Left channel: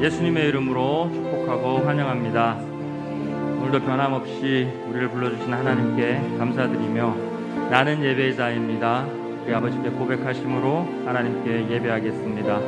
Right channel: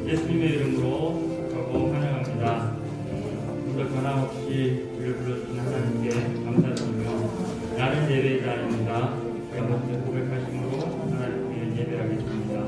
예수님의 이름으로 축복하고 환영합니다. 오늘도 변함없이 우리를 불러주신 하나님께 감사드리며 나는 예배자입니다. 우리 아버지께 고백하심으로 하나님께 예배하겠습니다.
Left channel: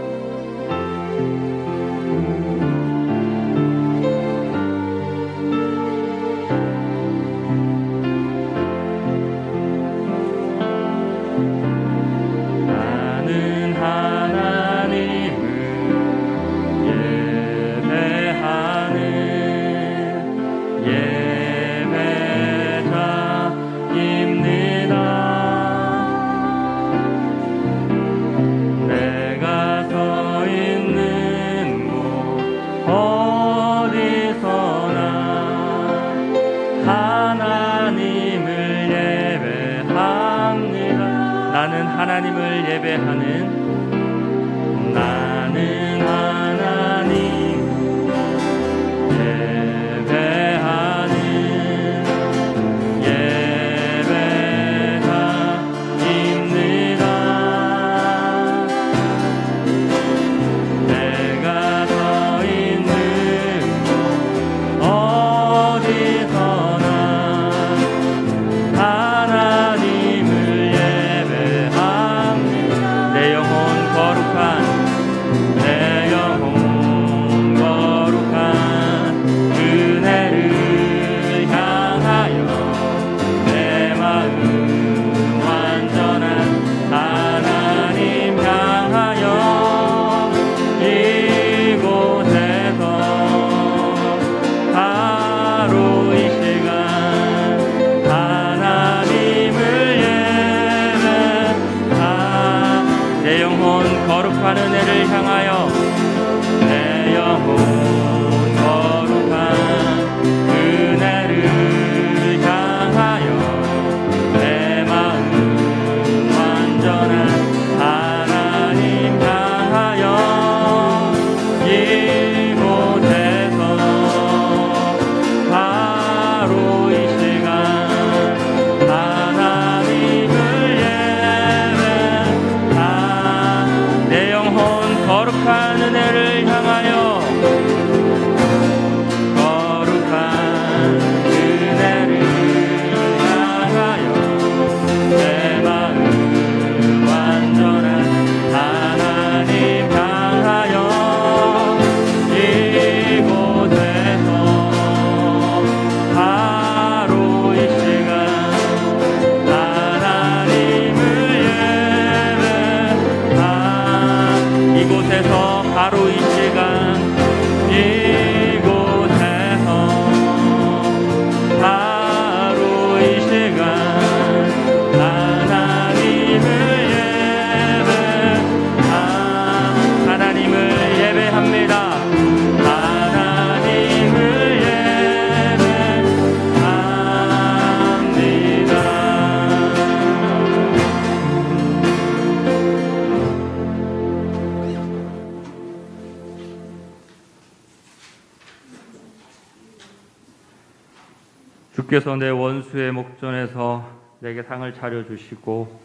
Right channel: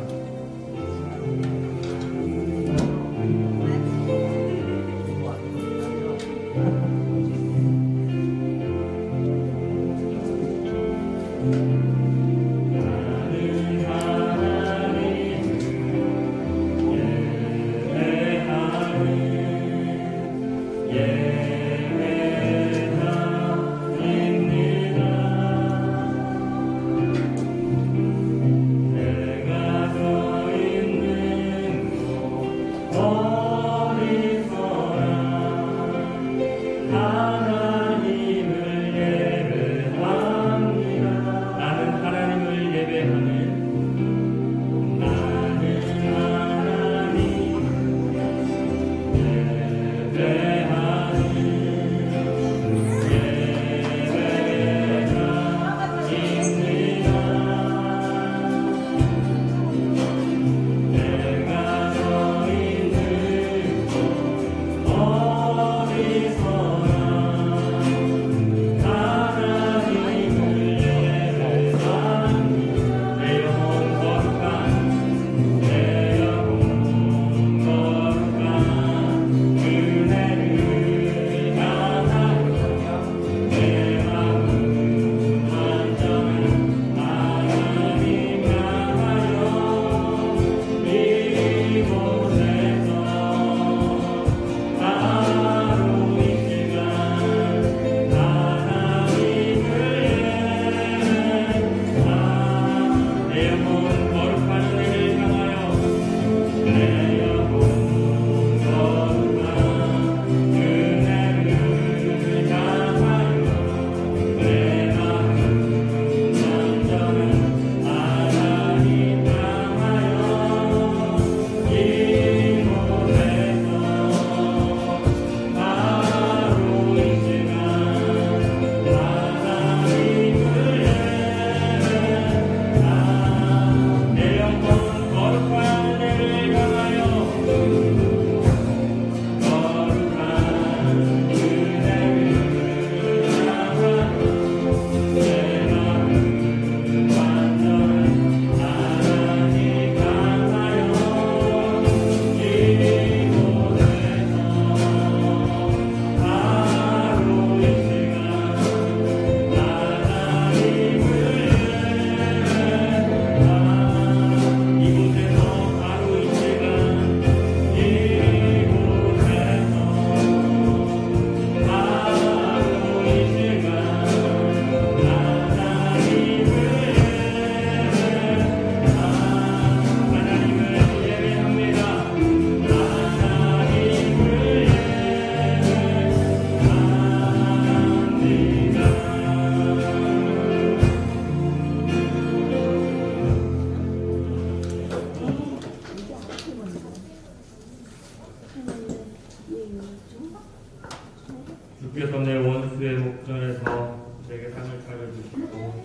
주께서 내 원수의 목전에서 내게 상을 차려주시고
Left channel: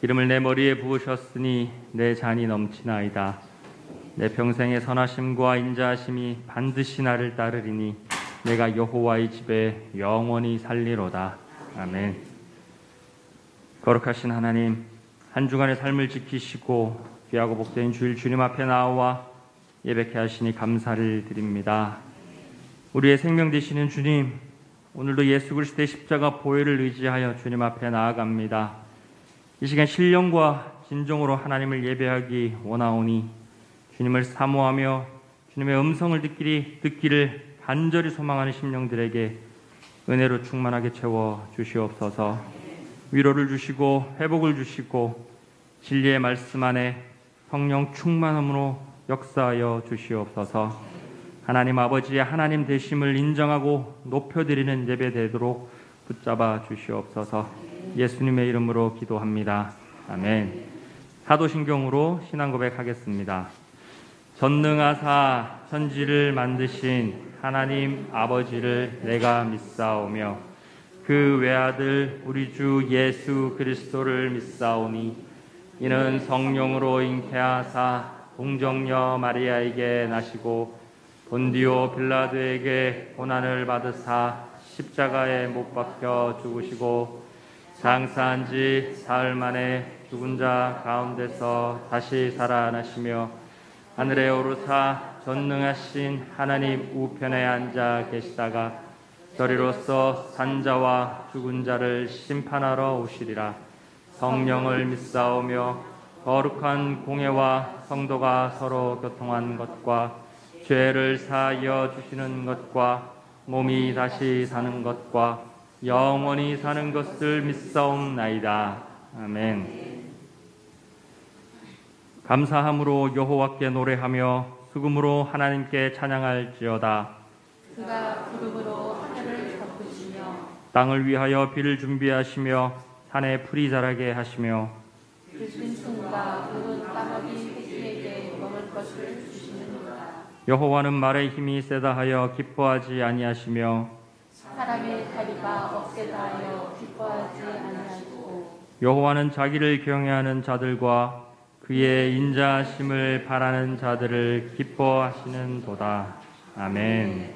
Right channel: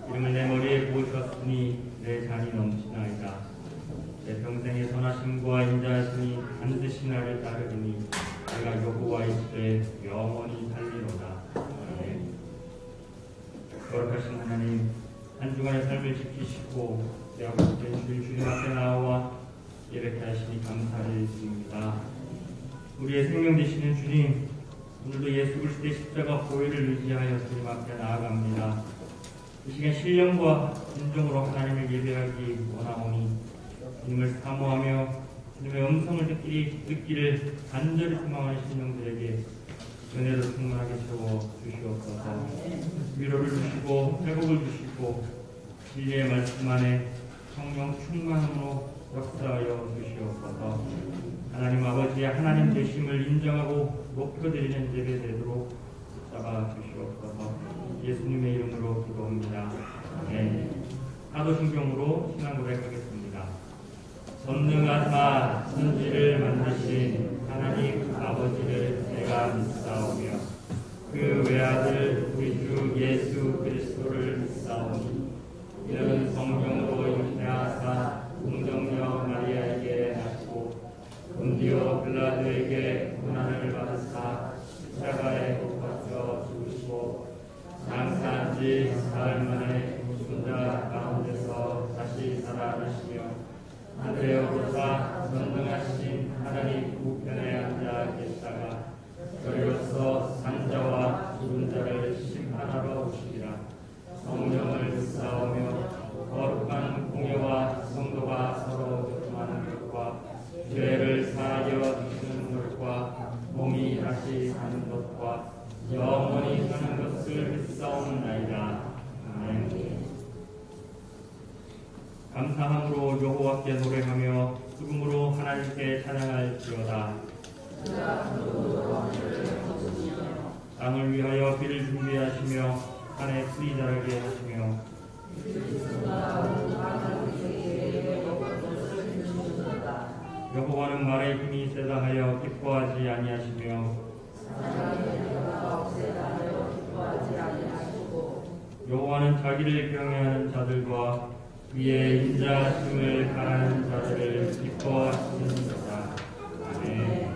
기름을 내 머리에 부으셨으니 내 잔이 넘치나이다. 내 평생의 선하심과 인자하심이 반드시 나를 따르리니 내가 여호와의 집에 영원히 살리로다. 아멘. 거룩하신 하나님, 한 주간의 삶을 지키시고 귀하고 복된 주일 주님 앞에 나와 예배케 하시니 감사를 드립니다. 우리의 생명 되시는 주님, 오늘도 예수 그리스도의 십자가 보혈을 의지하여 주님 앞에 나아갑니다. 이 시간 신령과 진정으로 하나님을 예배하기 원하오니 주님을 사모하며 주님의 음성을 듣기를 간절히 소망하는 심령들에게 은혜로 충만하게 채워 주시옵소서. 위로를 주시고 회복을 주시고 진리의 말씀 안에 성령 충만함으로 역사하여 주시옵소서. 하나님 아버지의 하나님 되심을 인정하고 높여드리는 예배 되도록 붙잡아 주시옵소서. 예수님의 이름으로 기도합니다. 아멘. 사도신경으로 신앙 고백하겠습니다. 전능하사 천지를 만드신 하나님 아버지를 내가 믿사오며 그 외아들 우리 주 예수 그리스도를 믿사오니 이는 성령으로 잉태하사 동정녀 마리아에게 나시고 본디오 빌라도에게 고난을 받으사 십자가에 못 박혀 죽으시고 장사한 지 사흘 만에 죽은 자 가운데서 다시 살아나시며 하늘에 오르사 전능하신 하나님 우편에 앉아 계시다가 저리로서 산자와 죽은 자를 심판하러 오시리라. 성령을 믿사오며 거룩한 공회와 성도가 서로 교통한 것과 죄를 사하여 주시는 것과 몸이 다시 사는 것과 영원히 사는 것을 믿사옵나이다. 아멘. 감사함으로 여호와께 노래하며 수금으로 하나님께 찬양할지어다. 땅을 위하여 비를 준비하시며 산에 풀이 자라게 하시며 여호와는 말의 힘이 세다 하여 기뻐하지 아니하시며 사람의 다리가 억세다 하여 기뻐하지 아니하시고 여호와는 자기를 경외하는 자들과 그의 인자하심을 바라는 자들을 기뻐하시는도다. 아멘.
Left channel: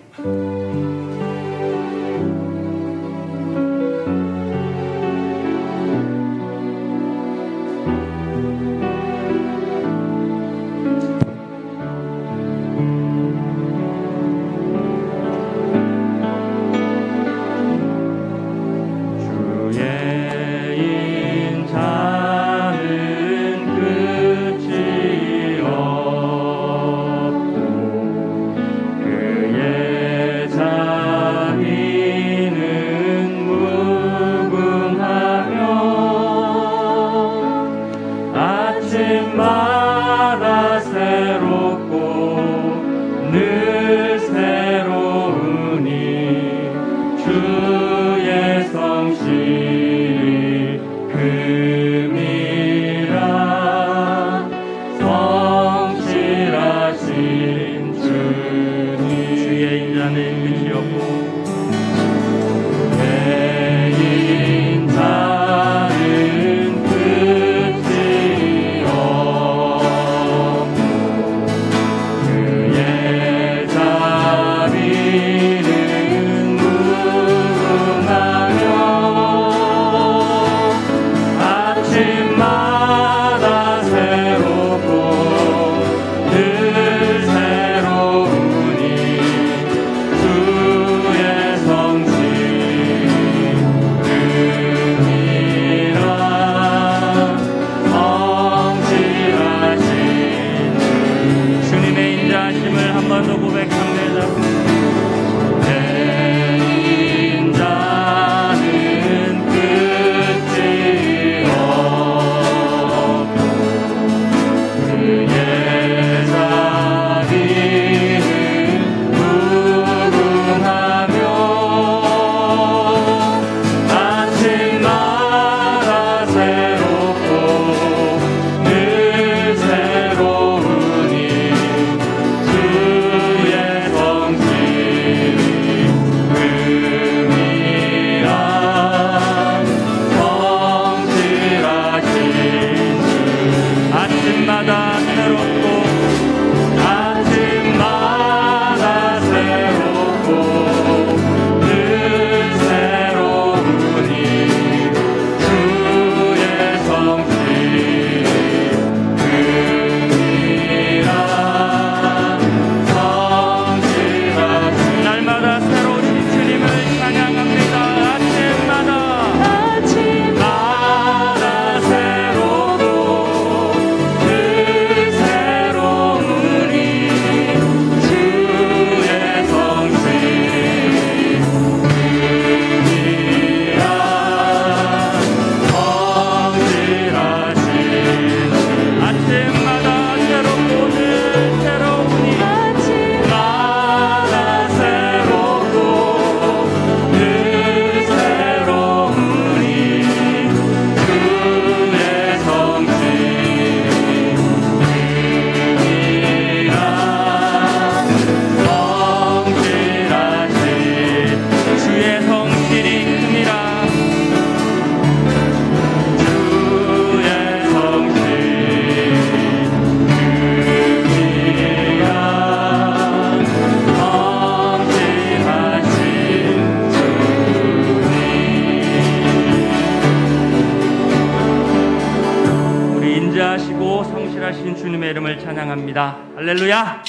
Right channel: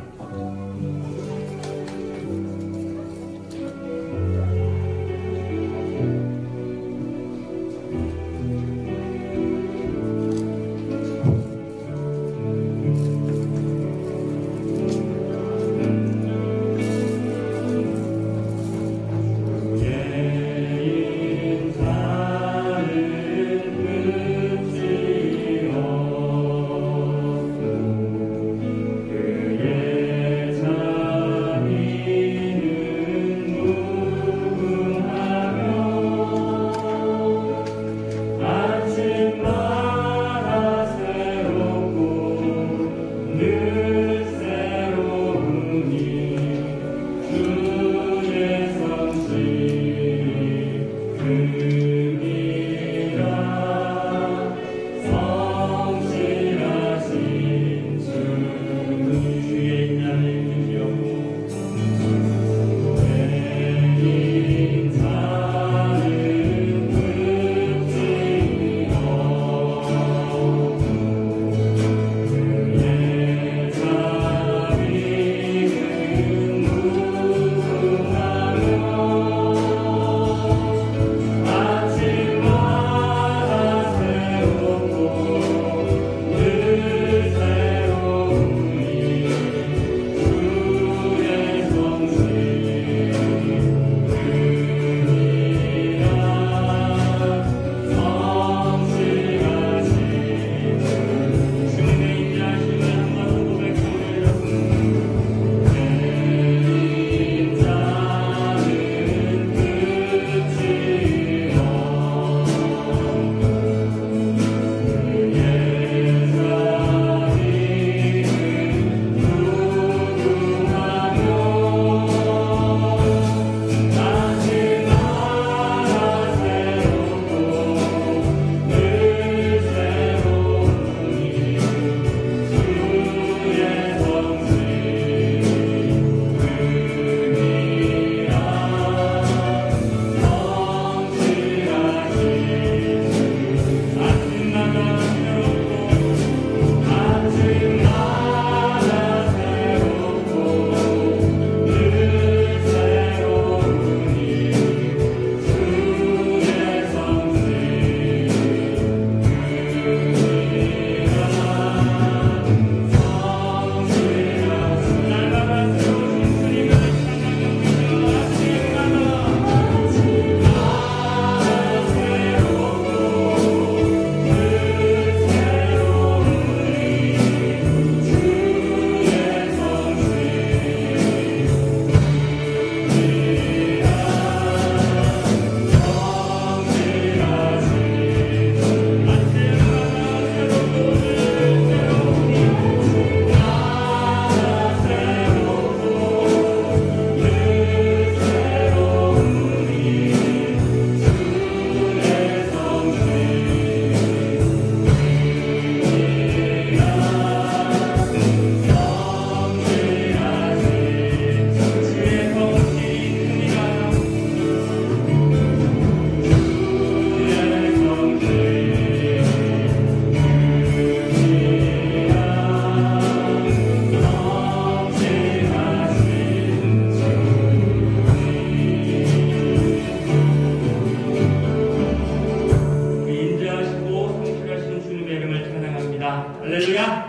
할렐루야.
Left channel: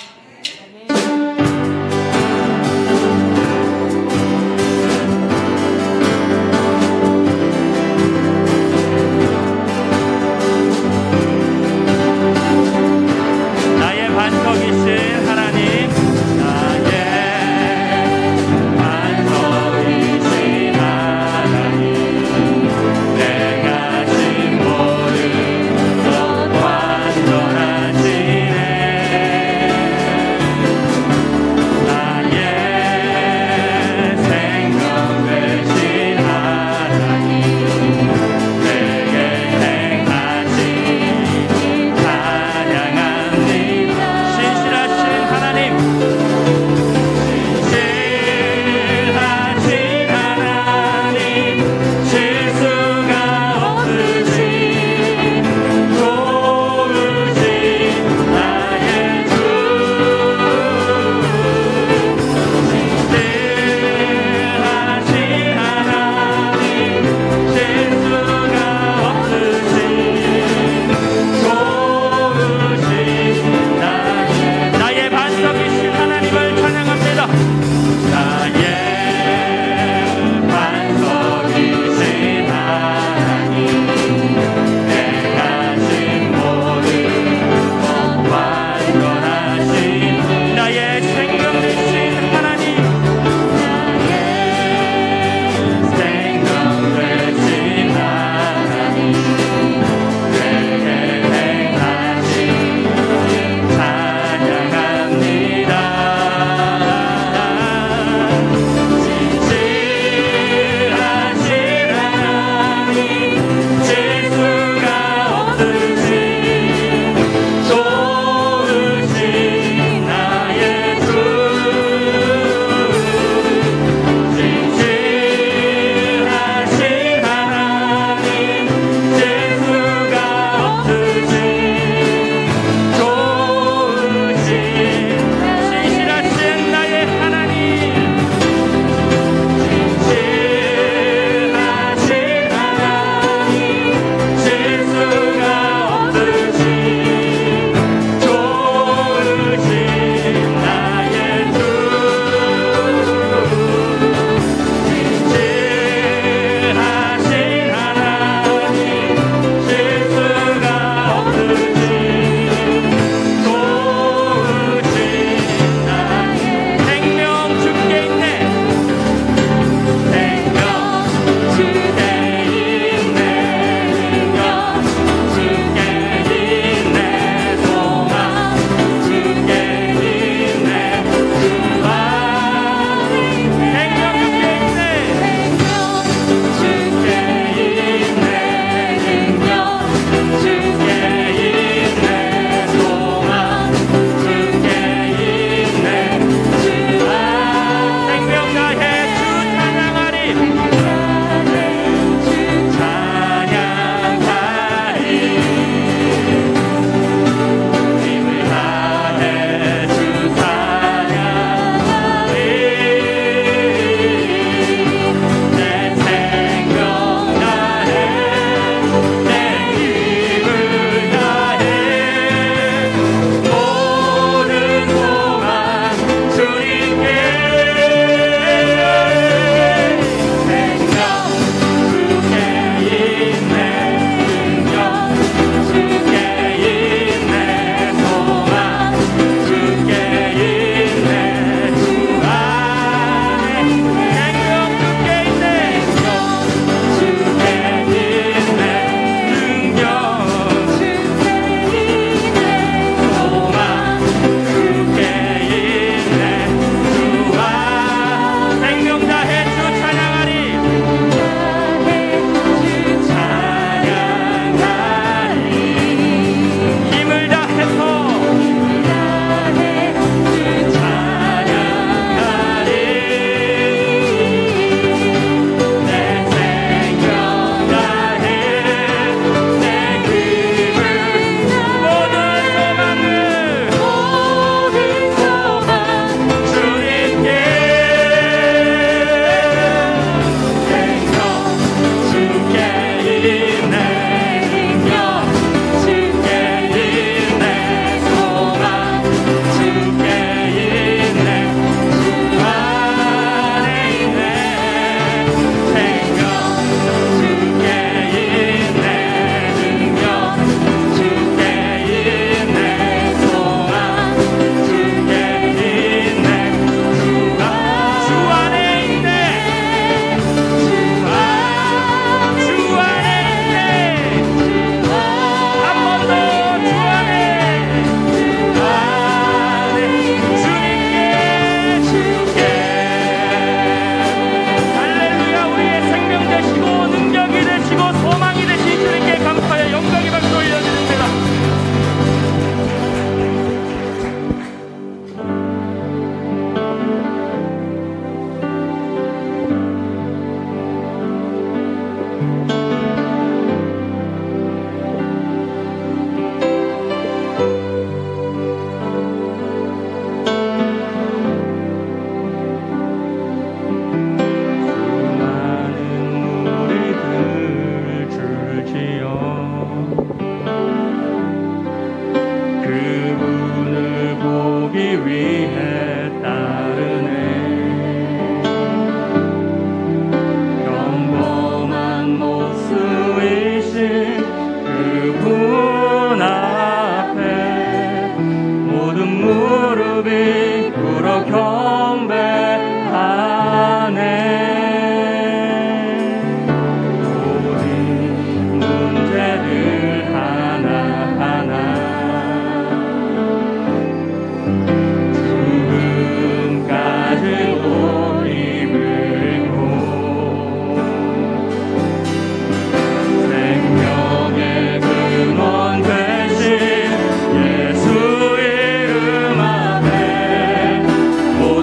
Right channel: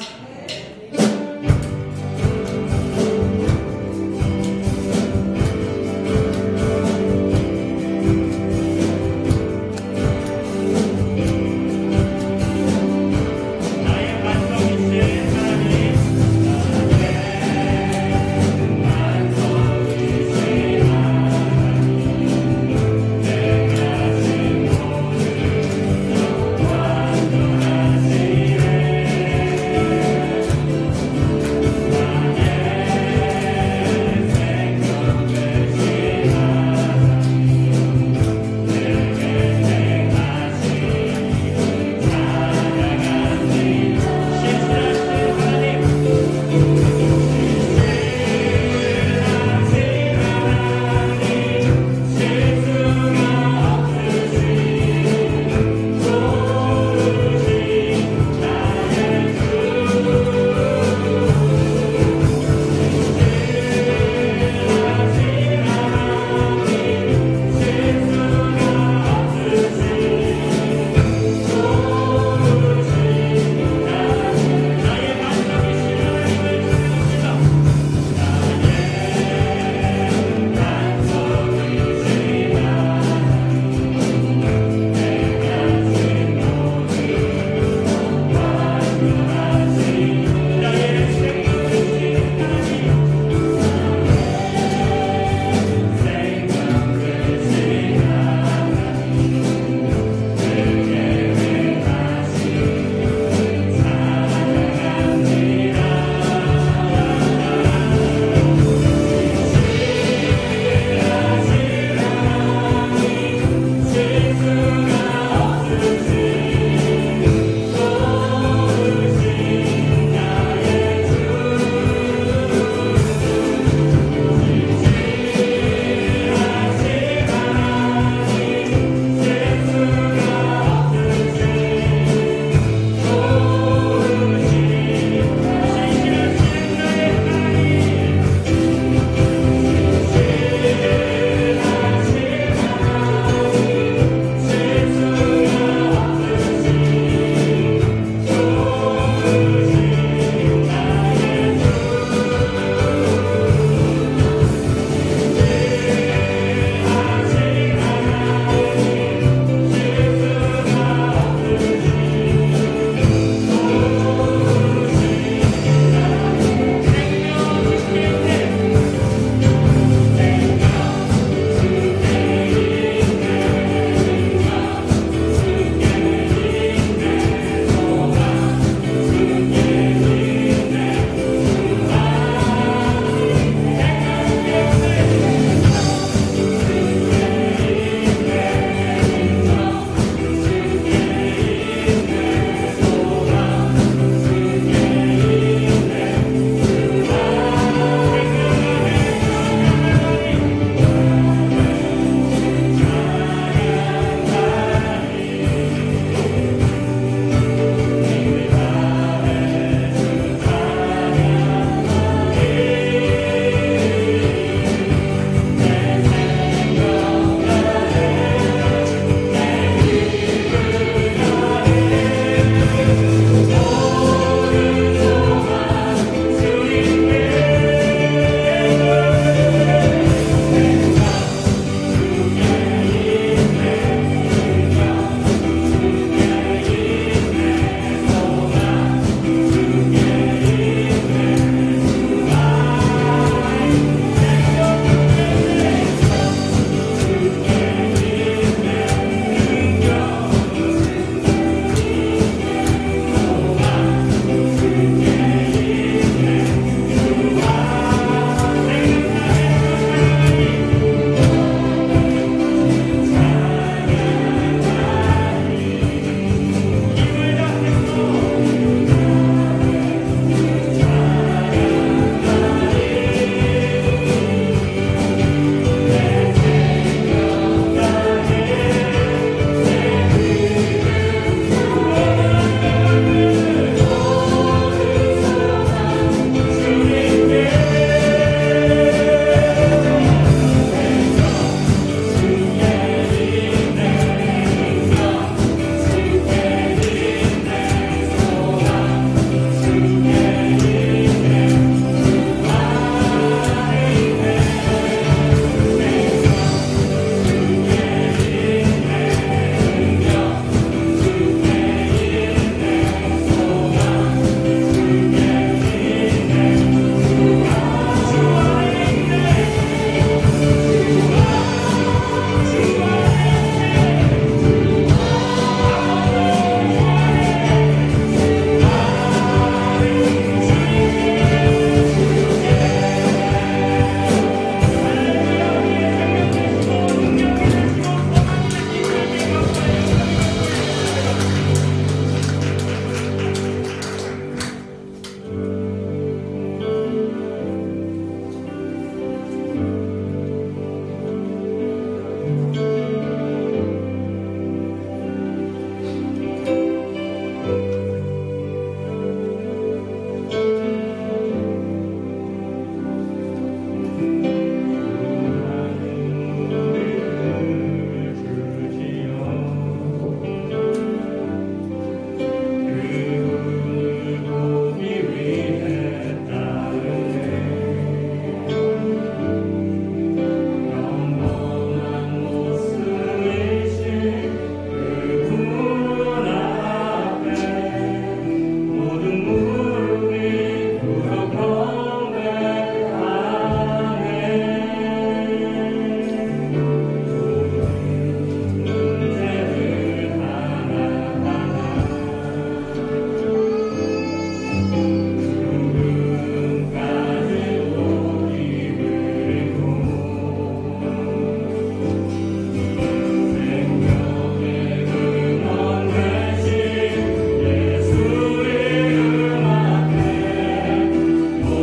나의 반석이신 하나님, 나의 반석이신 하나님, 내가 진 모든 것 완전하시네. 주로 경배하네. 우리 문제를 하나하나 죽음 가르고 힘을 고 생명의 근원 되신 예수 이름 앞에 모든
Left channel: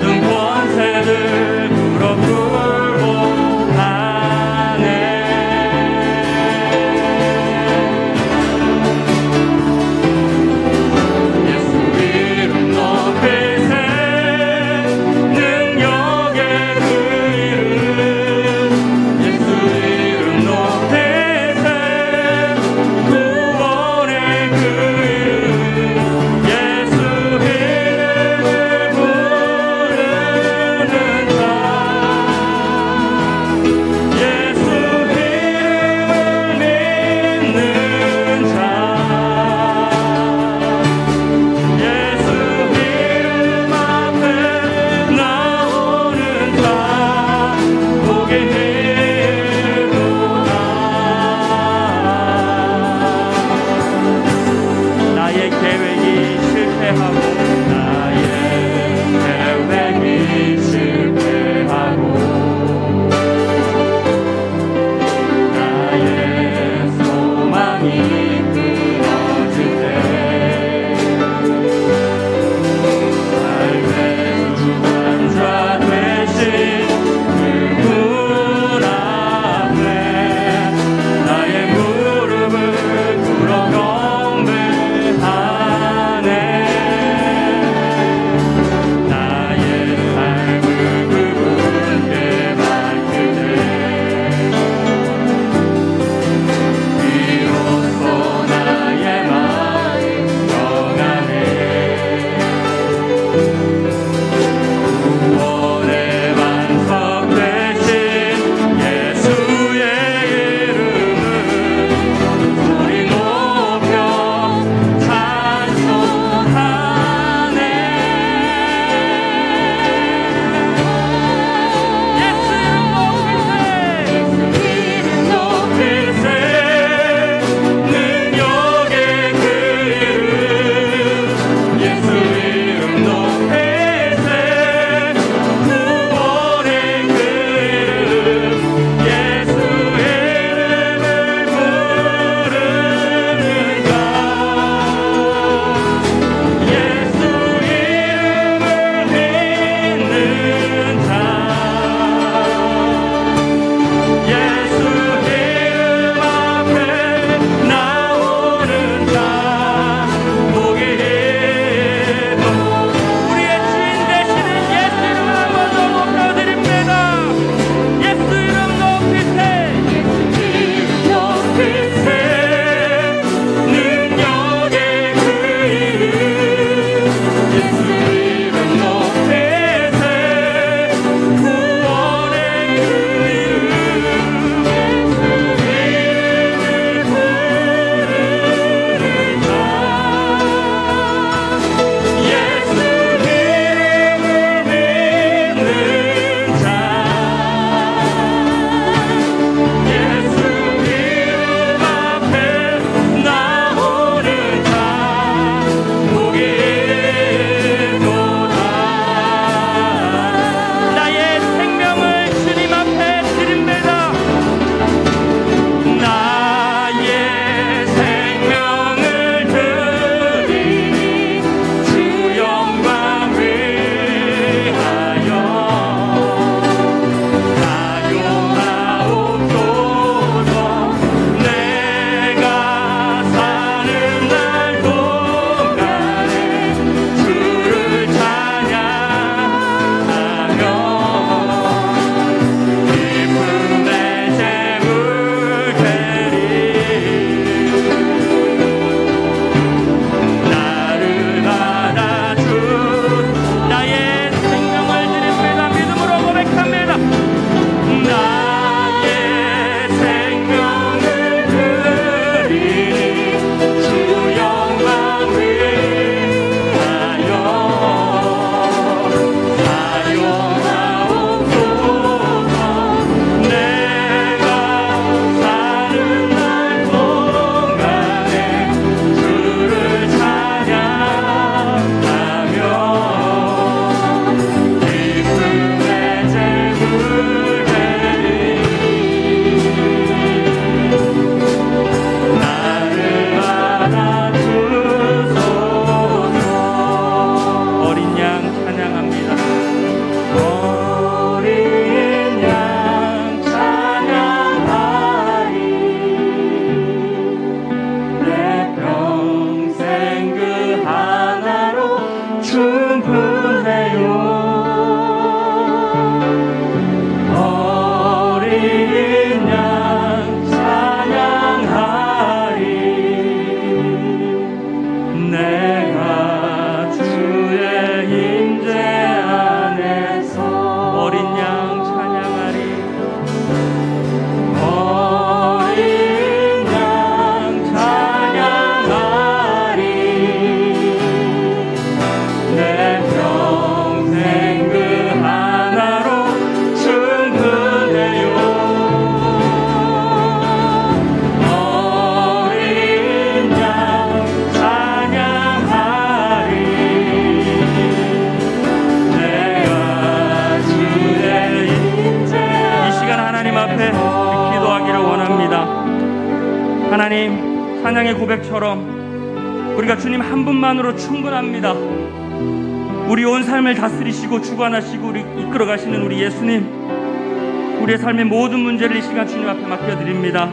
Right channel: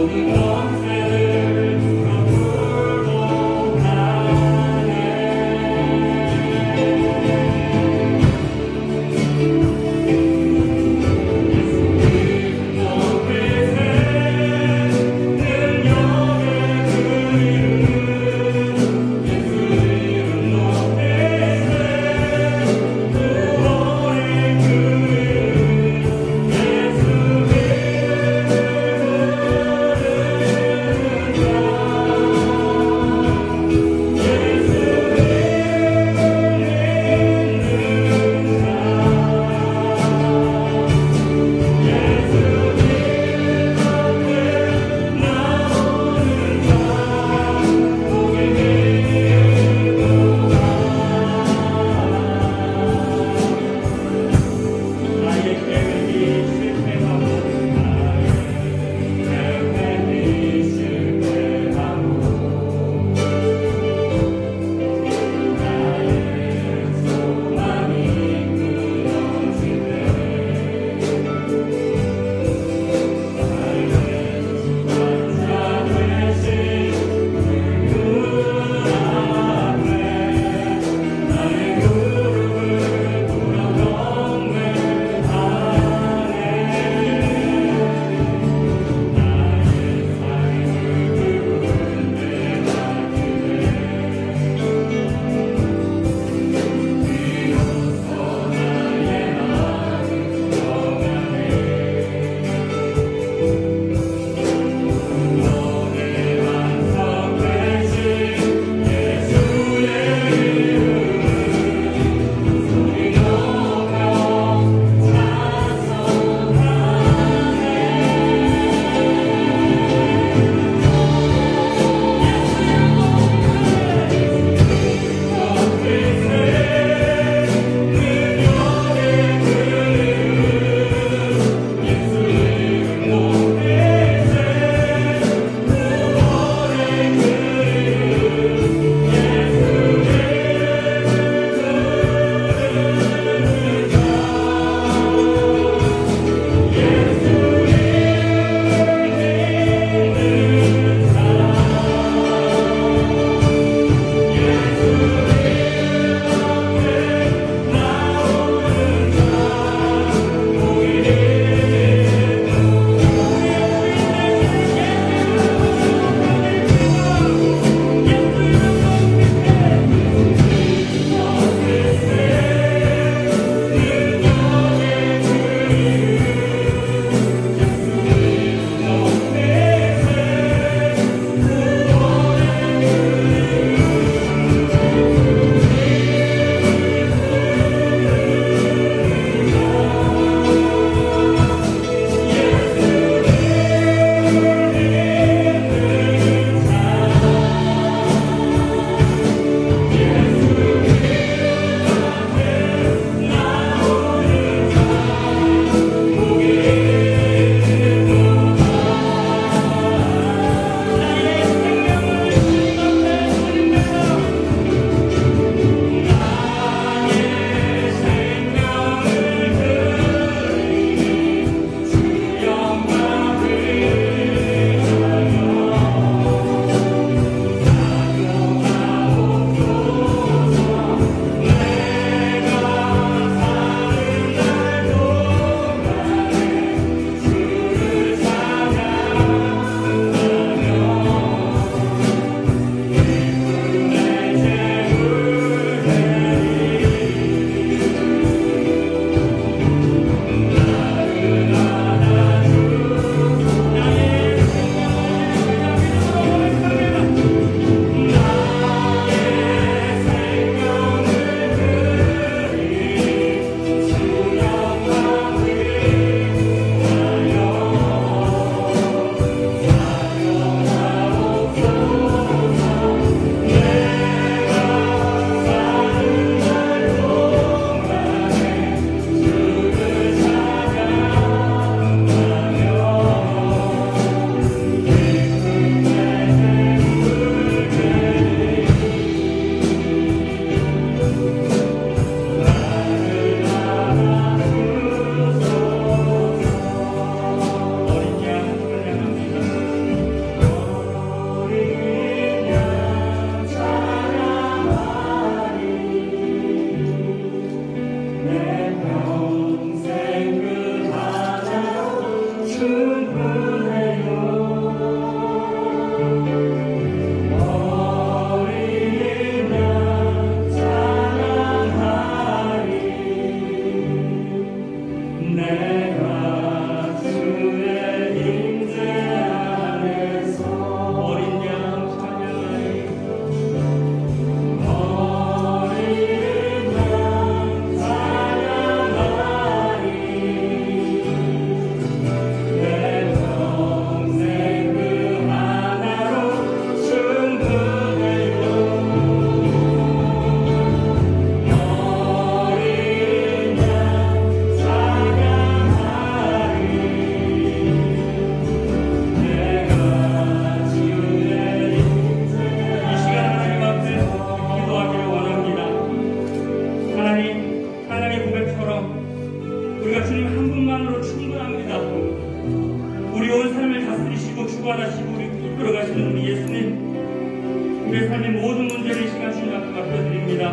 우리가 주님 한 분만으로 충분합니다. 우리 온 삶을 다스리시고 주관하시고 우리 이끌어가시는 우리 예수님, 우리의 삶의 모든 문제를 이 시간 주님 앞에 맡겨드립니다.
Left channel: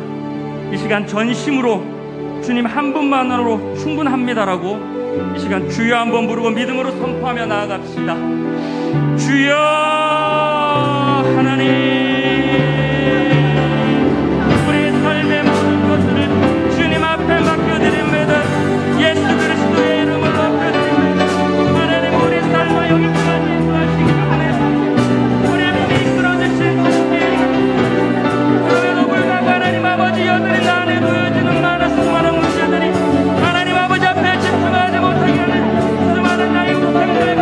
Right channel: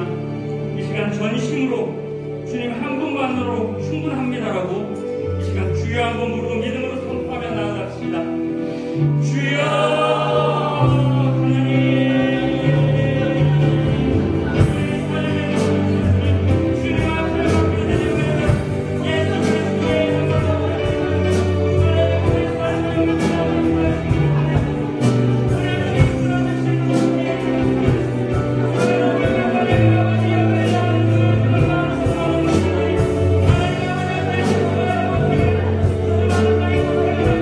이 시간 전심으로 주님 한 분만으로 충분합니다라고 이 시간 주여 한번 부르고 믿음으로 선포하며 나아갑시다. 주여 하나님, 우리의 삶의 모든 것들을 주님 앞에 맡겨드립니다. 예수 그리스도의 이름으로 맡겨드립니다. 하나님, 우리의 삶을 영원히 인도하시기 바랍니다. 우리의 믿음이 이끌어주신 주님, 우리가 하나님 아버지 여들이 안에 놓여지는 많은 수많은 문제들이 하나님 아버지 앞에 집중하지 못하게 하는 수많은 나의 고생들과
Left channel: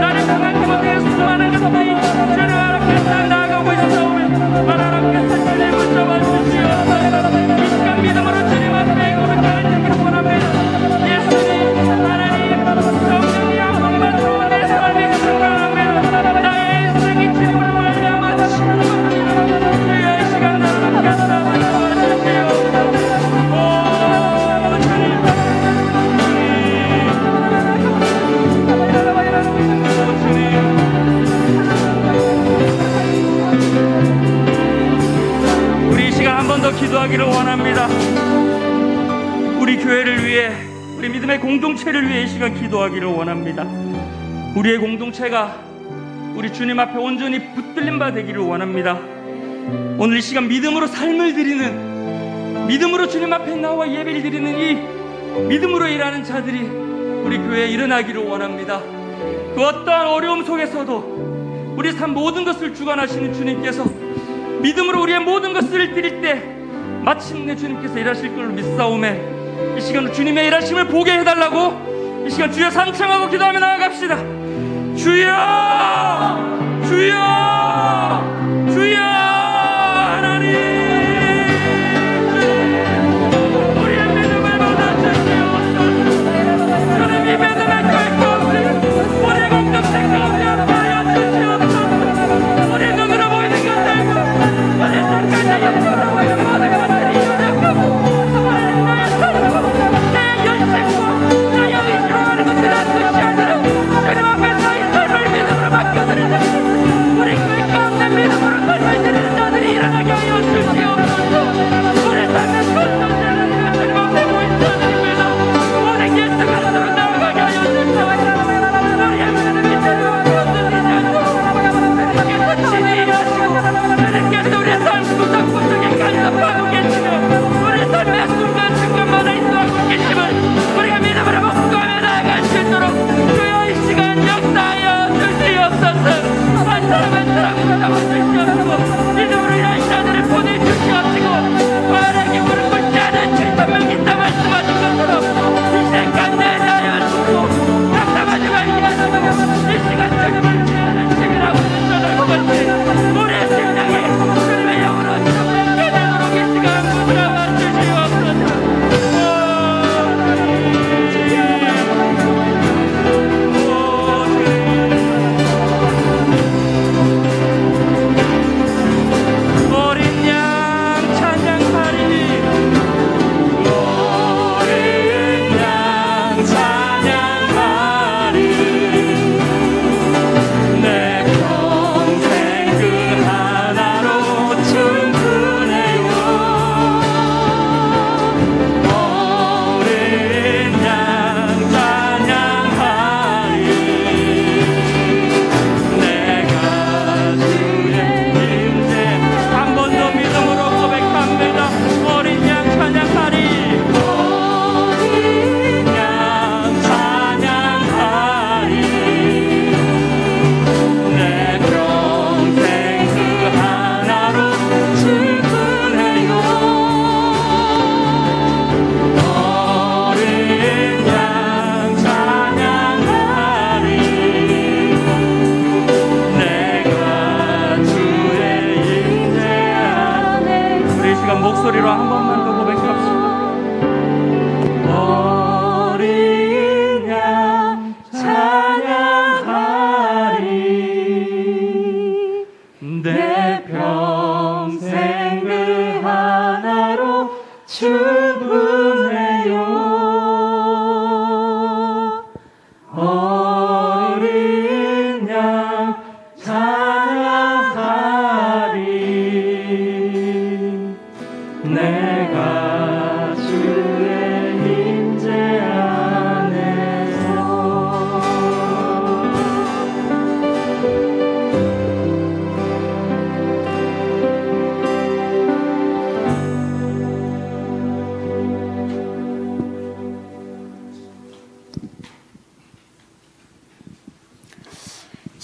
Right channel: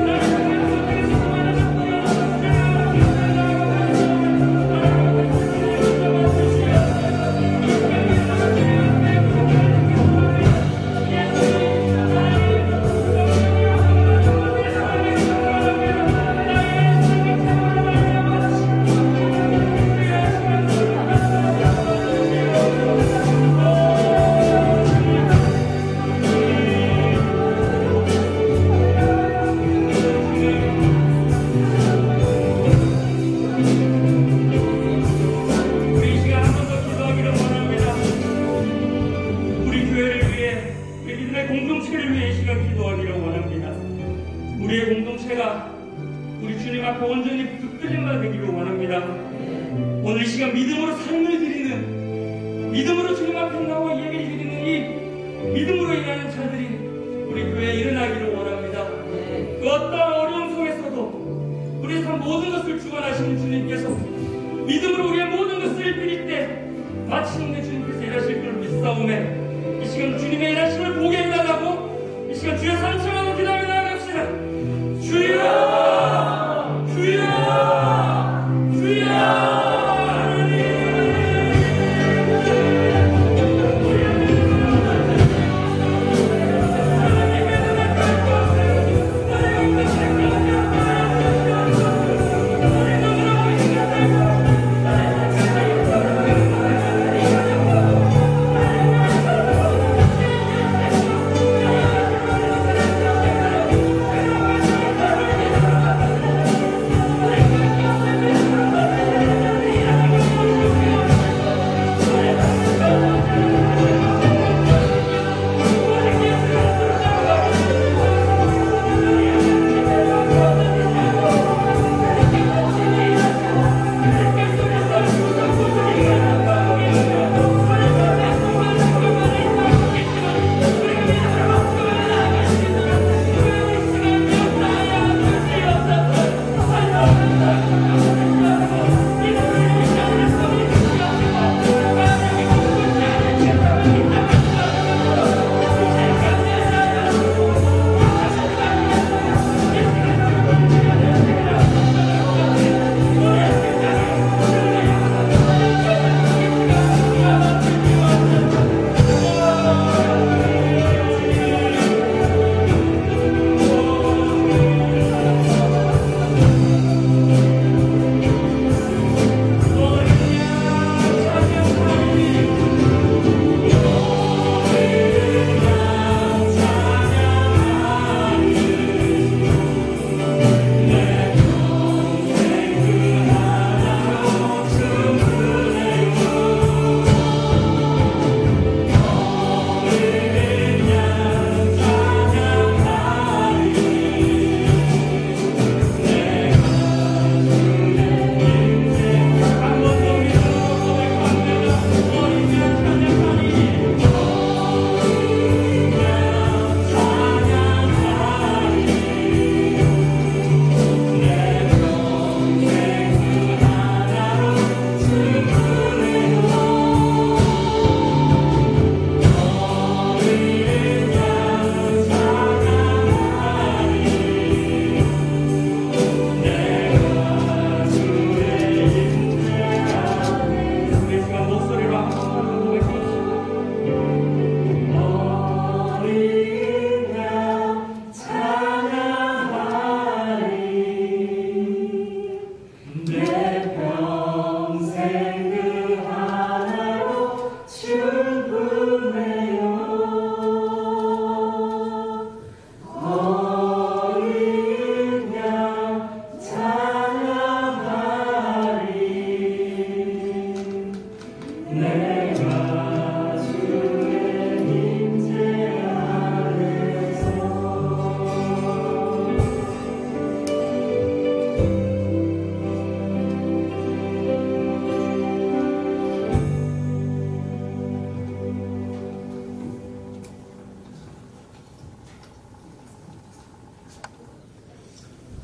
나를 당하지 못하는 수많은 것들이 주님 앞에 나아가고 있사오며 하나님께서 주님 붙잡아 주시오. 이 시간 믿음으로 주님 앞에 고백하는 원합니다. 예수님 하나님, 성령이 한 번만 더 내 삶에 충만합니다. 나의 인생이 주님으로 말미암아 주시옵소서. 주여 이 시간 나를 붙잡아 주시오. 오 주님, 우리 이 시간 한 번 더 기도하기를 원합니다. 우리 교회를 위해, 우리 믿음의 공동체를 위해 이 시간 기도하기를 원합니다. 우리의 공동체가 우리 주님 앞에 온전히 붙들린 바 되기를 원합니다. 오늘 이 시간 믿음으로 삶을 드리는, 믿음으로 주님 앞에 나와 예배를 드리는 이 믿음으로 일하는 자들이 우리 교회에 일어나기를 원합니다. 그 어떠한 어려움 속에서도 우리 삶 모든 것을 주관하시는 주님께서 믿음으로 우리의 모든 것을 드릴 때 마침내 주님께서 일하실 것을 믿사오매 이 시간 주님의 일하심을 보게 해달라고 이 시간 주여 상청하고 기도하며 나아갑시다. 주여, 주여, 주여 하나님, 우리의 믿음을 받아주시옵소서. 하나님 이 믿음의 결코 우리의 공동체가 없는 말이여 주시옵소서. 우리 눈으로 보이는 것들과 우리 잠깐의 영광으로 보이는 모든 것들이 내 연생과 내 영이 가는 지난 그 시간을 주님 앞에 나의 삶을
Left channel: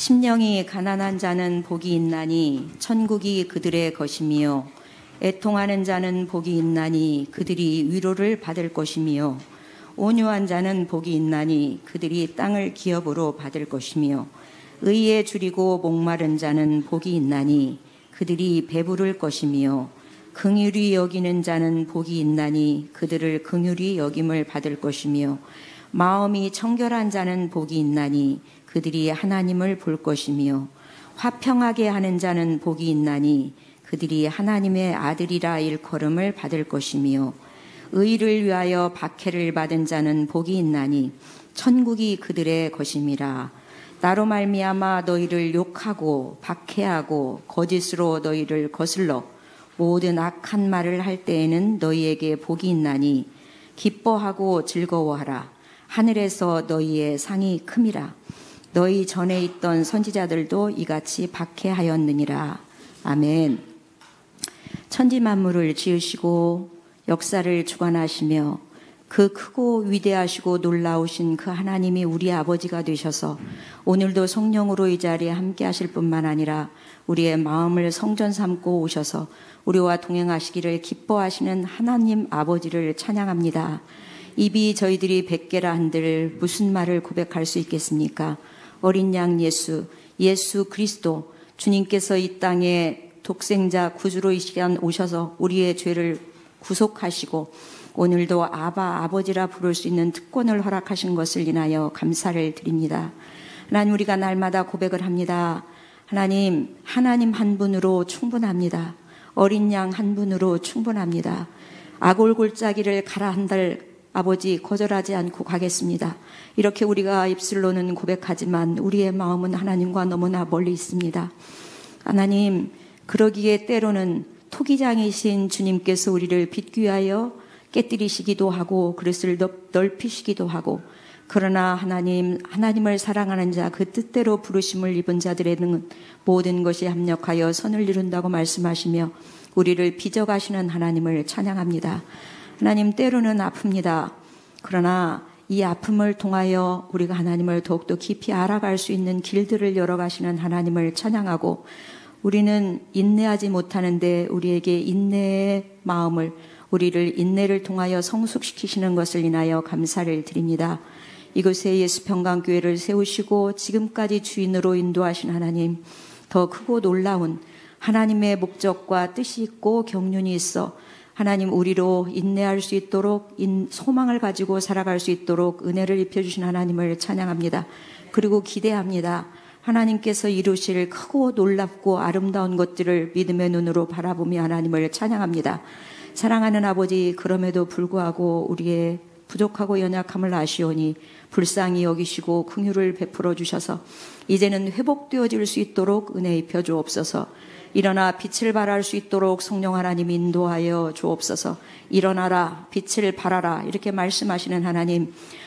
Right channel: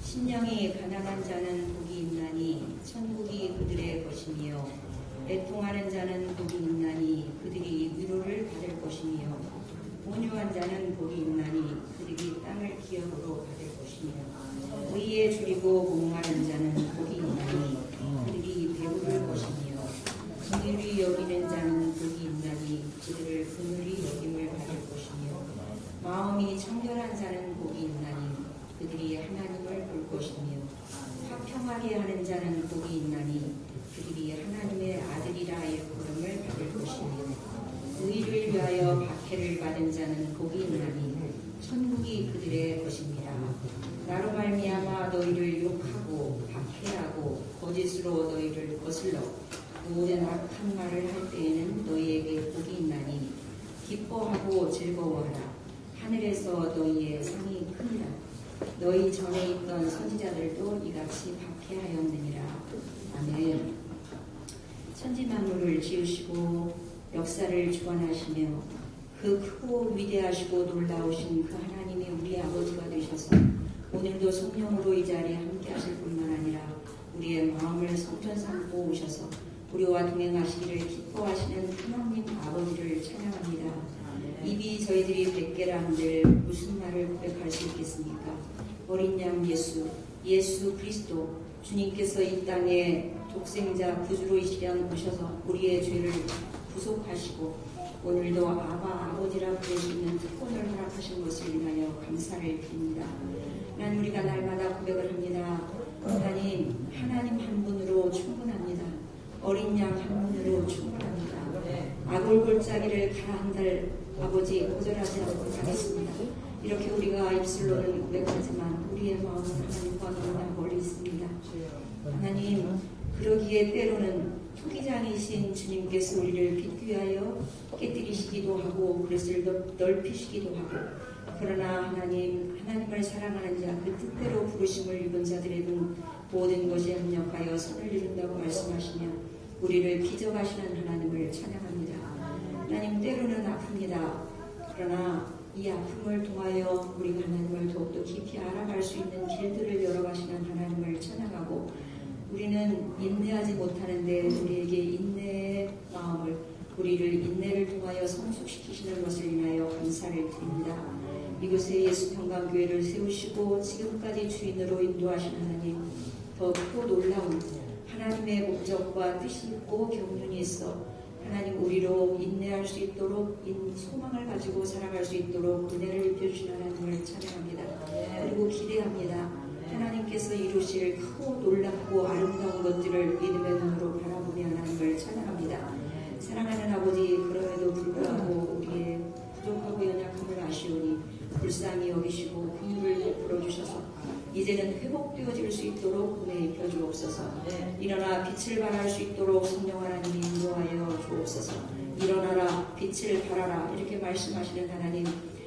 심령이 가난한 자는 복이 있나니 천국이 그들의 것이며 애통하는 자는 복이 있나니 그들이 위로를 받을 것이며 온유한 자는 복이 있나니 그들이 땅을 기업으로 받을 것이며 의에 줄이고 목마른 자는 복이 있나니 그들이 배부를 것이며 긍휼히 여기는 자는 복이 있나니 그들을 긍휼히 여김을 받을 것이며 마음이 청결한 자는 복이 있나니 그들이 하나님을 볼 것이며 화평하게 하는 자는 복이 있나니 그들이 하나님의 아들이라 일컬음을 받을 것이며 의를 위하여 박해를 받은 자는 복이 있나니 천국이 그들의 것임이라. 나로 말미암아 너희를 욕하고 박해하고 거짓으로 너희를 거슬러 모든 악한 말을 할 때에는 너희에게 복이 있나니 기뻐하고 즐거워하라. 하늘에서 너희의 상이 큼이라. 너희 전에 있던 선지자들도 이같이 박해하였느니라. 아멘. 천지 만물을 지으시고 역사를 주관하시며 그 크고 위대하시고 놀라우신 그 하나님이 우리 아버지가 되셔서 오늘도 성령으로 이 자리에 함께 하실 뿐만 아니라 우리의 마음을 성전 삼고 오셔서 우리와 동행하시기를 기뻐하시는 하나님 아버지를 찬양합니다. 입이 저희들이 백개라 한들 무슨 말을 고백할 수 있겠습니까? 어린 양 예수 그리스도 주님께서 이 땅에 독생자 구주로 이 시간 오셔서 우리의 죄를 구속하시고 오늘도 아버지라 부를 수 있는 특권을 허락하신 것을 인하여 감사를 드립니다. 하나님, 우리가 날마다 고백을 합니다. 하나님 한 분으로 충분합니다. 어린 양 한 분으로 충분합니다. 아골골짜기를 가라 한들 아버지 거절하지 않고 가겠습니다. 이렇게 우리가 입술로는 고백하지만 우리의 마음은 하나님과 너무나 멀리 있습니다. 하나님, 그러기에 때로는 토기장이신 주님께서 우리를 빗귀하여 깨뜨리시기도 하고 그릇을 넓히시기도 하고, 그러나 하나님을 사랑하는 자, 그 뜻대로 부르심을 입은 자들에는 모든 것이 합력하여 선을 이룬다고 말씀하시며 우리를 빚어가시는 하나님을 찬양합니다. 하나님, 때로는 아픕니다. 그러나 이 아픔을 통하여 우리가 하나님을 더욱더 깊이 알아갈 수 있는 길들을 열어가시는 하나님을 찬양하고, 우리는 인내하지 못하는데 우리에게 인내의 마음을, 우리를 인내를 통하여 성숙시키시는 것을 인하여 감사를 드립니다. 이곳에 예수평강교회를 세우시고 지금까지 주인으로 인도하신 하나님, 더 크고 놀라운 하나님의 목적과 뜻이 있고 경륜이 있어 하나님, 우리로 인내할 수 있도록 소망을 가지고 살아갈 수 있도록 은혜를 입혀주신 하나님을 찬양합니다. 그리고 기대합니다. 하나님께서 이루실 크고 놀랍고 아름다운 것들을 믿음의 눈으로 바라보며 하나님을 찬양합니다. 사랑하는 아버지, 그럼에도 불구하고 우리의 부족하고 연약함을 아시오니 불쌍히 여기시고 긍휼을 베풀어 주셔서 이제는 회복되어질 수 있도록 은혜 입혀 주옵소서. 일어나 빛을 발할 수 있도록 성령 하나님 인도하여 주옵소서. 일어나라, 빛을 발하라, 이렇게 말씀하시는 하나님,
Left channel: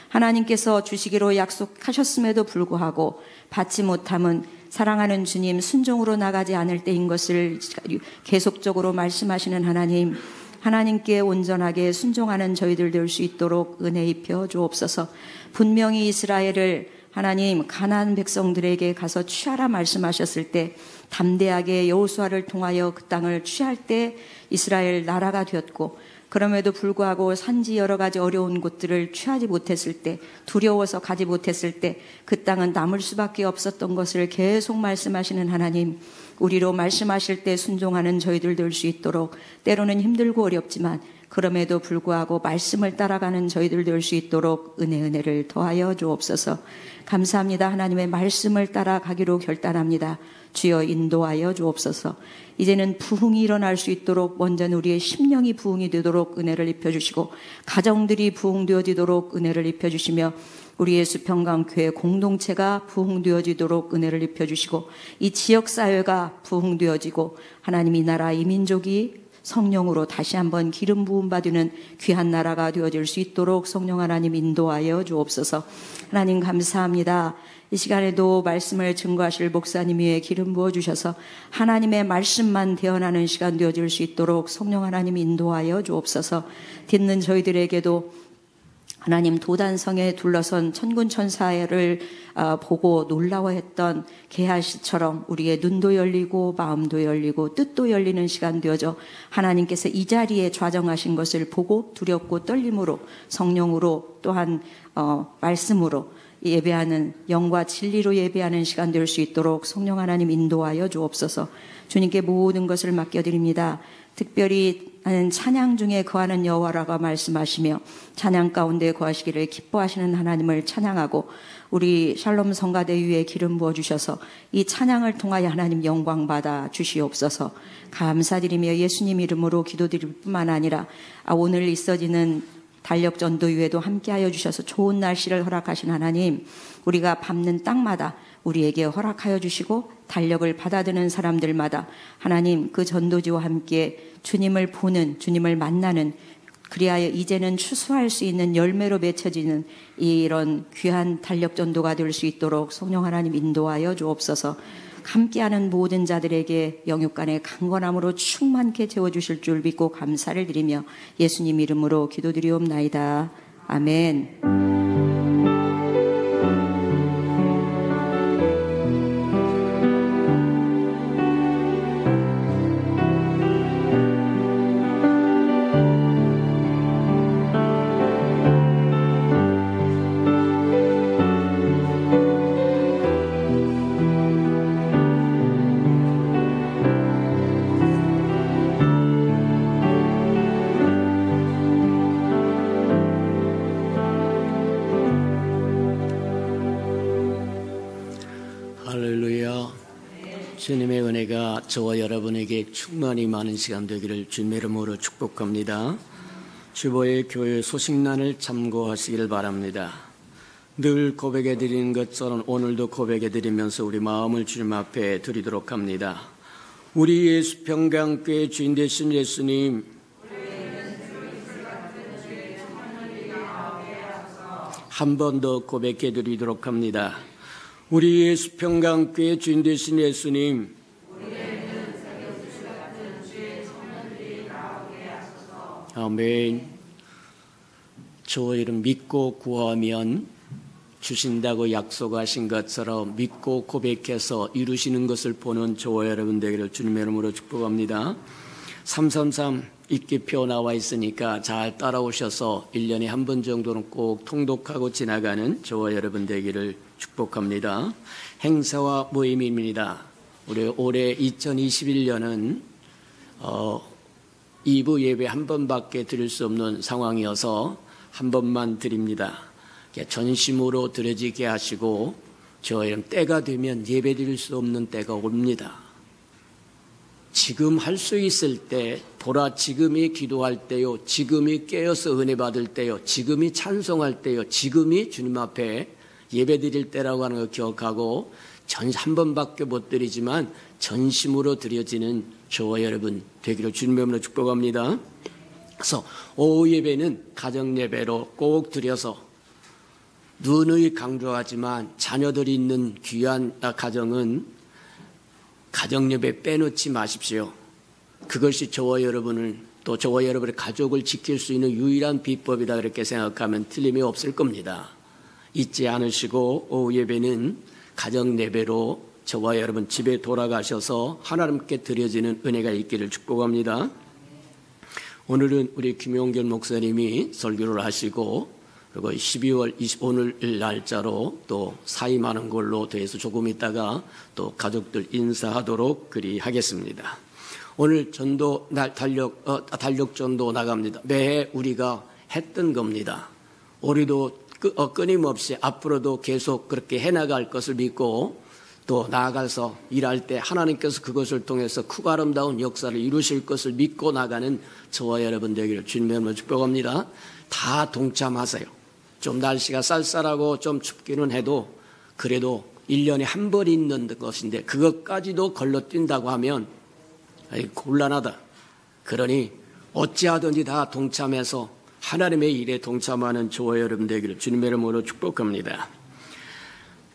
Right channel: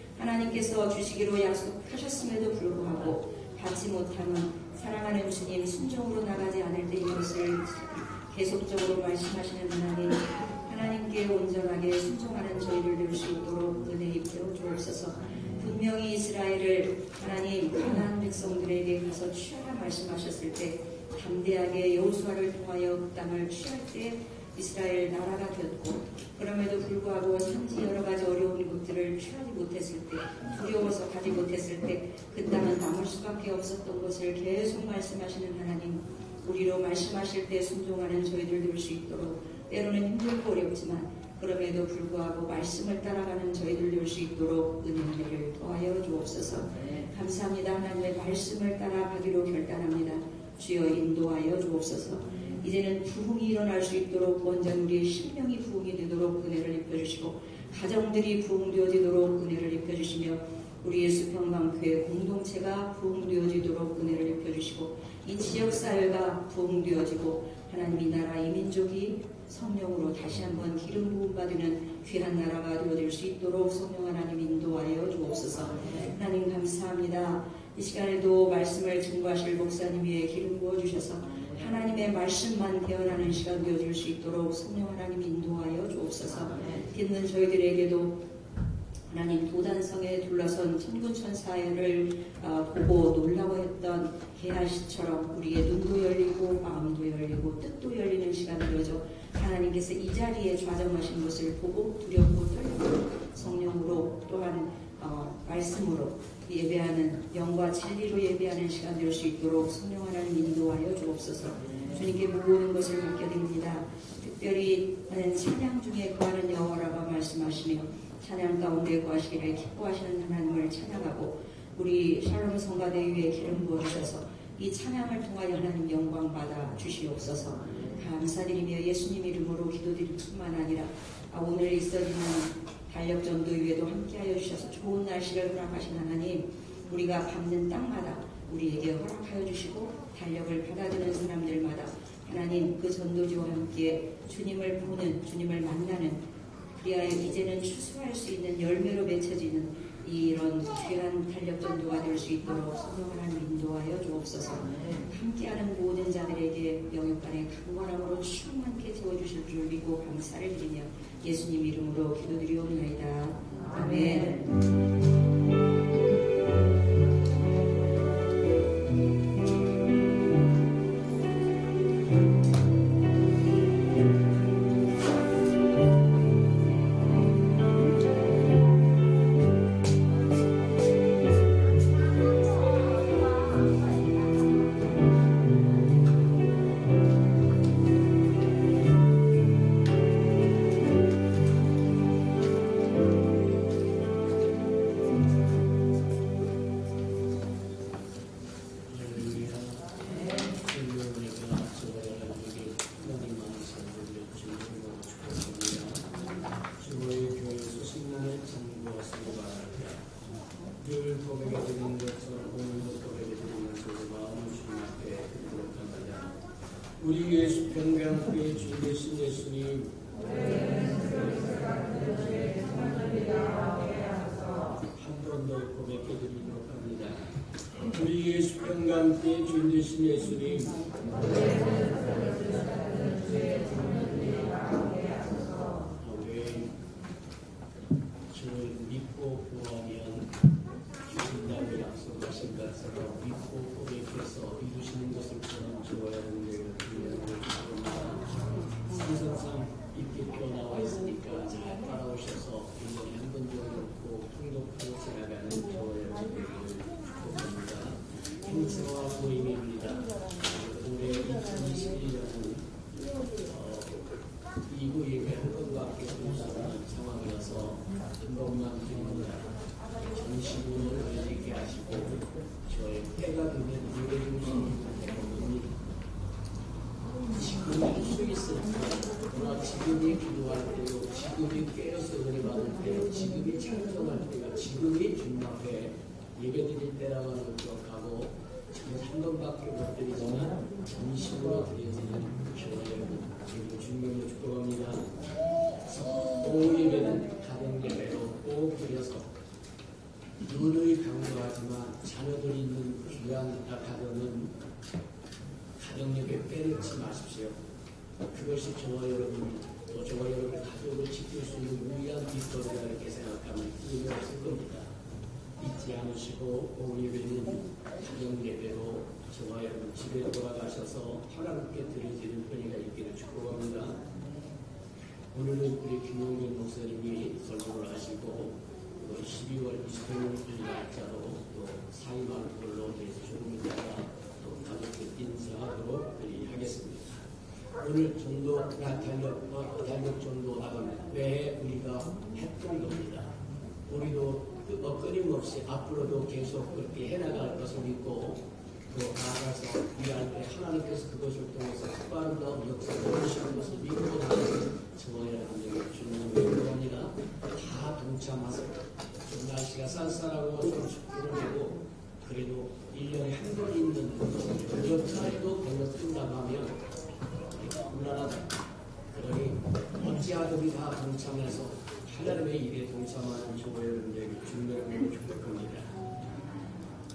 하나님께서 주시기로 약속하셨음에도 불구하고 받지 못함은 사랑하는 주님 순종으로 나가지 않을 때인 것을 계속적으로 말씀하시는 하나님, 하나님께 온전하게 순종하는 저희들 될 수 있도록 은혜 입혀 주옵소서. 분명히 이스라엘을 하나님 가나안 백성들에게 가서 취하라 말씀하셨을 때 담대하게 여호수아를 통하여 그 땅을 취할 때 이스라엘 나라가 되었고, 그럼에도 불구하고 산지 여러 가지 어려운 곳들을 취하지 못했을 때, 두려워서 가지 못했을 때 그 땅은 남을 수밖에 없었던 것을 계속 말씀하시는 하나님, 우리로 말씀하실 때 순종하는 저희들 될 수 있도록, 때로는 힘들고 어렵지만 그럼에도 불구하고 말씀을 따라가는 저희들 될 수 있도록 은혜를 더하여 주옵소서. 감사합니다. 하나님의 말씀을 따라가기로 결단합니다. 주여 인도하여 주옵소서. 이제는 부흥이 일어날 수 있도록 먼저는 우리의 심령이 부흥이 되도록 은혜를 입혀주시고, 가정들이 부흥되어지도록 은혜를 입혀주시며, 우리 예수평강교회 공동체가 부흥되어지도록 은혜를 입혀주시고, 이 지역사회가 부흥되어지고 하나님 이 나라 이 민족이 성령으로 다시 한번 기름 부음 받는 귀한 나라가 되어질 수 있도록 성령 하나님 인도하여 주옵소서. 하나님 감사합니다. 이 시간에도 말씀을 증거하실 목사님 위에 기름 부어주셔서 하나님의 말씀만 대언하는 시간 되어질 수 있도록 성령 하나님 인도하여 주옵소서. 듣는 저희들에게도 하나님 도단성에 둘러선 천군 천사를 보고 놀라워했던 게하시처럼 우리의 눈도 열리고 마음도 열리고 뜻도 열리는 시간 되어져 하나님께서 이 자리에 좌정하신 것을 보고 두렵고 떨림으로 성령으로 또한 말씀으로 예배하는 영과 진리로 예배하는 시간 될 수 있도록 성령 하나님 인도하여 주옵소서. 주님께 모든 것을 맡겨드립니다. 특별히 찬양 중에 거하는 여호와라고 말씀하시며 찬양 가운데 거하시기를 기뻐하시는 하나님을 찬양하고 우리 샬롬 성가대 위에 기름 부어주셔서 이 찬양을 통하여 하나님 영광 받아 주시옵소서. 감사드리며 예수님 이름으로 기도드릴 뿐만 아니라 오늘 있어지는 달력전도위에도 함께하여 주셔서 좋은 날씨를 허락하신 하나님, 우리가 밟는 땅마다 우리에게 허락하여 주시고 달력을 받아드는 사람들마다 하나님 그 전도지와 함께 주님을 보는, 주님을 만나는, 그리하여 이제는 추수할 수 있는 열매로 맺혀지는 이런 귀한 달력전도가 될 수 있도록 성령 하나님 인도하여 주옵소서. 함께하는 모든 자들에게 영육간의 강건함으로 충만케 채워주실 줄 믿고 감사를 드리며 예수님 이름으로 기도드리옵나이다. 아멘. 할렐루야. 주님의 은혜가 저와 여러분에게 충만히 많은 시간 되기를 주님의 이름으로 축복합니다. 주보의 교회 소식란을 참고하시기를 바랍니다. 늘 고백해 드리는 것처럼 오늘도 고백해 드리면서 우리 마음을 주님 앞에 드리도록 합니다. 우리 예수 평강교회 주인 되신 예수님, 한 번 더 고백해 드리도록 합니다. 우리 예수 평강교회 주인 되신 예수님, 아멘. 저와 이름 믿고 구하면 주신다고 약속하신 것처럼 믿고 고백해서 이루시는 것을 보는 저와 여러분 되기를 주님의 이름으로 축복합니다. 333 입기표 나와 있으니까 잘 따라오셔서 1년에 한 번 정도는 꼭 통독하고 지나가는 저와 여러분 되기를 축복합니다. 행사와 모임입니다. 우리 올해 2021년은 2부 예배 한 번밖에 드릴 수 없는 상황이어서 한 번만 드립니다. 전심으로 드려지게 하시고 저희는 때가 되면 예배 드릴 수 없는 때가 옵니다. 지금 할 수 있을 때 보라, 지금이 기도할 때요, 지금이 깨어서 은혜 받을 때요, 지금이 찬송할 때요, 지금이 주님 앞에 예배 드릴 때라고 하는 걸 기억하고 한 번밖에 못 드리지만 전심으로 드려지는 저와 여러분 되기를 주님의 이름으로 축복합니다. 그래서 오후 예배는 가정 예배로 꼭 드려서 누누이 강조하지만 자녀들이 있는 귀한 가정은 가정 예배 빼놓지 마십시오. 그것이 저와 여러분을 또 저와 여러분의 가족을 지킬 수 있는 유일한 비법이다 그렇게 생각하면 틀림이 없을 겁니다. 잊지 않으시고 오후 예배는 가정 예배로 저와 여러분 집에 돌아가셔서 하나님께 드려지는 은혜가 있기를 축복합니다. 오늘은 우리 김용길 목사님이 설교를 하시고 그리고 12월 25일 날짜로 또 사임하는 걸로 돼서 조금 있다가 또 가족들 인사하도록 그리하겠습니다. 오늘 전도 날 달력 전도 나갑니다. 매해 우리가 했던 겁니다. 우리도 끊임없이 앞으로도 계속 그렇게 해나갈 것을 믿고 또 나아가서 일할 때 하나님께서 그것을 통해서 크고 아름다운 역사를 이루실 것을 믿고 나가는 저와 여러분 되기를 주님의 이름으로 축복합니다. 다 동참하세요. 좀 날씨가 쌀쌀하고 좀 춥기는 해도 그래도 1년에 한 번 있는 것인데 그것까지도 걸러뛴다고 하면 곤란하다. 그러니 어찌하든지 다 동참해서 하나님의 일에 동참하는 저와 여러분 되기를 주님의 이름으로 축복합니다.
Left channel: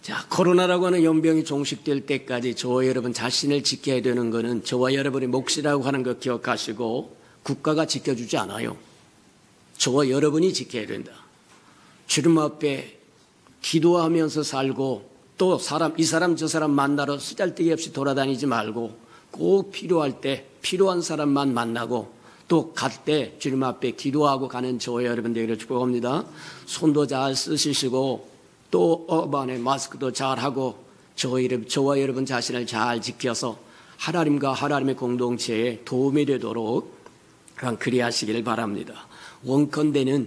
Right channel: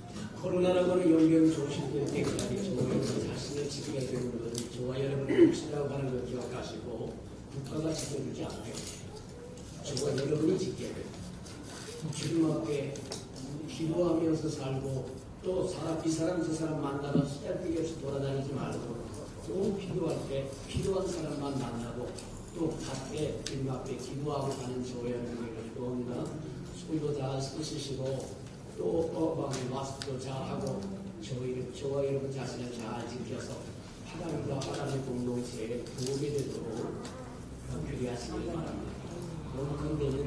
자, 코로나라고 하는 연병이 종식될 때까지 저와 여러분 자신을 지켜야 되는 것은 저와 여러분의 몫이라고 하는 것 기억하시고 국가가 지켜주지 않아요. 저와 여러분이 지켜야 된다. 주님 앞에 기도하면서 살고 또 이 사람 저 사람 만나러 쓰잘데기 없이 돌아다니지 말고 꼭 필요할 때 필요한 사람만 만나고 또 갈 때 주님 앞에 기도하고 가는 저와 여러분 되기를 축복합니다. 손도 잘 쓰시고 또 마스크도 잘 하고 저와 여러분 자신을 잘 지켜서 하나님과 하나님의 공동체에 도움이 되도록 그리하시기를 바랍니다. 원컨대는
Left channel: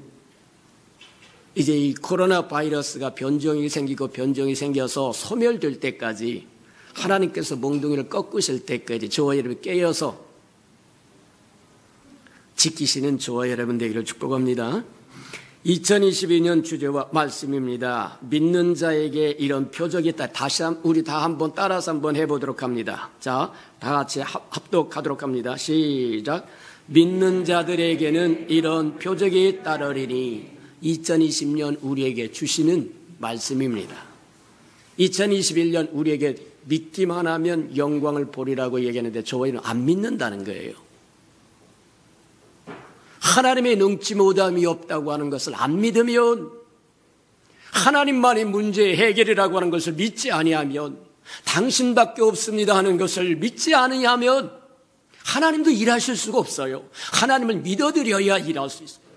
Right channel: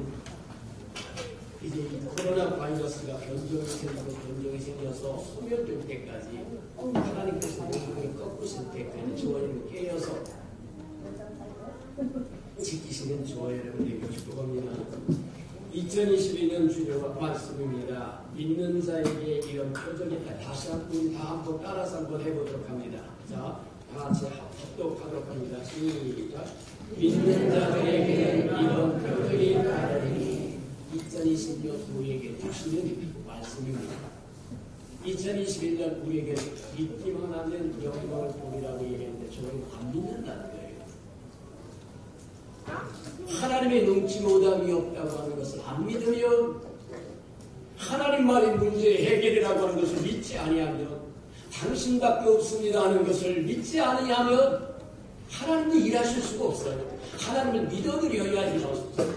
이제 이 코로나 바이러스가 변종이 생겨서 소멸될 때까지 하나님께서 몽둥이를 꺾으실 때까지 저와 여러분 깨어서 지키시는 저와 여러분 되기를 축복합니다. 2022년 주제와 말씀입니다. 믿는 자에게 이런 표적이 있다. 우리 다 한번 따라서 한번 해보도록 합니다. 자, 다 같이 합독하도록 합니다. 시작. 믿는 자들에게는 이런 표적이 따르리니 2020년 우리에게 주시는 말씀입니다. 2021년 우리에게 믿기만 하면 영광을 보리라고 얘기하는데 저희는 안 믿는다는 거예요. 하나님의 능치 못함이 없다고 하는 것을 안 믿으면, 하나님만의 문제의 해결이라고 하는 것을 믿지 아니하면, 당신밖에 없습니다 하는 것을 믿지 아니하면 하나님도 일하실 수가 없어요. 하나님을 믿어드려야 일할 수 있어요.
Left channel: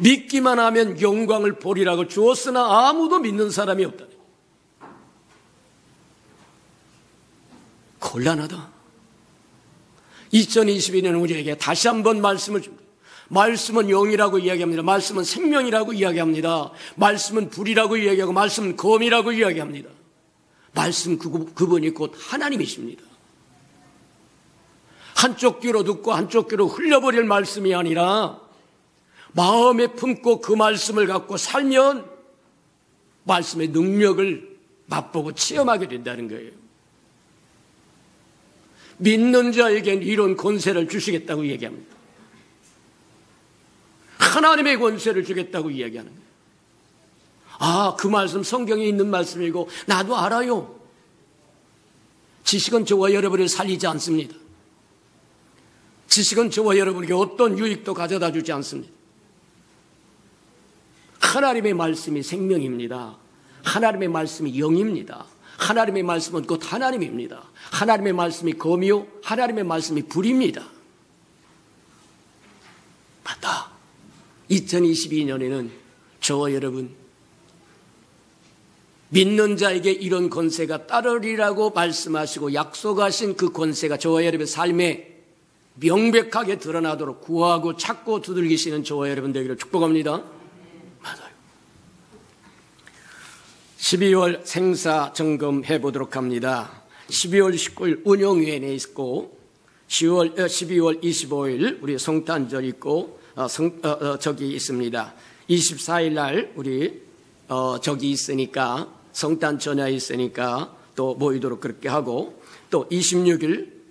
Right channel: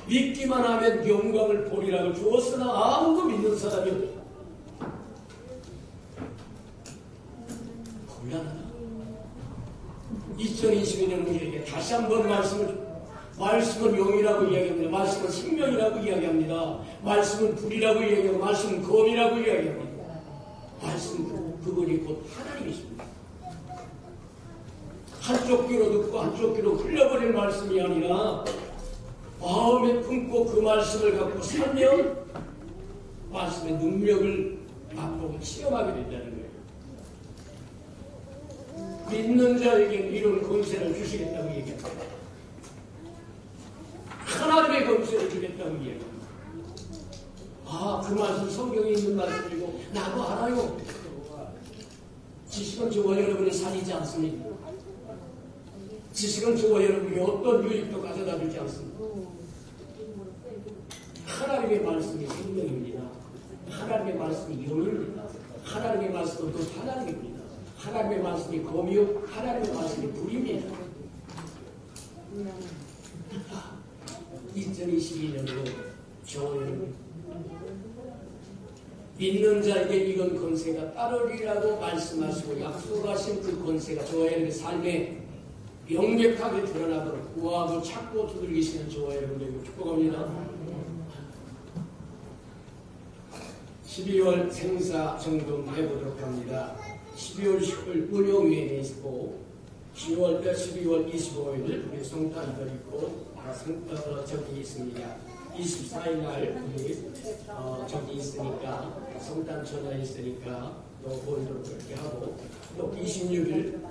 믿기만 하면 영광을 보리라고 주었으나 아무도 믿는 사람이 없다. 곤란하다. 2022년 우리에게 다시 한번 말씀은 영이라고 이야기합니다. 말씀은 생명이라고 이야기합니다. 말씀은 불이라고 이야기하고 말씀은 검이라고 이야기합니다. 말씀 그분이 곧 하나님이십니다. 한쪽 귀로 듣고 한쪽 귀로 흘려버릴 말씀이 아니라 마음에 품고 그 말씀을 갖고 살면 말씀의 능력을 맛보고 체험하게 된다는 거예요. 믿는 자에겐 이런 권세를 주시겠다고 얘기합니다. 하나님의 권세를 주겠다고 이야기합니다. 아, 그 말씀 성경에 있는 말씀이고 나도 알아요. 지식은 저와 여러분을 살리지 않습니다. 지식은 저와 여러분에게 어떤 유익도 가져다 주지 않습니다. 하나님의 말씀이 생명입니다. 하나님의 말씀이 영입니다. 하나님의 말씀은 곧 하나님입니다. 하나님의 말씀이 검이요 하나님의 말씀이 불입니다. 맞다. 2022년에는 저와 여러분 믿는 자에게 이런 권세가 따르리라고 말씀하시고 약속하신 그 권세가 저와 여러분 삶에 명백하게 드러나도록 구하고 찾고 두들기시는 저와 여러분 되기를 축복합니다. 맞아요. 12월 생사 점검해 보도록 합니다. 12월 19일 운영위원회 있고 12월 25일 우리 성탄절 있고 저기 있습니다. 24일 날 우리 저기 있으니까 성탄 전야 있으니까 또 모이도록 그렇게 하고 또 26일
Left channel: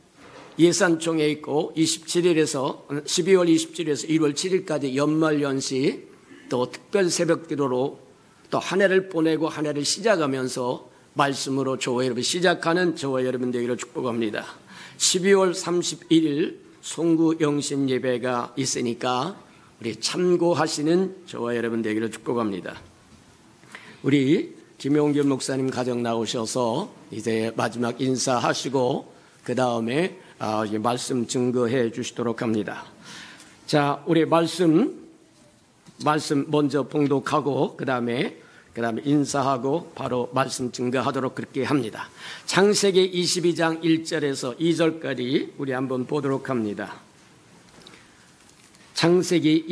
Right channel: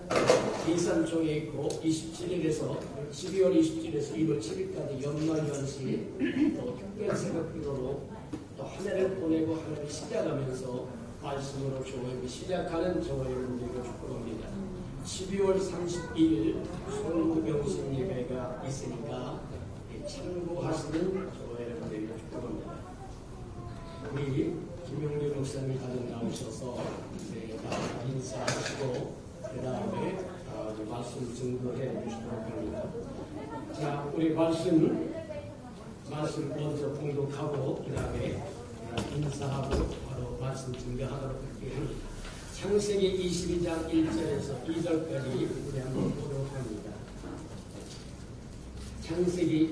예산총회 있고 27일에서 12월 27일에서 1월 7일까지 연말연시 또 특별 새벽기도로 또 한 해를 보내고 한 해를 시작하면서 말씀으로 저와 여러분 시작하는 저와 여러분 되기를 축복합니다. 12월 31일 송구영신 예배가 있으니까 우리 참고하시는 저와 여러분 되기를 축복합니다. 우리 김용균 목사님 가정 나오셔서 이제 마지막 인사하시고 그 다음에 말씀 증거해 주시도록 합니다. 자, 우리 말씀 먼저 봉독하고 그 다음에 인사하고 바로 말씀 증거하도록 그렇게 합니다. 창세기 22장 1절에서 2절까지 우리 한번 보도록 합니다. 창세기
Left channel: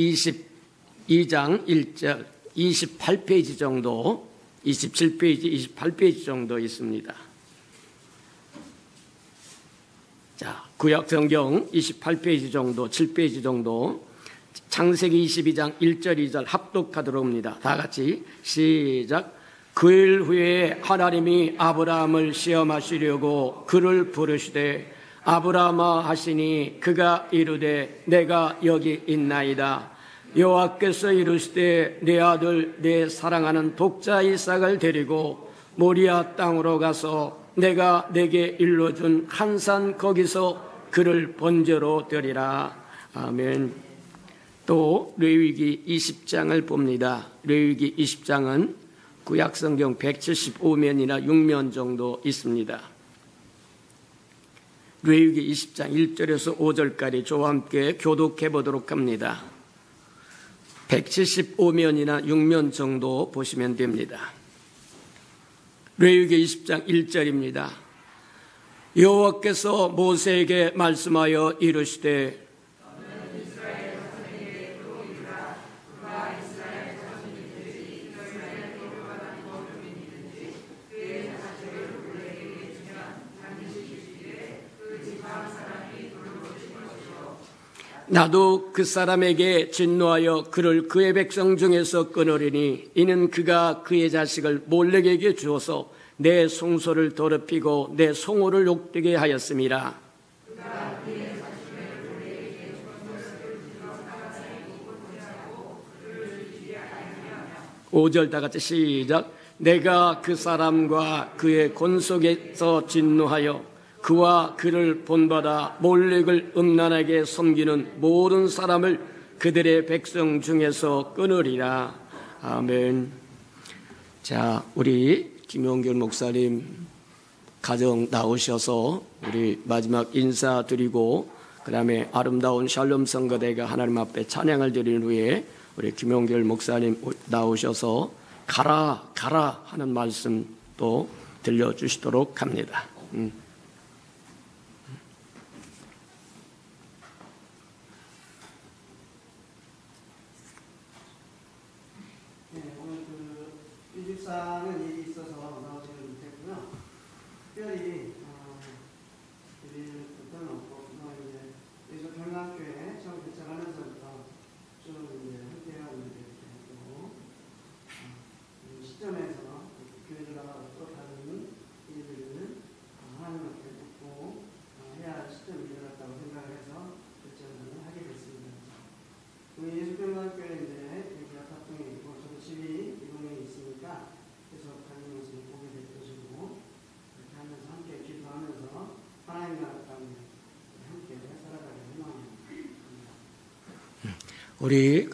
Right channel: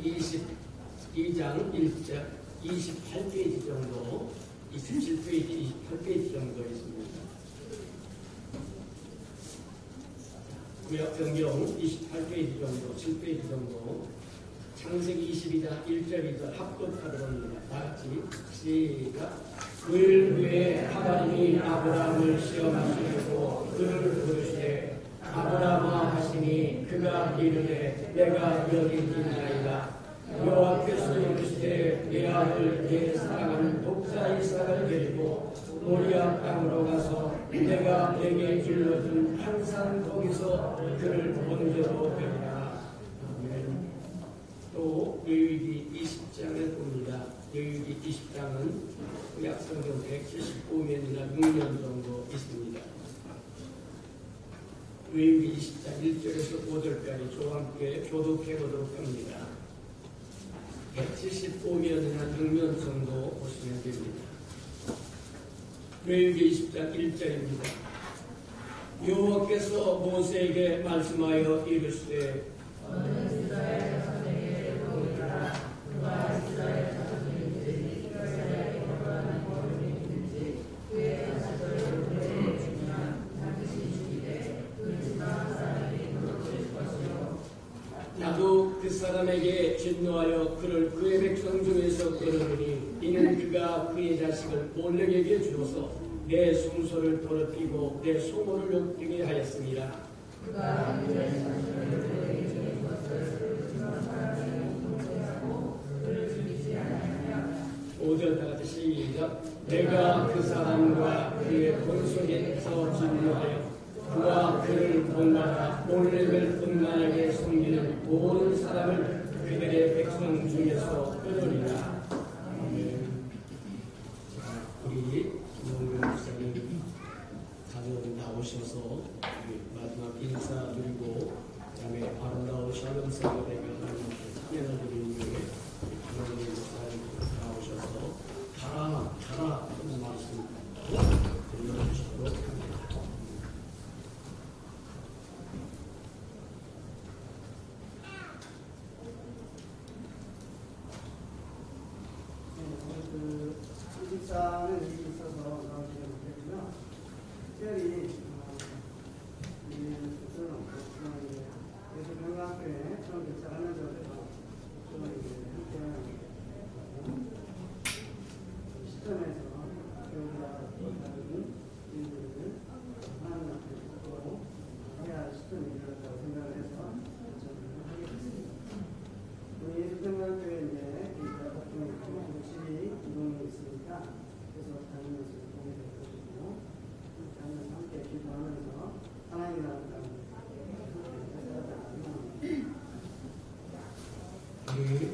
22장 1절 28페이지 정도 27페이지 28페이지 정도 있습니다. 자, 구약 성경 28페이지 정도 7페이지 정도 창세기 22장 1절 2절 합독하도록 합니다. 다 같이 시작. 그 일 후에 하나님이 아브라함을 시험하시려고 그를 부르시되 아브라함아 하시니 그가 이르되 내가 여기 있나이다. 여호와께서 이르시되 내 아들 내 사랑하는 독자 이삭을 데리고 모리아 땅으로 가서 내가 내게 일러준 한 산 거기서 그를 번제로 드리라. 아멘. 또 레위기 20장을 봅니다. 레위기 20장은 구약성경 175면이나 6면 정도 있습니다. 레위기 20장 1절에서 5절까지 저와 함께 교독해 보도록 합니다. 175면이나 6면 정도 보시면 됩니다. 레위기 20장 1절입니다. 여호와께서 모세에게 말씀하여 이르시되 나도 그 사람에게 진노하여 그를 그의 백성 중에서 끊으리니 이는 그가 그의 자식을 몰렉에게 주어서 내 송소를 더럽히고 내 송호를 욕되게 하였음이라. 5절 다 같이 시작. 내가 그 사람과 그의 권속에서 진노하여 그와 그를 본받아 몰렉을 음란하게 섬기는 모든 사람을 그들의 백성 중에서 끊으리라. 아멘. 자, 우리 김용균 목사님 가정 나오셔서 우리 마지막 인사드리고 그 다음에 아름다운 샬롬 성거대가 하나님 앞에 찬양을 드린 후에 우리 김용균 목사님 나오셔서 가라 가라 하는 말씀도 들려주시도록 합니다. 우리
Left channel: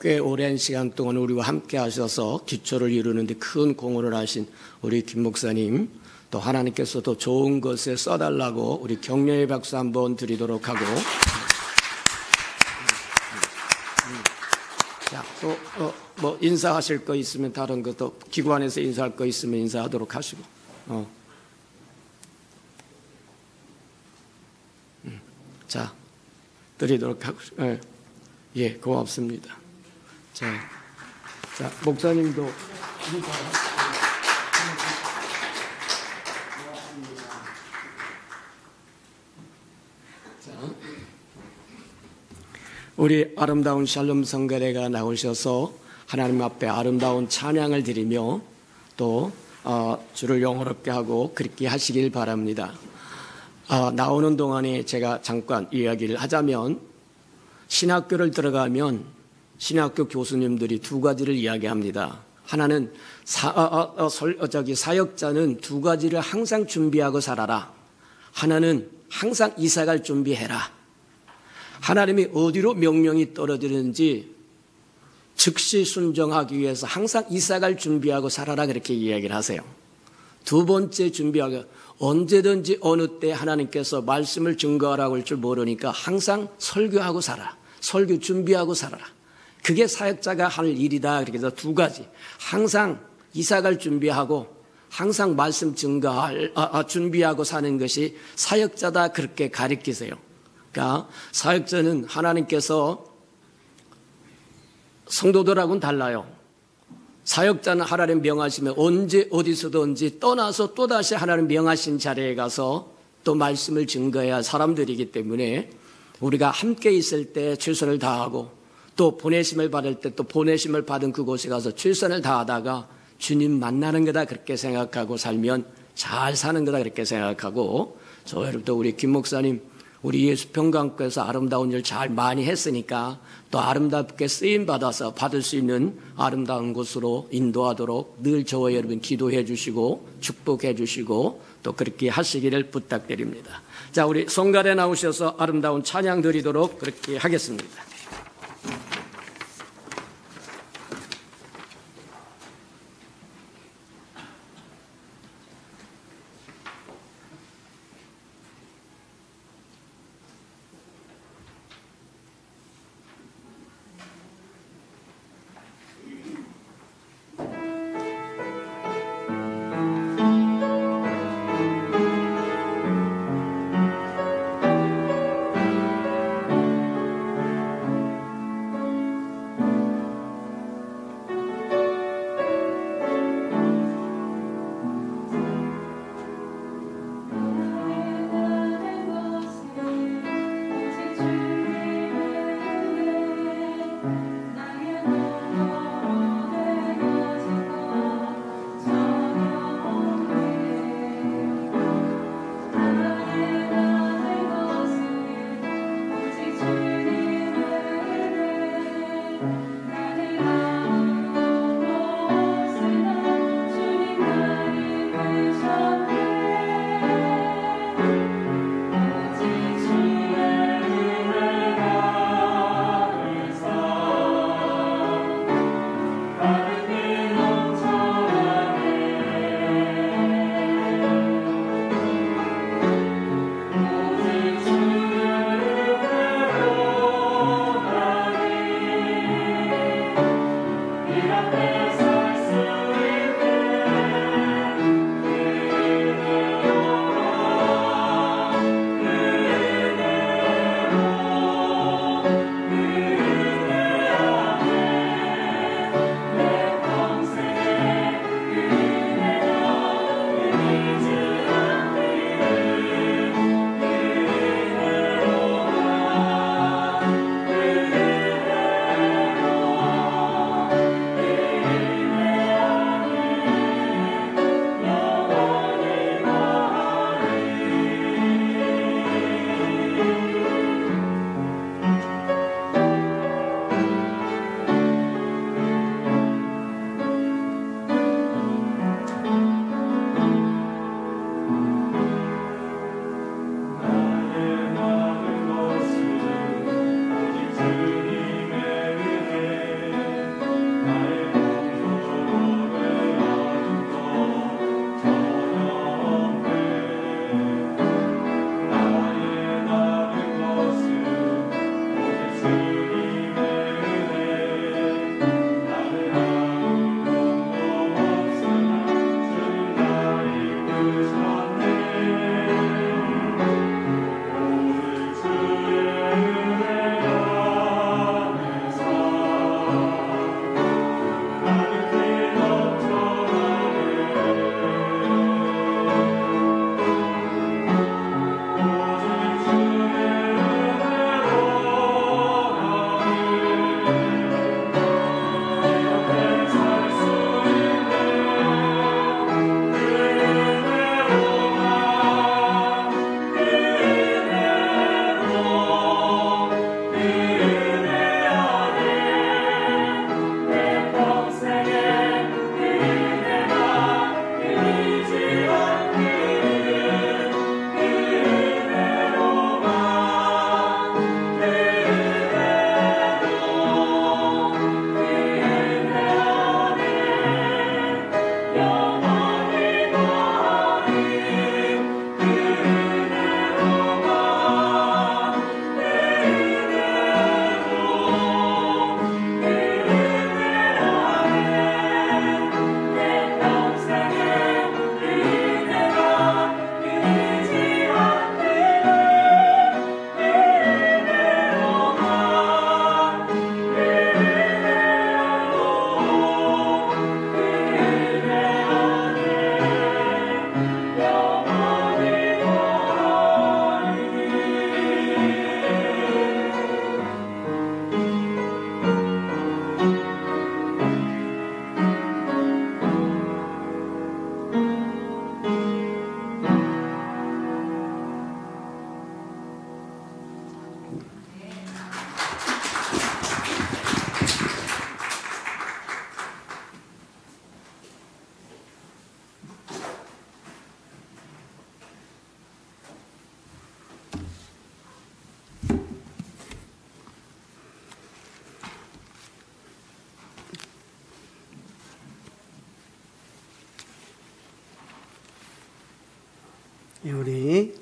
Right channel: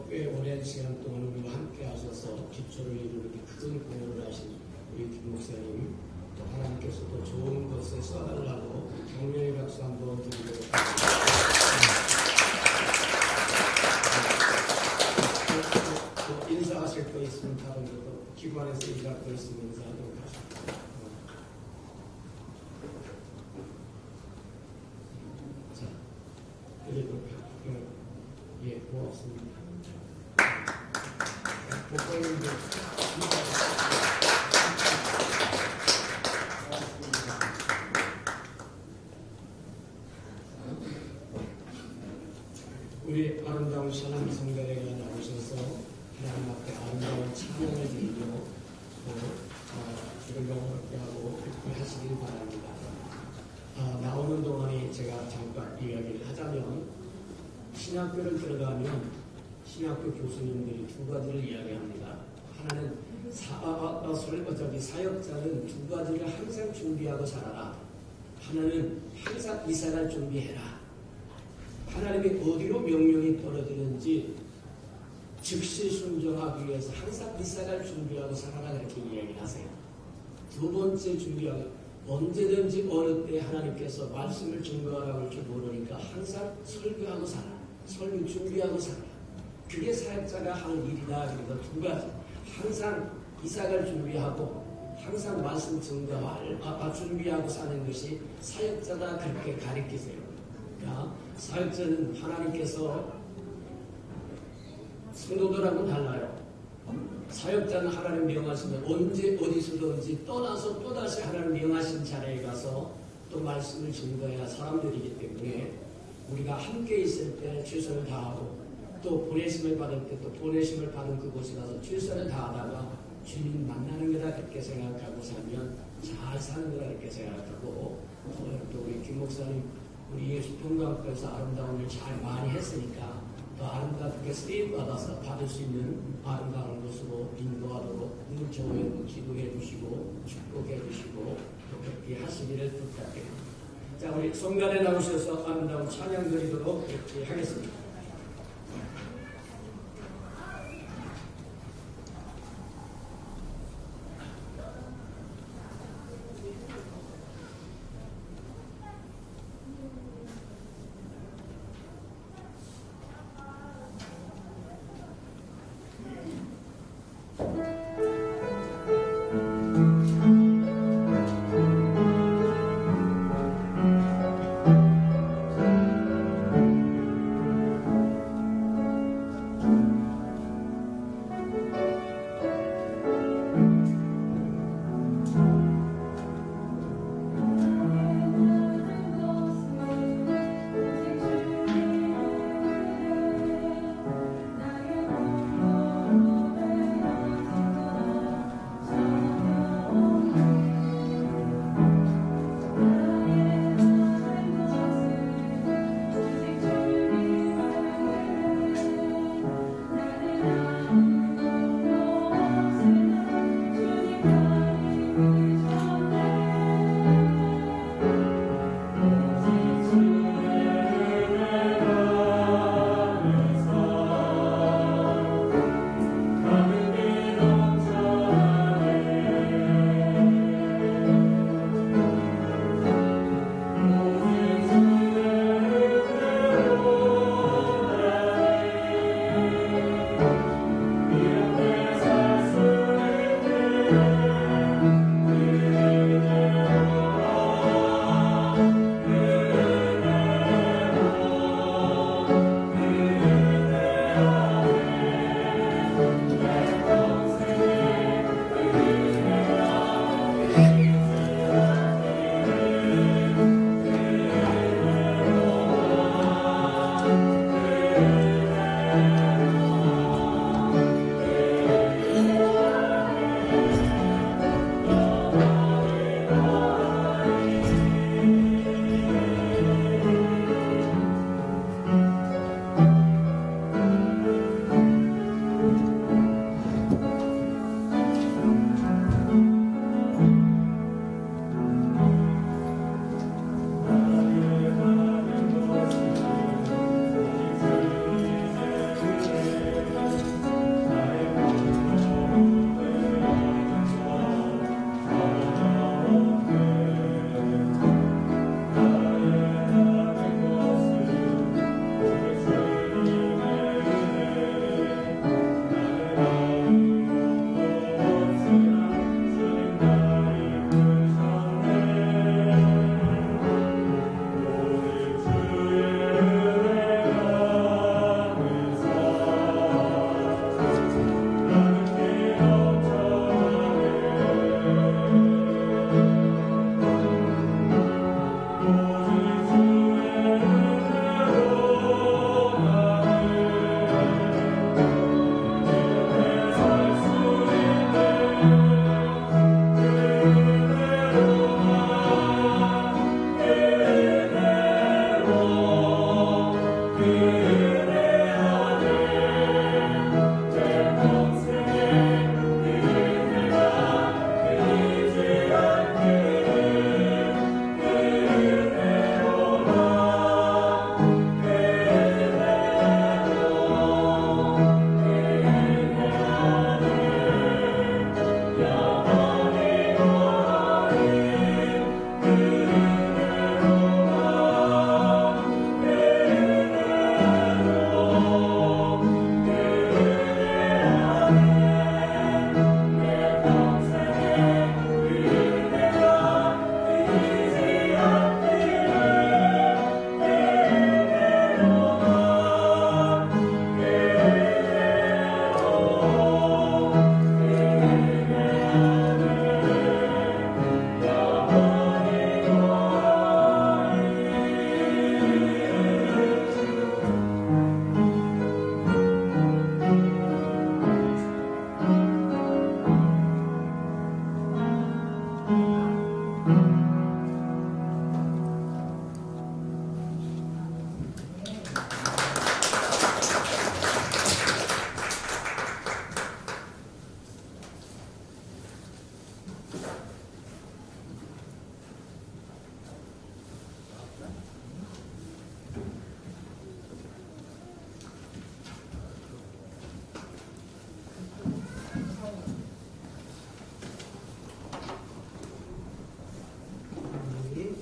꽤 오랜 시간 동안 우리와 함께 하셔서 기초를 이루는데 큰 공헌을 하신 우리 김 목사님, 또 하나님께서도 좋은 것에 써달라고 우리 격려의 박수 한번 드리도록 하고, 또 뭐 인사하실 거 있으면 다른 것도 기관에서 인사할 거 있으면 인사하도록 하시고. 자, 드리도록 하고. 예, 고맙습니다. 자, 목사님도 우리 아름다운 샬롬 성가대가 나오셔서 하나님 앞에 아름다운 찬양을 드리며 또 주를 영화롭게 하고 그렇게 하시길 바랍니다. 나오는 동안에 제가 잠깐 이야기를 하자면, 신학교를 들어가면 신학교 교수님들이 두 가지를 이야기합니다. 하나는 사역자는 두 가지를 항상 준비하고 살아라. 하나는 항상 이사갈 준비해라. 하나님이 어디로 명령이 떨어지는지 즉시 순종하기 위해서 항상 이사갈 준비하고 살아라, 그렇게 이야기를 하세요. 두 번째 준비하고, 언제든지 어느 때 하나님께서 말씀을 증거하라고 할 줄 모르니까 항상 설교하고 살아. 설교 준비하고 살아라. 그게 사역자가 할 일이다. 그렇게 해서 두 가지. 항상 이사갈 준비하고 항상 말씀 증거할 준비하고 사는 것이 사역자다, 그렇게 가르치세요. 그러니까 사역자는 하나님께서 성도들하고는 달라요. 사역자는 하나님 명하시면 언제 어디서든지 떠나서 또다시 하나님 명하신 자리에 가서 또 말씀을 증거해야 사람들이기 때문에 우리가 함께 있을 때 최선을 다하고 또 보내심을 받을 때 또 보내심을 받은 그곳에 가서 최선을 다하다가 주님 만나는 거다, 그렇게 생각하고 살면 잘 사는 거다, 그렇게 생각하고, 저 여러분도 우리 김 목사님 우리 예수평강교회에서 아름다운 일 잘 많이 했으니까 또 아름답게 쓰임 받아서 받을 수 있는 아름다운 곳으로 인도하도록 늘 저와 여러분 기도해 주시고 축복해 주시고 또 그렇게 하시기를 부탁드립니다. 자, 우리 성가대 나오셔서 아름다운 찬양 드리도록 그렇게 하겠습니다.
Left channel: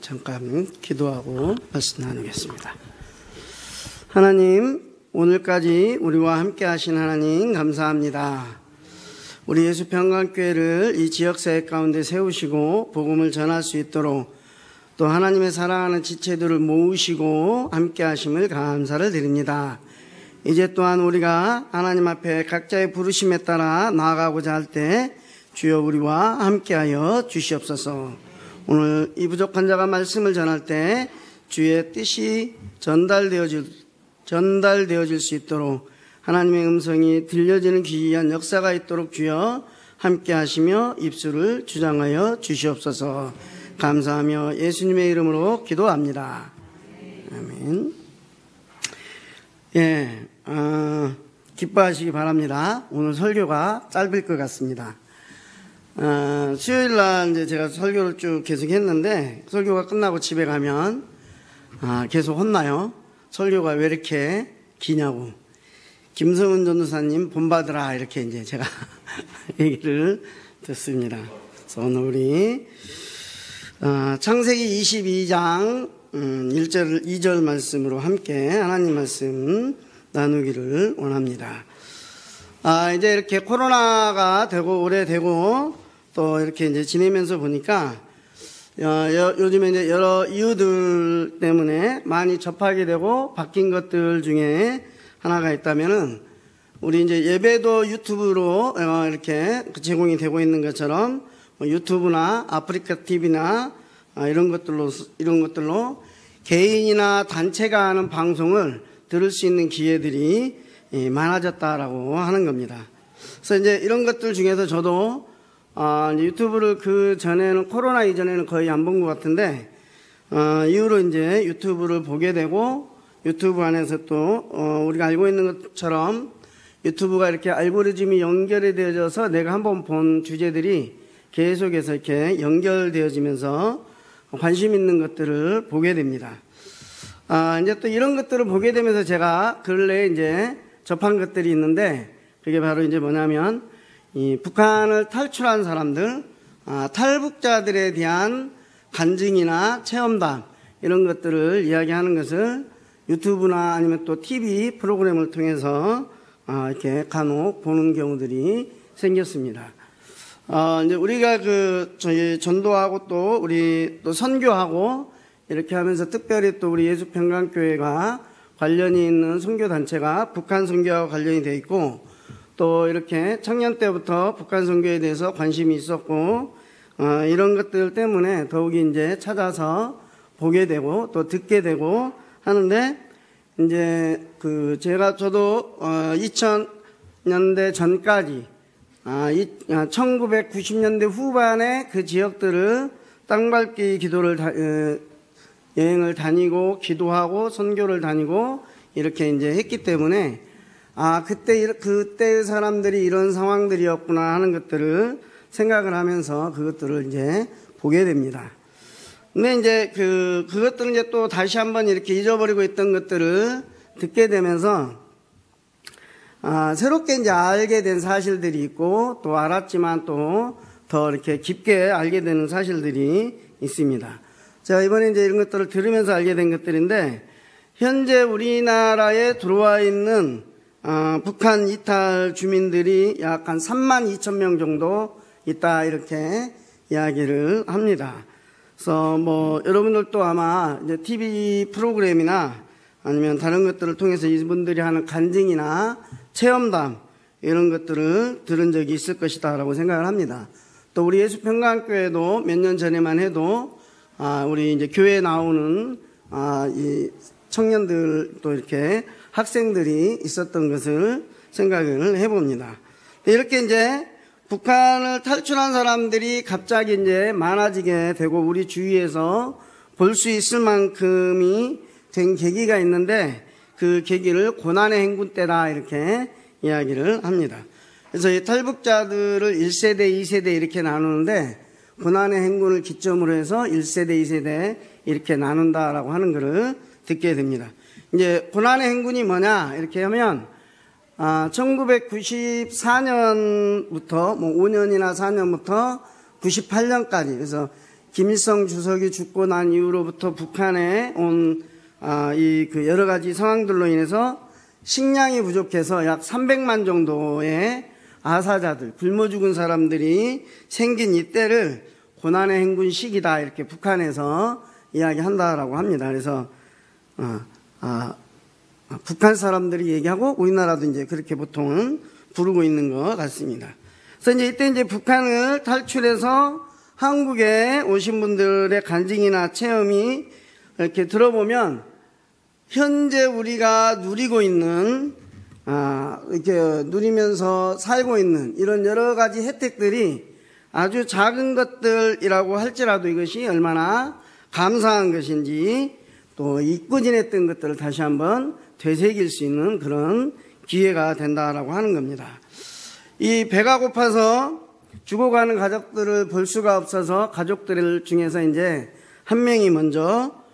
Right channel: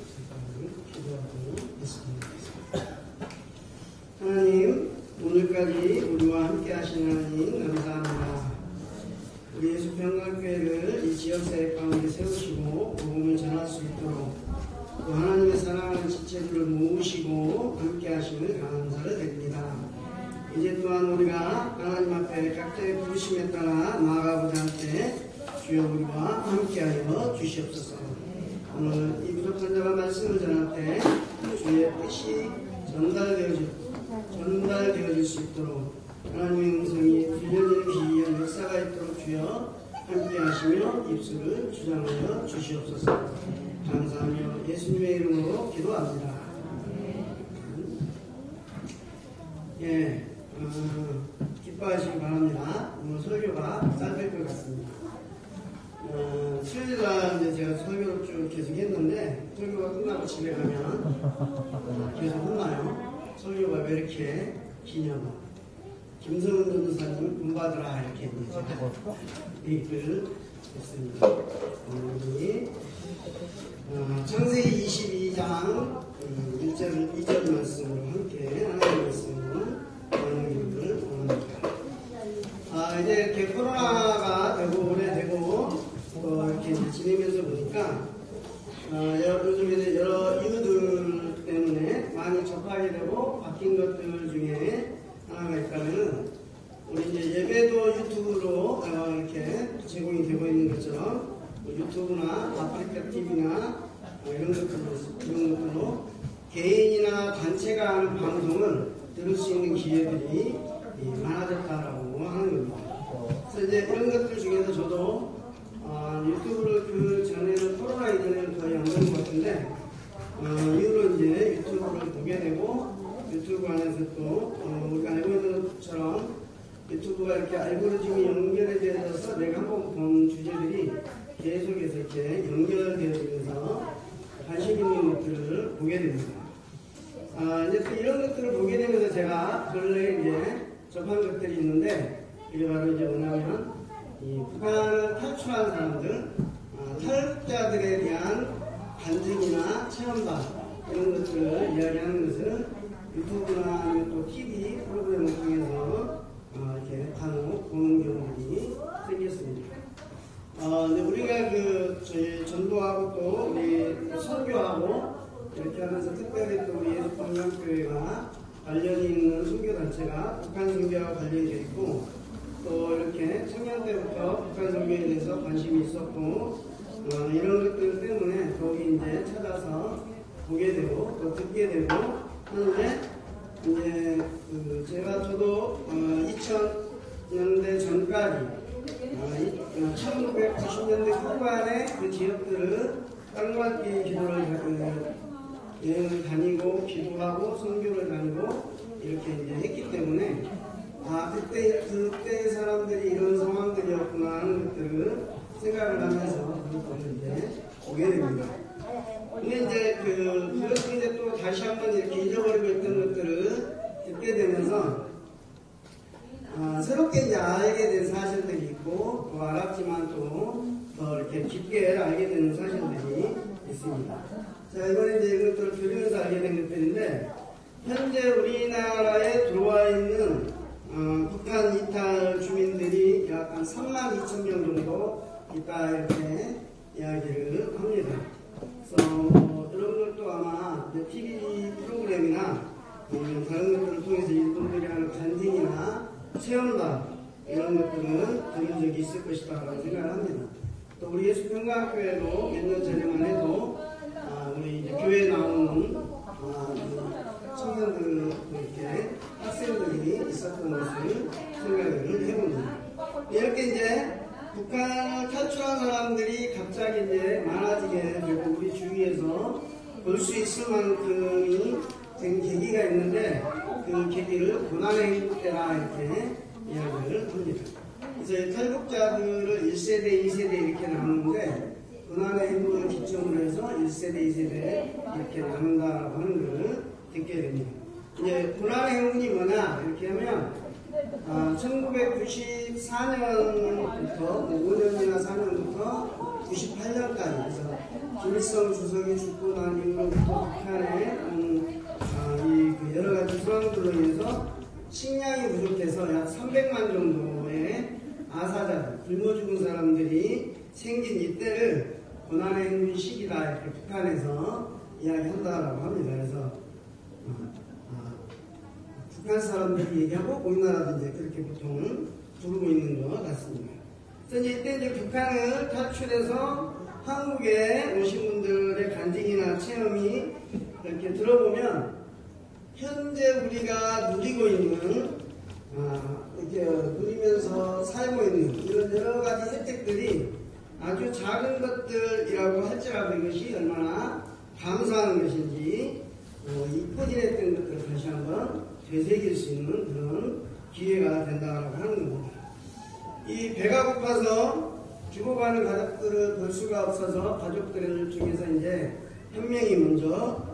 잠깐 기도하고 말씀 나누겠습니다. 하나님, 오늘까지 우리와 함께 하신 하나님 감사합니다. 우리 예수평강교회를 이 지역사회 가운데 세우시고 복음을 전할 수 있도록 또 하나님의 사랑하는 지체들을 모으시고 함께 하심을 감사를 드립니다. 이제 또한 우리가 하나님 앞에 각자의 부르심에 따라 나아가고자 할 때 주여 우리와 함께하여 주시옵소서. 오늘 이 부족한 자가 말씀을 전할 때 주의 뜻이 전달되어질 수 있도록 하나님의 음성이 들려지는 귀한 역사가 있도록 주여 함께하시며 입술을 주장하여 주시옵소서. 감사하며 예수님의 이름으로 기도합니다. 아멘. 기뻐하시기 바랍니다. 오늘 설교가 짧을 것 같습니다. 수요일날 이제 제가 설교를 쭉 계속 했는데 설교가 끝나고 집에 가면 계속 혼나요. 설교가 왜 이렇게 기냐고. 김성은 전도사님 본받으라 이렇게 이제 제가 얘기를 듣습니다. 그래서 오늘 우리 창세기 22장 1절 2절 말씀으로 함께 하나님 말씀 나누기를 원합니다. 이제 이렇게 코로나가 되고 오래되고 또 이렇게 이제 지내면서 보니까 요즘에 이제 여러 이유들 때문에 많이 접하게 되고 바뀐 것들 중에 하나가 있다면은 우리 이제 예배도 유튜브로 이렇게 제공이 되고 있는 것처럼 유튜브나 아프리카 TV나 이런 것들로 개인이나 단체가 하는 방송을 들을 수 있는 기회들이 많아졌다라고 하는 겁니다. 그래서 이제 이런 것들 중에서 저도 유튜브를 그 전에는 코로나 이전에는 거의 안 본 것 같은데 이후로 이제 유튜브를 보게 되고 유튜브 안에서 또 우리가 알고 있는 것처럼 유튜브가 이렇게 알고리즘이 연결이 되어져서 내가 한번 본 주제들이 계속해서 이렇게 연결되어지면서 관심 있는 것들을 보게 됩니다. 이제 또 이런 것들을 보게 되면서 제가 근래에 이제 접한 것들이 있는데 그게 바로 이제 뭐냐면 이 북한을 탈출한 사람들, 탈북자들에 대한 간증이나 체험담 이런 것들을 이야기하는 것을 유튜브나 아니면 또 TV 프로그램을 통해서 이렇게 간혹 보는 경우들이 생겼습니다. 이제 우리가 저희 전도하고 또 우리 또 선교하고 이렇게 하면서 특별히 또 우리 예수평강교회가 관련이 있는 선교단체가 북한 선교하고 관련이 되어 있고 또 이렇게 청년 때부터 북한 선교에 대해서 관심이 있었고 이런 것들 때문에 더욱이 이제 찾아서 보게 되고 또 듣게 되고 하는데 이제 저도 2000년대 전까지 1990년대 후반에 그 지역들을 땅밟기 기도를 여행을 다니고 기도하고 선교를 다니고 이렇게 이제 했기 때문에 그때 사람들이 이런 상황들이었구나 하는 것들을 생각을 하면서 그것들을 이제 보게 됩니다. 근데 이제 그것들은 이제 또 다시 한번 이렇게 잊어버리고 있던 것들을 듣게 되면서 새롭게 이제 알게 된 사실들이 있고 또 알았지만 또 더 이렇게 깊게 알게 되는 사실들이 있습니다. 제가 이번에 이제 이런 것들을 들으면서 알게 된 것들인데 현재 우리나라에 들어와 있는 북한 이탈 주민들이 약 한 32,000명 정도 있다 이렇게 이야기를 합니다. 그래서 뭐 여러분들도 아마 이제 TV 프로그램이나 아니면 다른 것들을 통해서 이분들이 하는 간증이나 체험담 이런 것들을 들은 적이 있을 것이다 라고 생각을 합니다. 또 우리 예수평강교회도 몇 년 전에만 해도 우리 이제 교회에 나오는 이 청년들 또 이렇게 학생들이 있었던 것을 생각을 해봅니다. 이렇게 이제 북한을 탈출한 사람들이 갑자기 이제 많아지게 되고 우리 주위에서 볼 수 있을 만큼이 된 계기가 있는데 그 계기를 고난의 행군 때다 이렇게 이야기를 합니다. 그래서 이 탈북자들을 1세대, 2세대 이렇게 나누는데 고난의 행군을 기점으로 해서 1세대, 2세대 이렇게 나눈다라고 하는 것을 듣게 됩니다. 이제 고난의 행군이 뭐냐 이렇게 하면 1994년부터 5년이나 4년부터 98년까지 그래서 김일성 주석이 죽고 난 이후로부터 북한에 온 그 여러 가지 상황들로 인해서 식량이 부족해서 약 300만 정도의 아사자들, 굶어 죽은 사람들이 생긴 이때를 고난의 행군 시기다 이렇게 북한에서 이야기한다라고 합니다. 그래서 북한 사람들이 얘기하고 우리나라도 이제 그렇게 보통은 부르고 있는 것 같습니다. 그래서 이제 이때 이제 북한을 탈출해서 한국에 오신 분들의 간증이나 체험이 이렇게 들어보면 현재 우리가 누리고 있는 이렇게 누리면서 살고 있는 이런 여러 가지 혜택들이 아주 작은 것들이라고 할지라도 이것이 얼마나 감사한 것인지 또 잊고 지냈던 것들을 다시 한번 되새길 수 있는 그런 기회가 된다라고 하는 겁니다. 이 배가 고파서 죽어가는 가족들을 볼 수가 없어서 가족들 중에서 이제 한 명이 먼저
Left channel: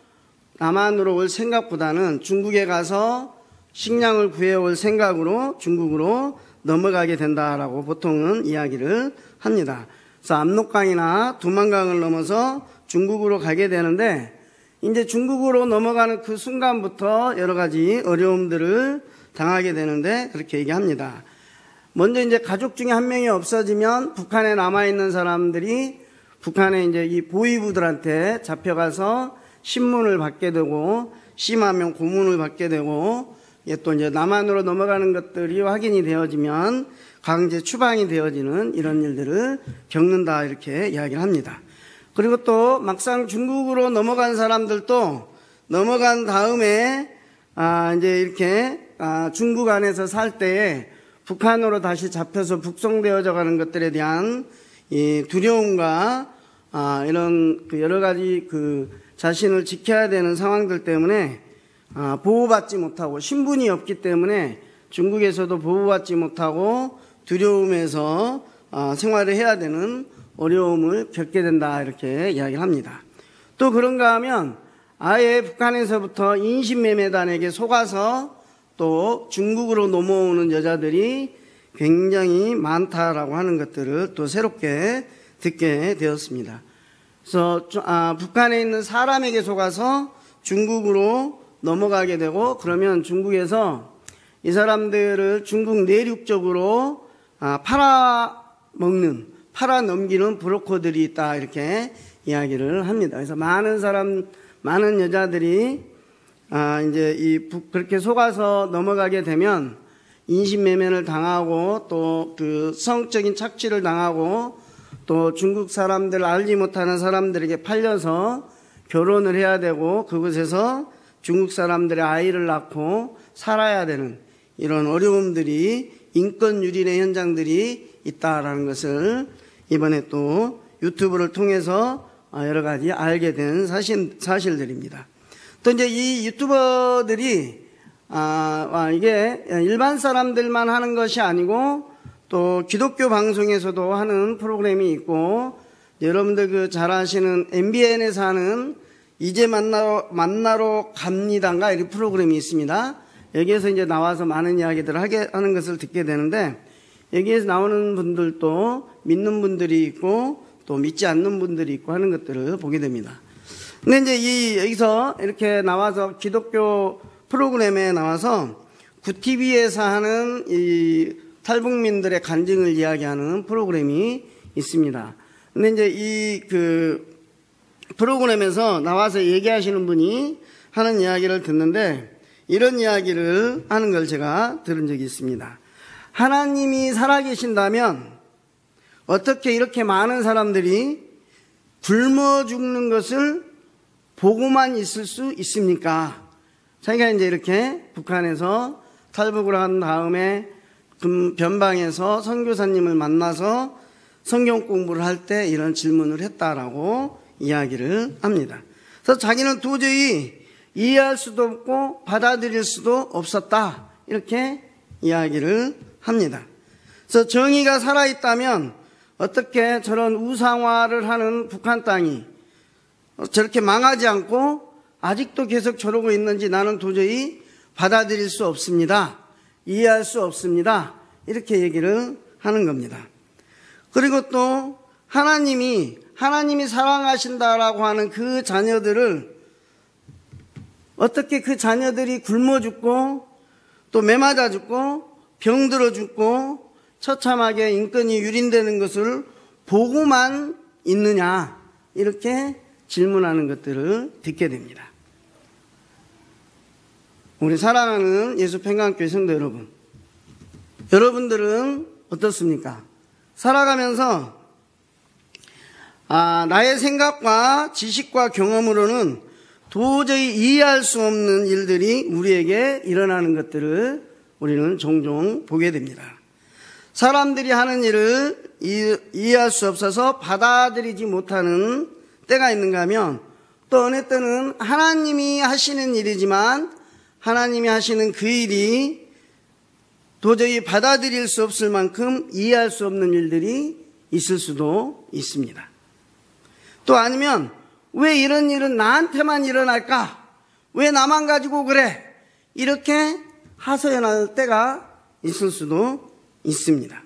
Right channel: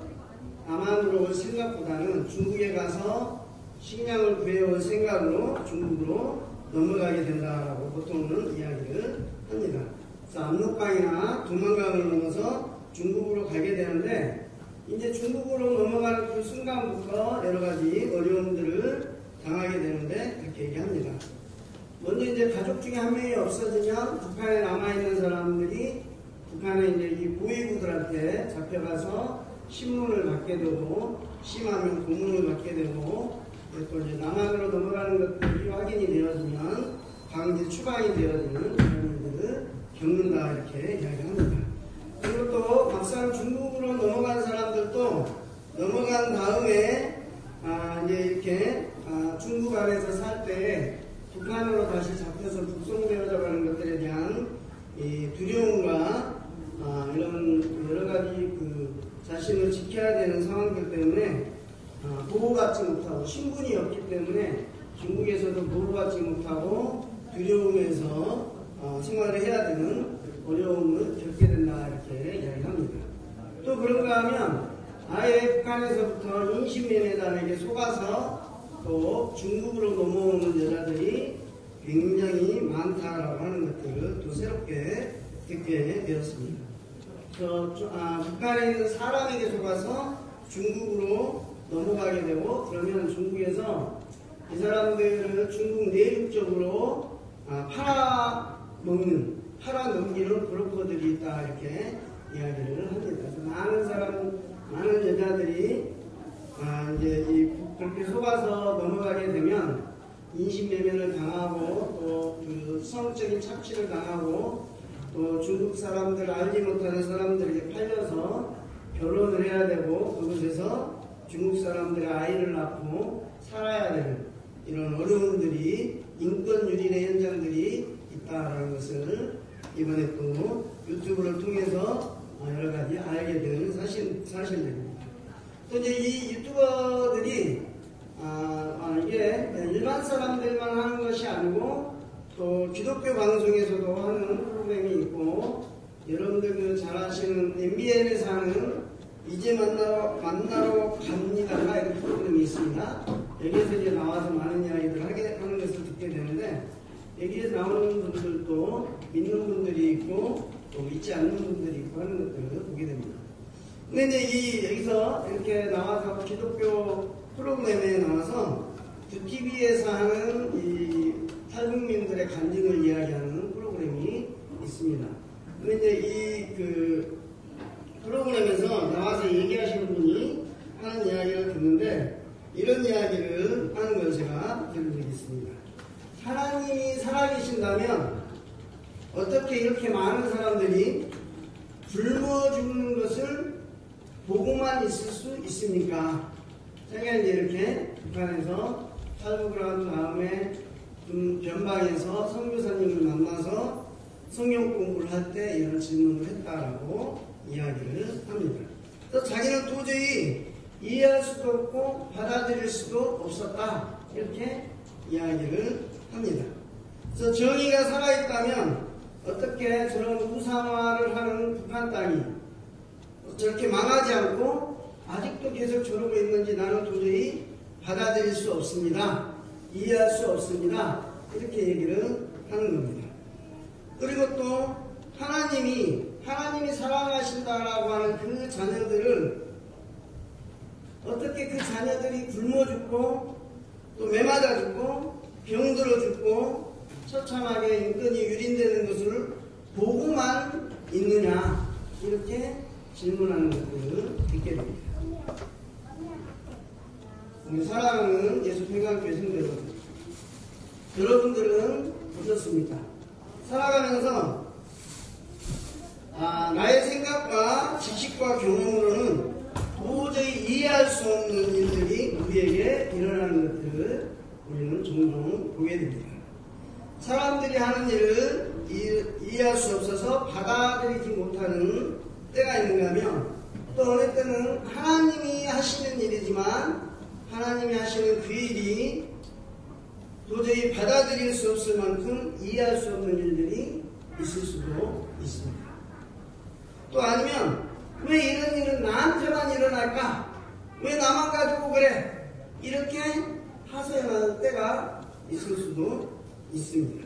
남한으로 올 생각보다는 중국에 가서 식량을 구해올 생각으로 중국으로 넘어가게 된다라고 보통은 이야기를 합니다. 그래서 압록강이나 두만강을 넘어서 중국으로 가게 되는데 이제 중국으로 넘어가는 그 순간부터 여러 가지 어려움들을 당하게 되는데 그렇게 얘기합니다. 먼저 이제 가족 중에 한 명이 없어지면 북한에 남아있는 사람들이 북한에 이제 이 보위부들한테 잡혀가서 신문을 받게 되고 심하면 고문을 받게 되고 또 이제 남한으로 넘어가는 것들이 확인이 되어지면 강제 추방이 되어지는 이런 일들을 겪는다 이렇게 이야기를 합니다. 그리고 또 막상 중국으로 넘어간 사람들도 넘어간 다음에 이제 이렇게 중국 안에서 살 때 북한으로 다시 잡혀서 북송되어져 가는 것들에 대한 이 두려움과 이런 그 여러 가지 그 자신을 지켜야 되는 상황들 때문에 보호받지 못하고 신분이 없기 때문에 중국에서도 보호받지 못하고 두려움에서 생활을 해야 되는 어려움을 겪게 된다 이렇게 이야기를 합니다. 또 그런가 하면 아예 북한에서부터 인신매매단에게 속아서 또 중국으로 넘어오는 여자들이 굉장히 많다라고 하는 것들을 또 새롭게 듣게 되었습니다. 그래서 북한에 있는 사람에게 속아서 중국으로 넘어가게 되고 그러면 중국에서 이 사람들을 중국 내륙 쪽으로 팔아넘기는 브로커들이 있다 이렇게 이야기를 합니다. 그래서 많은 여자들이 이제 그렇게 속아서 넘어가게 되면 인신매매를 당하고 또 그 성적인 착취를 당하고 또 중국 사람들 알지 못하는 사람들에게 팔려서 결혼을 해야 되고 그곳에서 중국 사람들의 아이를 낳고 살아야 되는 이런 어려움들이 인권 유린의 현장들이 있다라는 것을 이번에 또 유튜브를 통해서 여러 가지 알게 된 사실들입니다. 또 이제 이 유튜버들이 이게 일반 사람들만 하는 것이 아니고 또 기독교 방송에서도 하는 프로그램이 있고 여러분들 그 잘 아시는 MBN에서 하는 이제 만나러 갑니다인가 이렇게 프로그램이 있습니다. 여기에서 이제 나와서 많은 이야기들을 하는 것을 듣게 되는데 여기에서 나오는 분들도 믿는 분들이 있고 또 믿지 않는 분들이 있고 하는 것들을 보게 됩니다. 근데 이제 여기서 이렇게 나와서 기독교 프로그램에 나와서 구TV에서 하는 이 탈북민들의 간증을 이야기하는 프로그램이 있습니다. 근데 이제 이 그 프로그램에서 나와서 얘기하시는 분이 하는 이야기를 듣는데 이런 이야기를 하는 걸 제가 들은 적이 있습니다. 하나님이 살아계신다면 어떻게 이렇게 많은 사람들이 굶어 죽는 것을 보고만 있을 수 있습니까? 자기가 이제 이렇게 북한에서 탈북을 한 다음에 변방에서 선교사님을 만나서 성경 공부를 할 때 이런 질문을 했다라고 이야기를 합니다. 그래서 자기는 도저히 이해할 수도 없고 받아들일 수도 없었다 이렇게 이야기를 합니다. 그래서 정의가 살아있다면 어떻게 저런 우상화를 하는 북한 땅이 저렇게 망하지 않고 아직도 계속 저러고 있는지 나는 도저히 받아들일 수 없습니다. 이해할 수 없습니다. 이렇게 얘기를 하는 겁니다. 그리고 또 하나님이 사랑하신다라고 하는 그 자녀들을 어떻게 그 자녀들이 굶어 죽고 또 매맞아 죽고 병들어 죽고 처참하게 인권이 유린되는 것을 보고만 있느냐, 이렇게 질문하는 것들을 듣게 됩니다. 우리 사랑하는 예수평강교회 성도 여러분, 여러분들은 어떻습니까? 살아가면서 나의 생각과 지식과 경험으로는 도저히 이해할 수 없는 일들이 우리에게 일어나는 것들을 우리는 종종 보게 됩니다. 사람들이 하는 일을 이해할 수 없어서 받아들이지 못하는 때가 있는가 하면, 또 어느 때는 하나님이 하시는 일이지만 하나님이 하시는 그 일이 도저히 받아들일 수 없을 만큼 이해할 수 없는 일들이 있을 수도 있습니다. 또 아니면 왜 이런 일은 나한테만 일어날까? 왜 나만 가지고 그래? 이렇게 하소연할 때가 있을 수도 있습니다.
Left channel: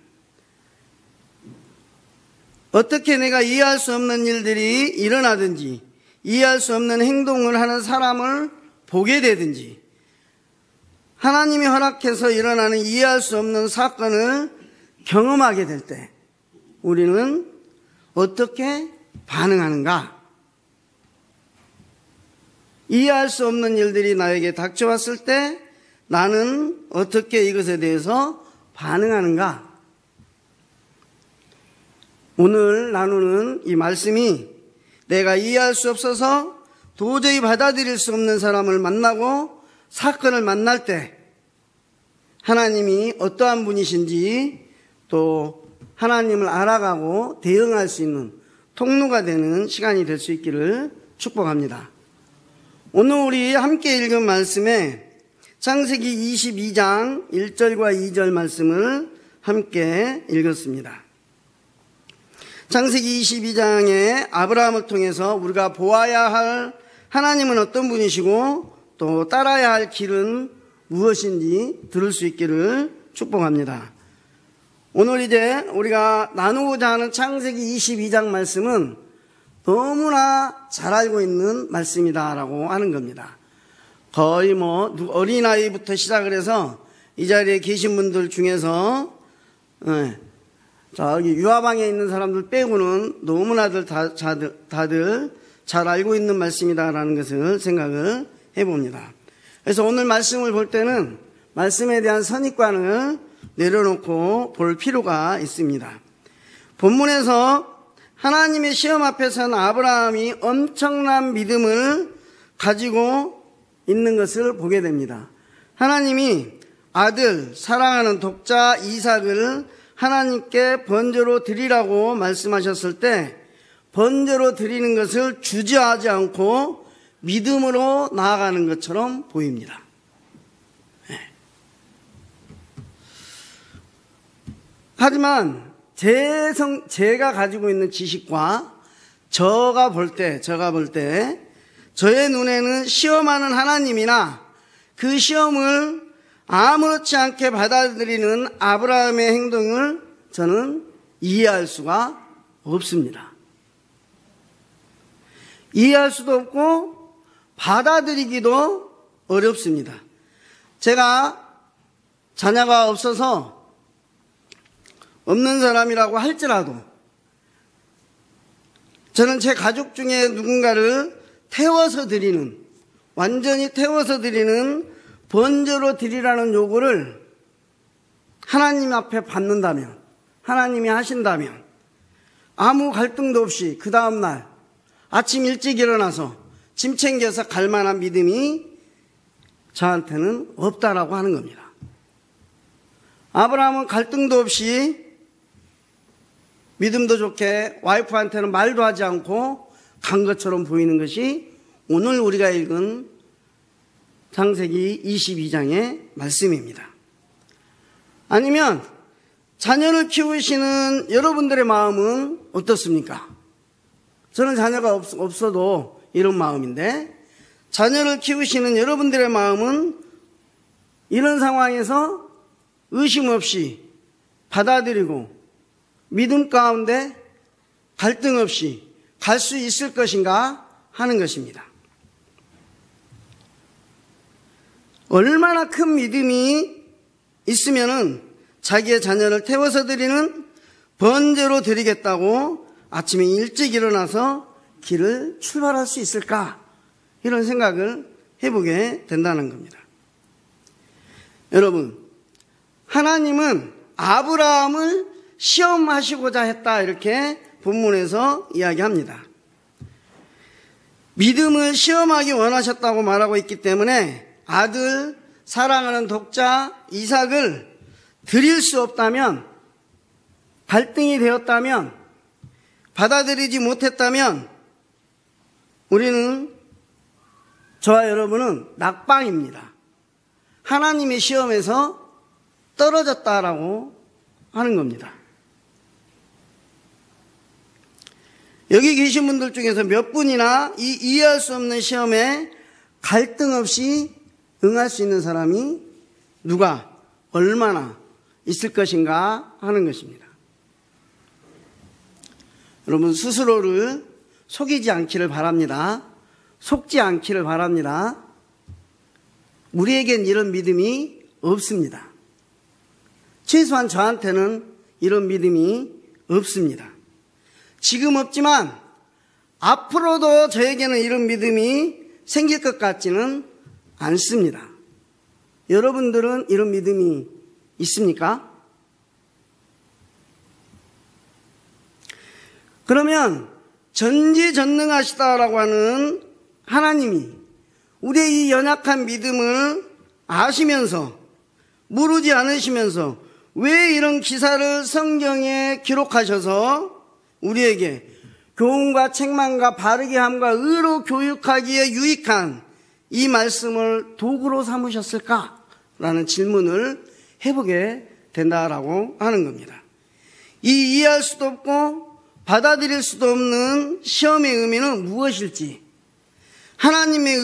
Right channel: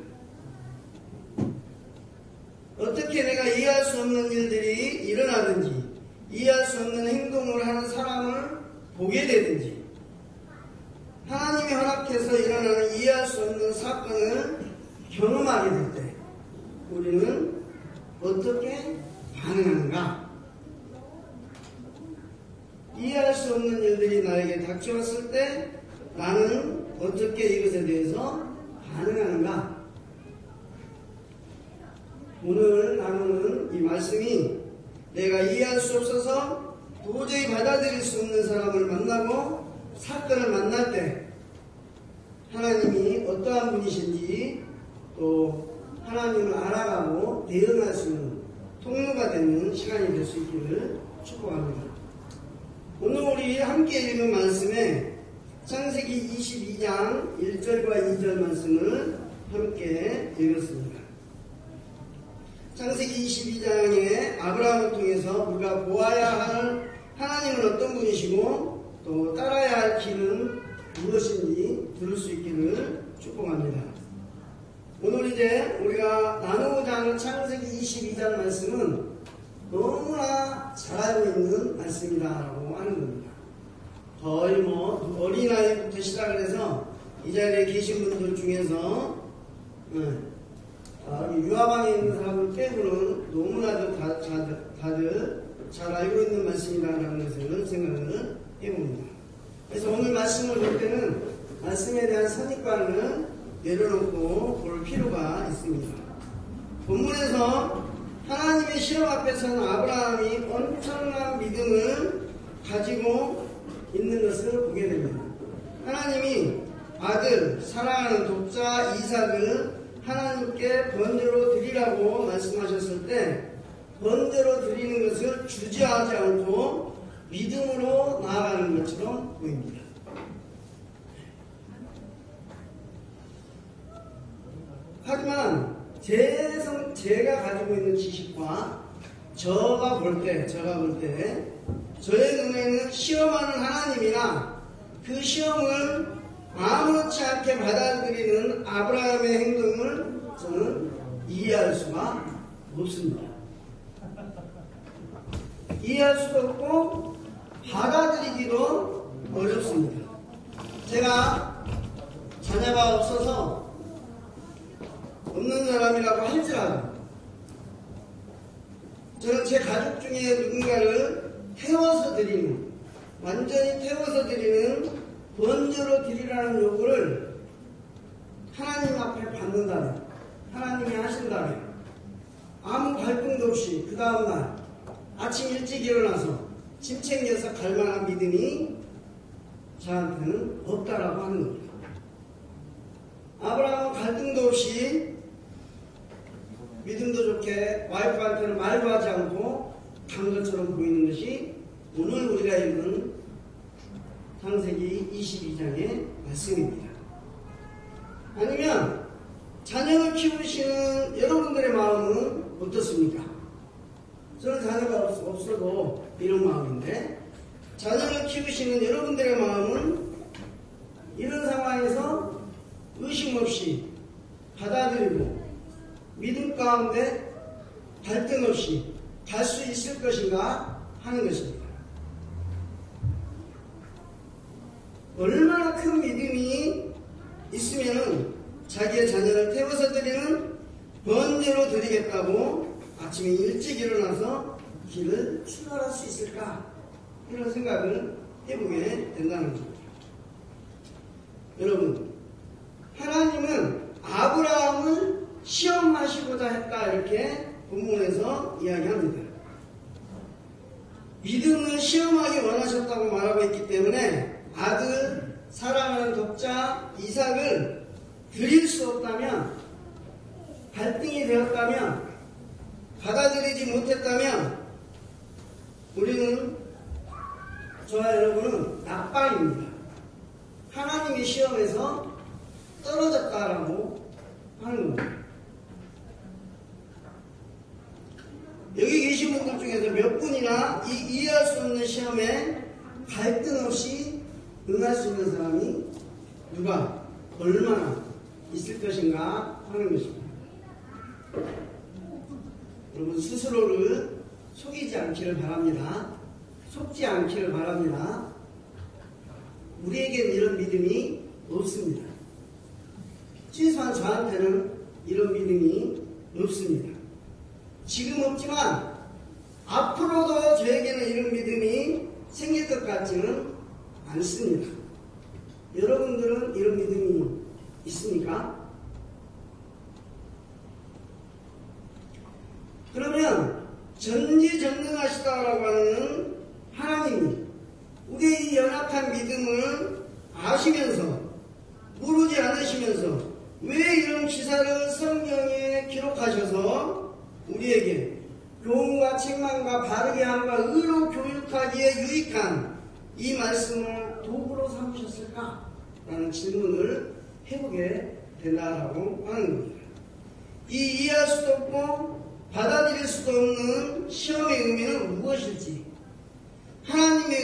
어떻게 내가 이해할 수 없는 일들이 일어나든지 이해할 수 없는 행동을 하는 사람을 보게 되든지, 하나님이 허락해서 일어나는 이해할 수 없는 사건을 경험하게 될 때 우리는 어떻게 반응하는가? 이해할 수 없는 일들이 나에게 닥쳐왔을 때 나는 어떻게 이것에 대해서 반응하는가? 오늘 나누는 이 말씀이 내가 이해할 수 없어서 도저히 받아들일 수 없는 사람을 만나고 사건을 만날 때 하나님이 어떠한 분이신지, 또 하나님을 알아가고 대응할 수 있는 통로가 되는 시간이 될 수 있기를 축복합니다. 오늘 우리 함께 읽은 말씀에 창세기 22장 1절과 2절 말씀을 함께 읽었습니다. 창세기 22장에 아브라함을 통해서 우리가 보아야 할 하나님은 어떤 분이시고 또 따라야 할 길은 무엇인지 들을 수 있기를 축복합니다. 오늘 이제 우리가 나누고자 하는 창세기 22장 말씀은 너무나 잘 알고 있는 말씀이다라고 하는 겁니다. 거의 어린아이부터 시작을 해서 이 자리에 계신 분들 중에서 저기 유아방에 있는 사람들 빼고는 너무나들 다들 잘 알고 있는 말씀이다라는 것을 생각을 해봅니다. 그래서 오늘 말씀을 볼 때는 말씀에 대한 선입관을 내려놓고 볼 필요가 있습니다. 본문에서 하나님의 시험 앞에 선 아브라함이 엄청난 믿음을 가지고 있는 것을 보게 됩니다. 하나님이 아들, 사랑하는 독자 이삭을 하나님께 번제로 드리라고 말씀하셨을 때 번제로 드리는 것을 주저하지 않고 믿음으로 나아가는 것처럼 보입니다. 하지만 제가 가지고 있는 지식과 제가 볼 때 저의 눈에는 시험하는 하나님이나 그 시험을 아무렇지 않게 받아들이는 아브라함의 행동을 저는 이해할 수가 없습니다. 이해할 수도 없고 받아들이기도 어렵습니다. 제가 자녀가 없어서 없는 사람이라고 할지라도 저는 제 가족 중에 누군가를 태워서 드리는, 완전히 태워서 드리는 번제로 드리라는 요구를 하나님 앞에 받는다면, 하나님이 하신다면 아무 갈등도 없이 그 다음날 아침 일찍 일어나서 짐 챙겨서 갈 만한 믿음이 저한테는 없다라고 하는 겁니다. 아브라함은 갈등도 없이 믿음도 좋게 와이프한테는 말도 하지 않고 간 것처럼 보이는 것이 오늘 우리가 읽은 창세기 22장의 말씀입니다. 아니면 자녀를 키우시는 여러분들의 마음은 어떻습니까? 저는 자녀가 없어도 이런 마음인데, 자녀를 키우시는 여러분들의 마음은 이런 상황에서 의심 없이 받아들이고 믿음 가운데 갈등 없이 갈 수 있을 것인가 하는 것입니다. 얼마나 큰 믿음이 있으면은 자기의 자녀를 태워서 드리는 번제로 드리겠다고 아침에 일찍 일어나서 길을 출발할 수 있을까? 이런 생각을 해보게 된다는 겁니다. 여러분, 하나님은 아브라함을 시험하시고자 했다, 이렇게 본문에서 이야기합니다. 믿음을 시험하기 원하셨다고 말하고 있기 때문에 아들, 사랑하는 독자 이삭을 드릴 수 없다면, 갈등이 되었다면, 받아들이지 못했다면 우리는, 저와 여러분은 낙방입니다. 하나님의 시험에서 떨어졌다라고 하는 겁니다. 여기 계신 분들 중에서 몇 분이나 이 이해할 수 없는 시험에 갈등 없이 응할 수 있는 사람이 누가, 얼마나 있을 것인가 하는 것입니다. 여러분, 스스로를 속이지 않기를 바랍니다. 속지 않기를 바랍니다. 우리에겐 이런 믿음이 없습니다. 최소한 저한테는 이런 믿음이 없습니다. 지금 없지만 앞으로도 저에게는 이런 믿음이 생길 것 같지는 않습니다. 여러분들은 이런 믿음이 있습니까? 그러면 전지전능하시다라고 하는 하나님이 우리의 이 연약한 믿음을 아시면서, 모르지 않으시면서 왜 이런 기사를 성경에 기록하셔서 우리에게 교훈과 책망과 바르게 함과 의로 교육하기에 유익한 이 말씀을 도구로 삼으셨을까? 라는 질문을 해보게 된다라고 하는 겁니다. 이 이해할 수도 없고 받아들일 수도 없는 시험의 의미는 무엇일지 하나님의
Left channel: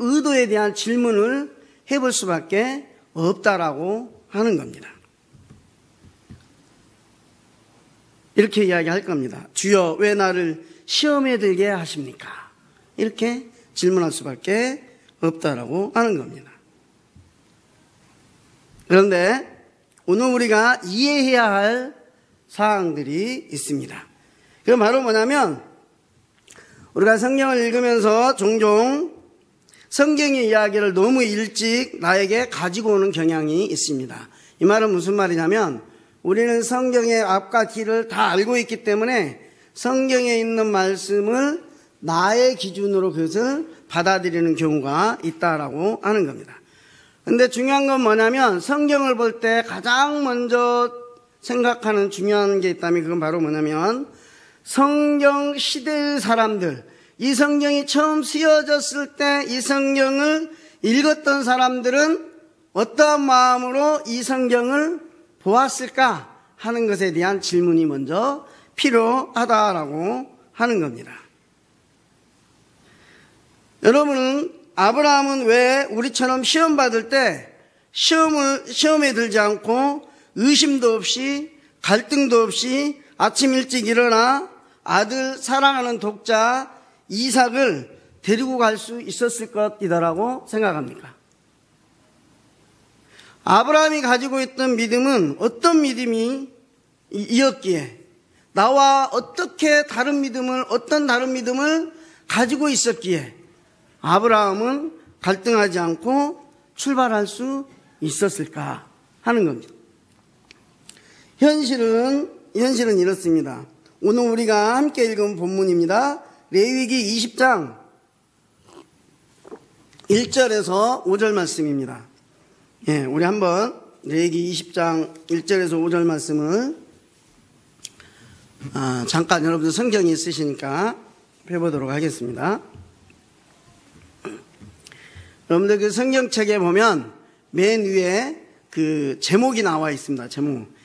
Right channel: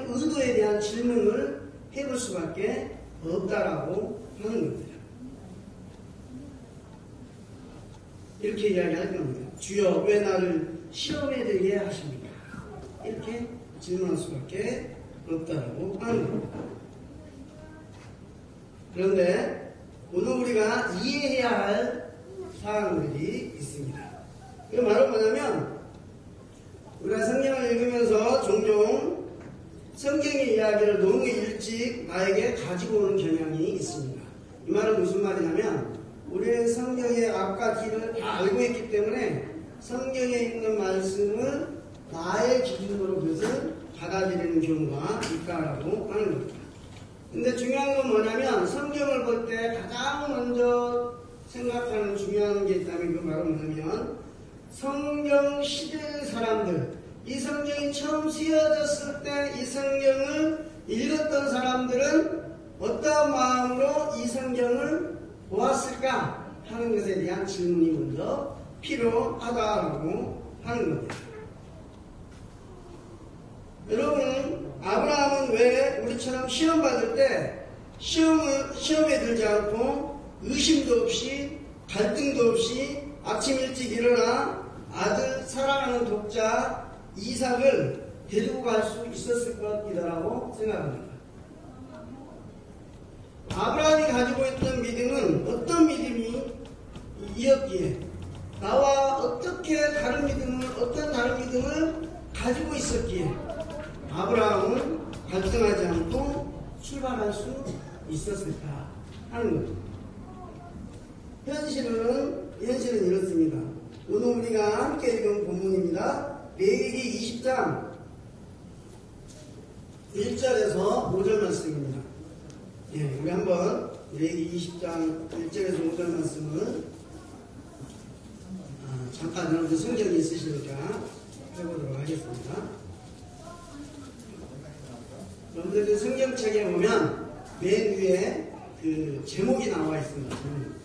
의도에 대한 질문을 해볼 수밖에 없다라고 하는 겁니다. 이렇게 이야기할 겁니다. 주여, 왜 나를 시험에 들게 하십니까? 이렇게 질문할 수밖에 없다라고 하는 겁니다. 그런데 오늘 우리가 이해해야 할 사항들이 있습니다. 그건 바로 뭐냐면, 우리가 성경을 읽으면서 종종 성경의 이야기를 너무 일찍 나에게 가지고 오는 경향이 있습니다. 이 말은 무슨 말이냐면, 우리는 성경의 앞과 뒤를 다 알고 있기 때문에 성경에 있는 말씀을 나의 기준으로 그것을 받아들이는 경우가 있다라고 하는 겁니다. 근데 중요한 건 뭐냐면, 성경을 볼 때 가장 먼저 생각하는 중요한 게 있다면 그건 바로 뭐냐면, 성경 시대의 사람들, 이 성경이 처음 쓰여졌을 때 이 성경을 읽었던 사람들은 어떤 마음으로 이 성경을 보았을까 하는 것에 대한 질문이 먼저 필요하다라고 하는 겁니다. 여러분은, 아브라함은 왜 우리처럼 시험 받을 때 시험에 들지 않고 의심도 없이 갈등도 없이 아침 일찍 일어나 아들, 사랑하는 독자 이삭을 데리고 갈 수 있었을 것이다라고 생각합니다. 아브라함이 가지고 있던 믿음은 어떤 믿음이 이었기에, 나와 어떻게 다른 믿음을, 어떤 다른 믿음을 가지고 있었기에 아브라함은 갈등하지 않고 출발할 수 있었을까 하는 겁니다. 현실은 이렇습니다. 오늘 우리가 함께 읽은 본문입니다. 레위기 20장 1절에서 5절 말씀입니다. 예, 우리 한번 레위기 20장 1절에서 5절 말씀을 잠깐 여러분들 성경이 있으시니까 펴보도록 하겠습니다. 여러분들 그 성경책에 보면 맨 위에 그 제목이 나와 있습니다. 제목.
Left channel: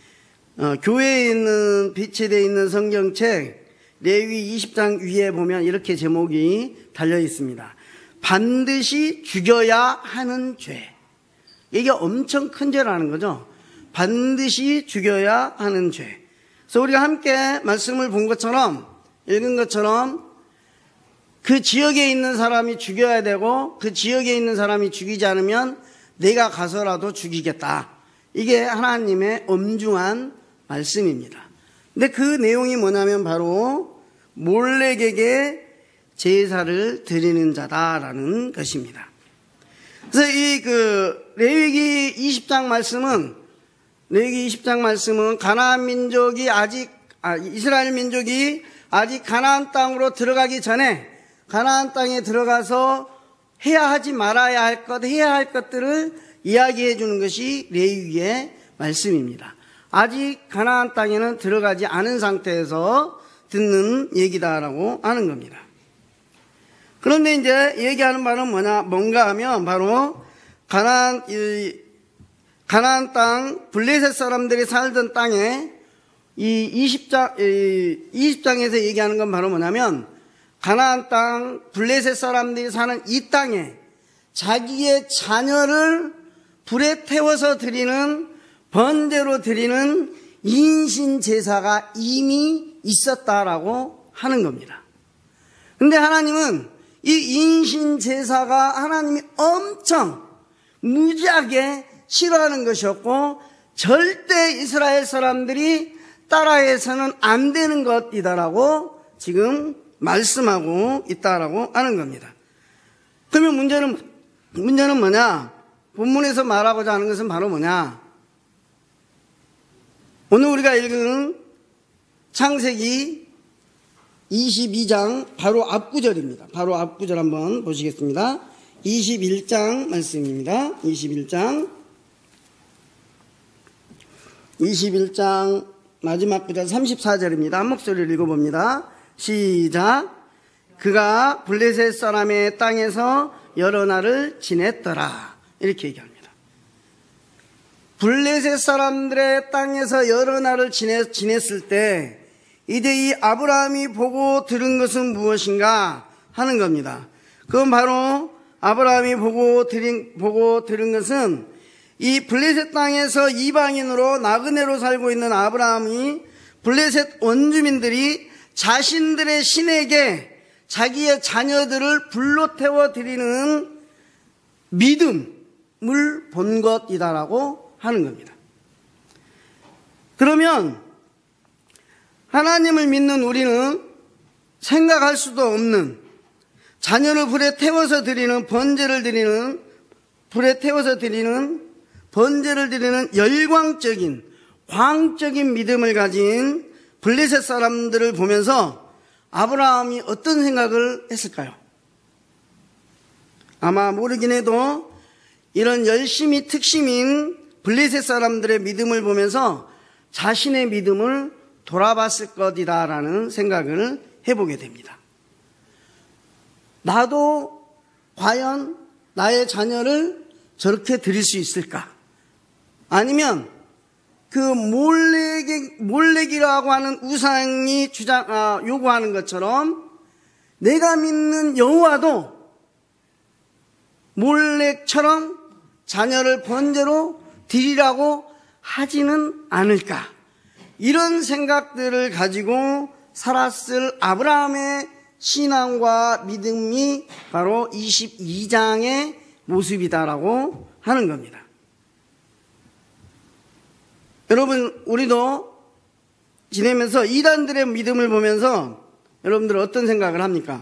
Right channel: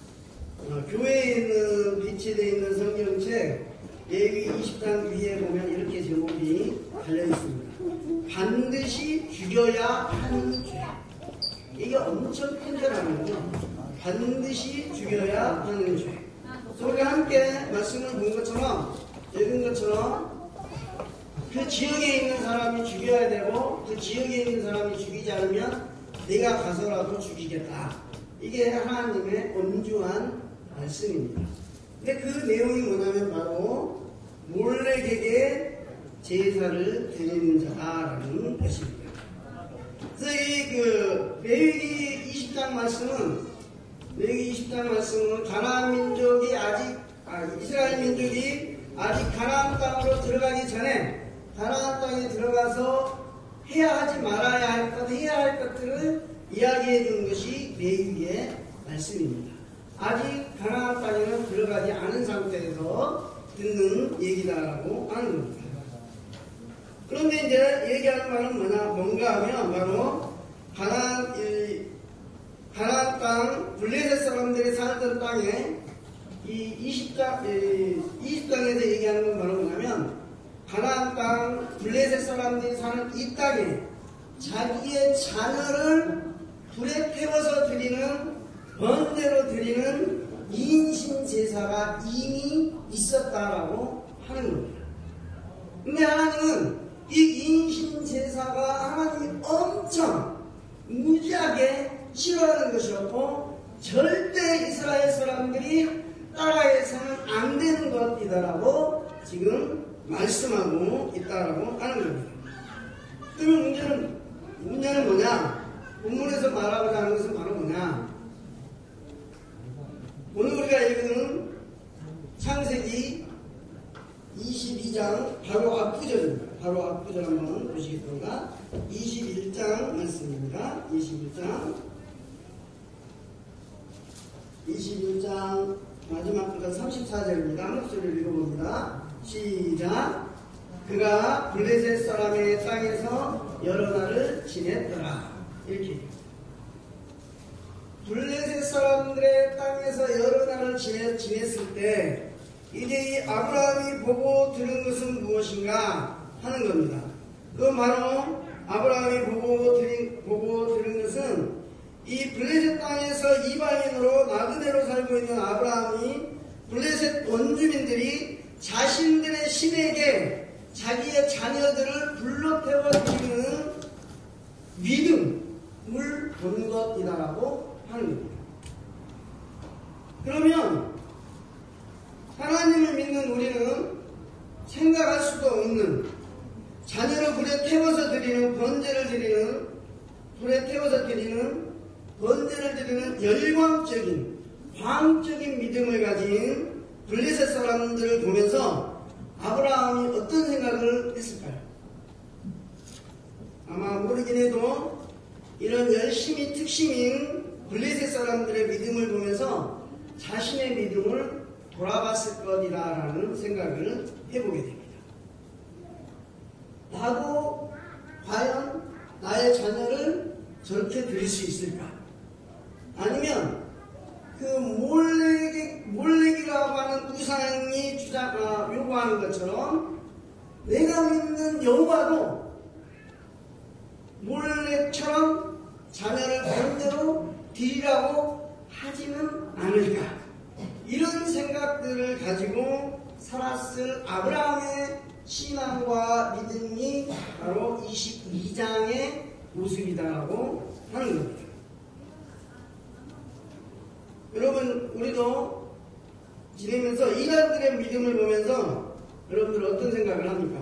교회에 있는 비치되어 있는 성경책 레위 20장 위에 보면 이렇게 제목이 달려 있습니다. 반드시 죽여야 하는 죄. 이게 엄청 큰 죄라는 거죠. 반드시 죽여야 하는 죄. 그래서 우리가 함께 말씀을 본 것처럼 읽은 것처럼 그 지역에 있는 사람이 죽여야 되고 그 지역에 있는 사람이 죽이지 않으면 내가 가서라도 죽이겠다. 이게 하나님의 엄중한 말씀입니다. 근데 그 내용이 뭐냐면 바로 몰렉에게 제사를 드리는 자다라는 것입니다. 그래서 이 레위기 20장 말씀은 가나안 민족이 이스라엘 민족이 아직 가나안 땅으로 들어가기 전에 가나안 땅에 들어가서 해야 하지 말아야 할 것, 해야 할 것들을 이야기해 주는 것이 레위기의 말씀입니다. 아직 가나안 땅에는 들어가지 않은 상태에서 듣는 얘기다라고 하는 겁니다. 그런데 이제 얘기하는 바는 뭔가 하면 바로 가나안 땅 블레셋 사람들이 살던 땅에 이 20장에서 얘기하는 건 바로 뭐냐면 가나안 땅 블레셋 사람들이 사는 이 땅에 자기의 자녀를 불에 태워서 드리는 번제로 드리는 인신 제사가 이미 있었다라고 하는 겁니다. 근데 하나님은 이 인신 제사가 하나님이 엄청 무지하게 싫어하는 것이었고 절대 이스라엘 사람들이 따라해서는 안 되는 것이다라고 지금 말씀하고 있다라고 하는 겁니다. 그러면 문제는 뭐냐? 본문에서 말하고자 하는 것은 바로 뭐냐? 오늘 우리가 읽은 창세기 22장 바로 앞구절입니다. 바로 앞구절 한번 보시겠습니다. 21장 말씀입니다. 21장 마지막 구절 34절입니다. 한 목소리를 읽어봅니다. 시작. 그가 블레셋 사람의 땅에서 여러 날을 지냈더라. 이렇게 얘기합니다. 블레셋 사람들의 땅에서 여러 날을 지냈을 때 이제 이 아브라함이 보고 들은 것은 무엇인가 하는 겁니다. 그건 바로 아브라함이 보고 들은 것은 이 블레셋 땅에서 이방인으로 나그네로 살고 있는 아브라함이 블레셋 원주민들이 자신들의 신에게 자기의 자녀들을 불로 태워 드리는 믿음을 본 것이다라고 하는 겁니다. 그러면 하나님을 믿는 우리는 생각할 수도 없는 자녀를 불에 태워서 드리는 번제를 드리는 열광적인 광적인 믿음을 가진 블레셋 사람들을 보면서 아브라함이 어떤 생각을 했을까요? 아마 모르긴 해도 이런 열심히 특심인 블레셋 사람들의 믿음을 보면서 자신의 믿음을 돌아봤을 것이다라는 생각을 해보게 됩니다. 나도 과연 나의 자녀를 저렇게 드릴 수 있을까? 아니면 그 몰렉이라고 하는 우상이 요구하는 것처럼 내가 믿는 여호와도 몰렉처럼 자녀를 번제로 드리라고 하지는 않을까? 이런 생각들을 가지고 살았을 아브라함의 신앙과 믿음이 바로 22장의 모습이다라고 하는 겁니다. 여러분, 우리도 지내면서 이단들의 믿음을 보면서 여러분들 어떤 생각을 합니까?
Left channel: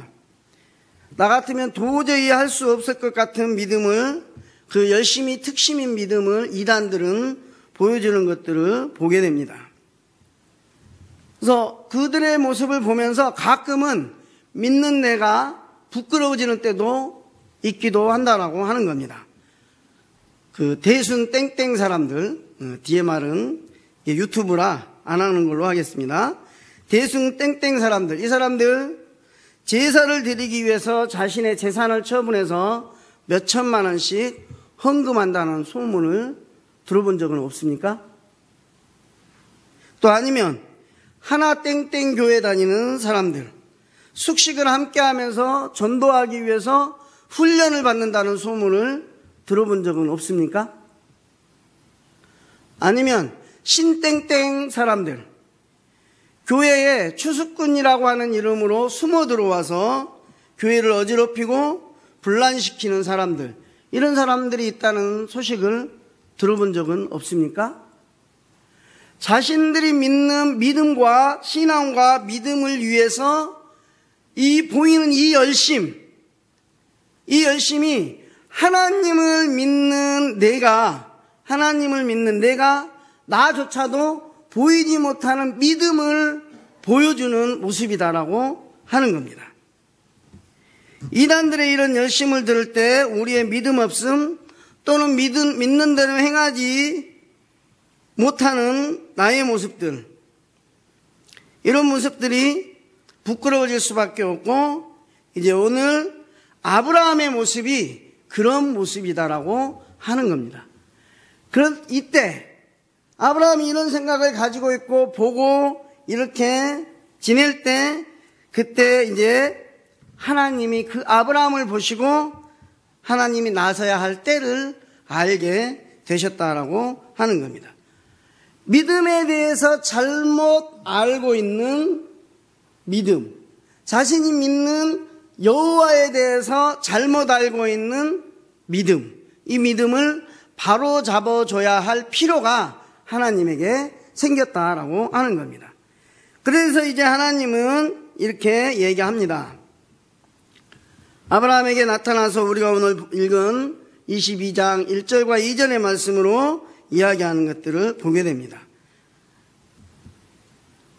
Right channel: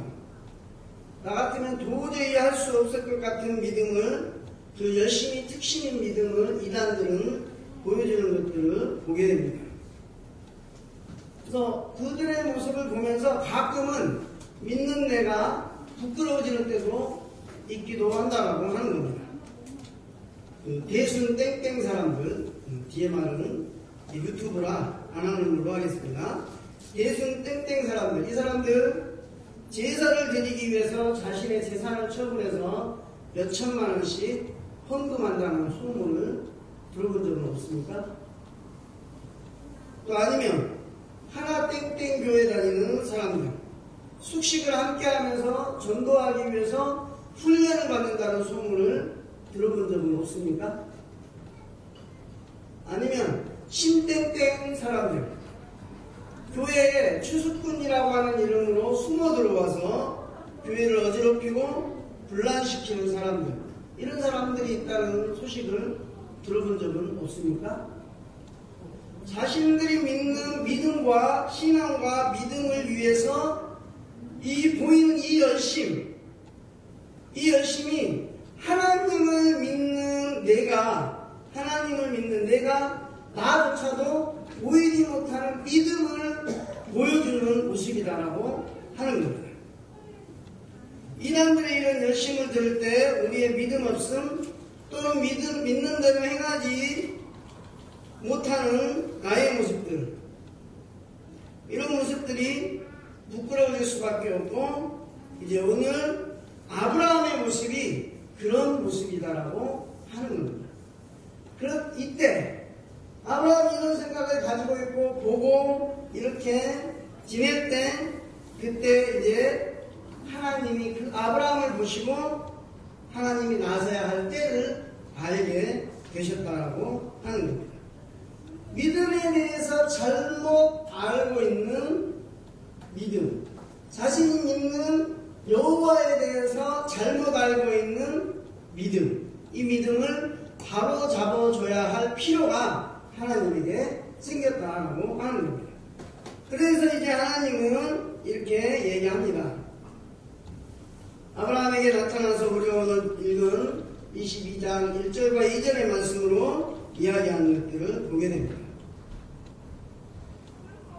나 같으면 도저히 할 수 없을 것 같은 믿음을, 그 열심히 특심인 믿음을 이단들은 보여주는 것들을 보게 됩니다. 그래서 그들의 모습을 보면서 가끔은 믿는 내가 부끄러워지는 때도 있기도 한다라고 하는 겁니다. 그 대순 땡땡 사람들, 뒤에 말은 유튜브라 안 하는 걸로 하겠습니다. 대순 땡땡 사람들, 이 사람들 제사를 드리기 위해서 자신의 재산을 처분해서 몇 천만 원씩 헌금한다는 소문을 들어본 적은 없습니까? 또 아니면 하나 땡땡 교회 다니는 사람들, 숙식을 함께 하면서 전도하기 위해서 훈련을 받는다는 소문을 들어본 적은 없습니까? 아니면 신땡땡 사람들, 교회에 추수꾼이라고 하는 이름으로 숨어 들어와서 교회를 어지럽히고 분란시키는 사람들, 이런 사람들이 있다는 소식을 들어본 적은 없습니까? 자신들이 믿는 믿음과 신앙과 믿음을 위해서 보이는 이 열심이 하나님을 믿는 내가 나조차도 보이지 못하는 믿음을 보여주는 모습이다라고 하는 겁니다. 이단들의 이런 열심을 들을 때 우리의 믿음 없음 또는 믿는 대로 행하지 못하는 나의 모습들, 이런 모습들이 부끄러워질 수밖에 없고, 이제 오늘 아브라함의 모습이 그런 모습이다라고 하는 겁니다. 이때 아브라함이 이런 생각을 가지고 있고 보고 이렇게 지낼 때, 그때 이제 하나님이 그 아브라함을 보시고 하나님이 나서야 할 때를 알게 되셨다라고 하는 겁니다. 믿음에 대해서 잘못 알고 있는 믿음, 자신이 믿는 여호와에 대해서 잘못 알고 있는 믿음, 이 믿음을 바로 잡아줘야 할 필요가 하나님에게 생겼다라고 하는 겁니다. 그래서 이제 하나님은 이렇게 얘기합니다. 아브라함에게 나타나서 우리가 오늘 읽은 22장 1절과 2절의 말씀으로 이야기하는 것들을 보게 됩니다.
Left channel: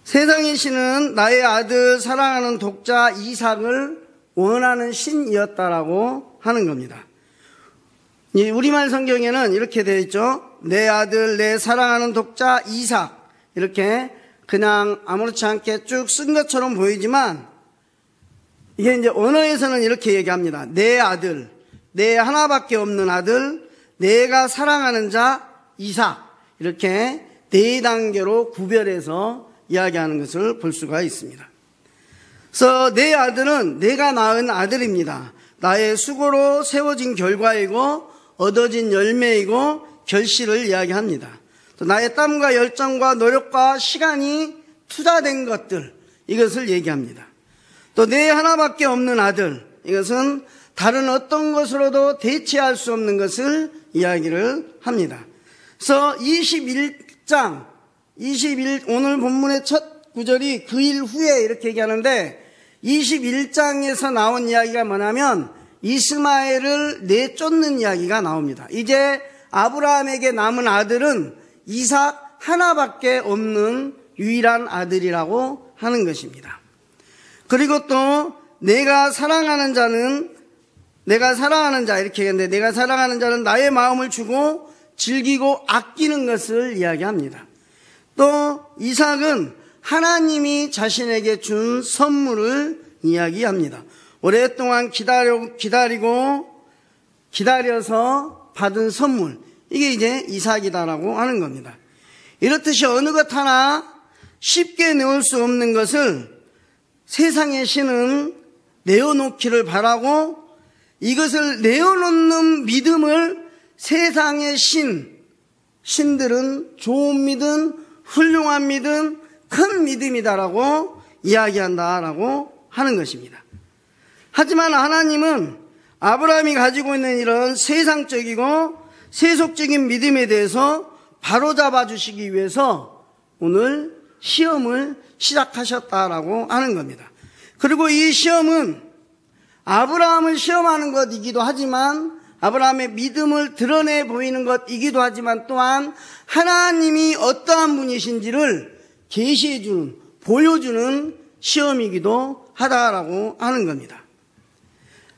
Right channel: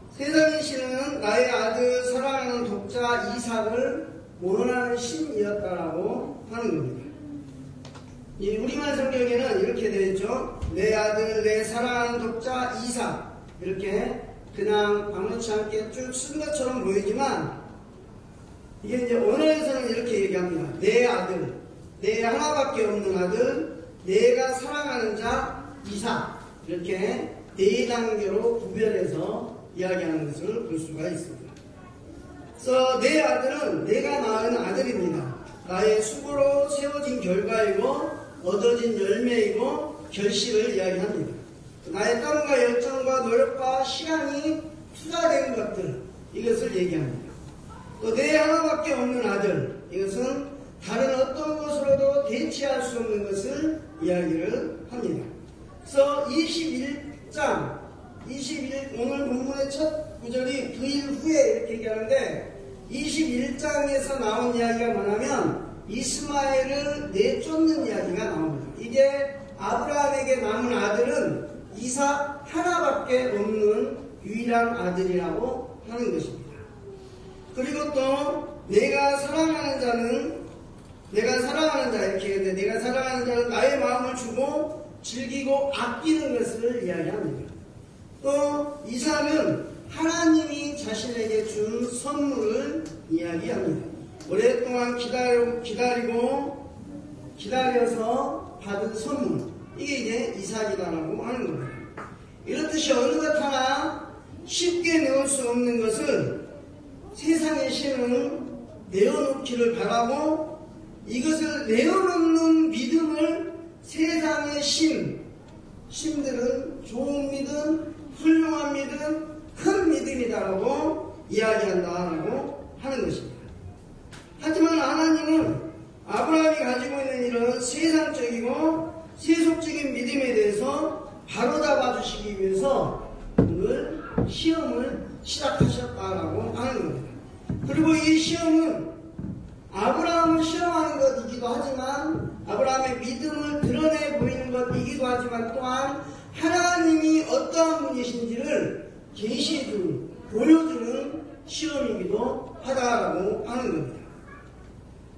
세상의 신은 나의 아들 사랑하는 독자 이삭을 원하는 신이었다라고 하는 겁니다. 우리말 성경에는 이렇게 되어 있죠. 내 아들 내 사랑하는 독자 이삭, 이렇게 그냥 아무렇지 않게 쭉 쓴 것처럼 보이지만, 이게 이제 언어에서는 이렇게 얘기합니다. 내 아들, 내 하나밖에 없는 아들, 내가 사랑하는 자 이삭, 이렇게 네 단계로 구별해서 이야기하는 것을 볼 수가 있습니다. 그래서 내 아들은 내가 낳은 아들입니다. 나의 수고로 세워진 결과이고 얻어진 열매이고 결실을 이야기합니다. 또 나의 땀과 열정과 노력과 시간이 투자된 것들, 이것을 얘기합니다. 또 내 하나밖에 없는 아들, 이것은 다른 어떤 것으로도 대체할 수 없는 것을 이야기를 합니다. 그래서 21장 오늘 본문의 첫 구절이 그 일 후에 이렇게 얘기하는데, 21장에서 나온 이야기가 뭐냐면 이스마엘을 내쫓는 이야기가 나옵니다. 이제 아브라함에게 남은 아들은 이삭 하나밖에 없는 유일한 아들이라고 하는 것입니다. 그리고 또 내가 사랑하는 자 이렇게 했는데, 내가 사랑하는 자는 나의 마음을 주고 즐기고 아끼는 것을 이야기합니다. 또 이삭은 하나님이 자신에게 준 선물을 이야기합니다. 오랫동안 기다려서 받은 선물, 이게 이제 이삭이다라고 하는 겁니다. 이렇듯이 어느 것 하나 쉽게 내올 수 없는 것을 세상의 신은 내어놓기를 바라고, 이것을 내어놓는 믿음을 세상의 신들은 좋은 믿음, 훌륭한 믿음, 큰 믿음이다라고 이야기한다라고 하는 것입니다. 하지만 하나님은 아브라함이 가지고 있는 이런 세상적이고 세속적인 믿음에 대해서 바로잡아 주시기 위해서 오늘 시험을 시작하셨다라고 하는 겁니다. 그리고 이 시험은 아브라함을 시험하는 것이기도 하지만, 아브라함의 믿음을 드러내 보이는 것이기도 하지만, 또한 하나님이 어떠한 분이신지를 계시해주는, 보여주는 시험이기도 하다라고 하는 겁니다.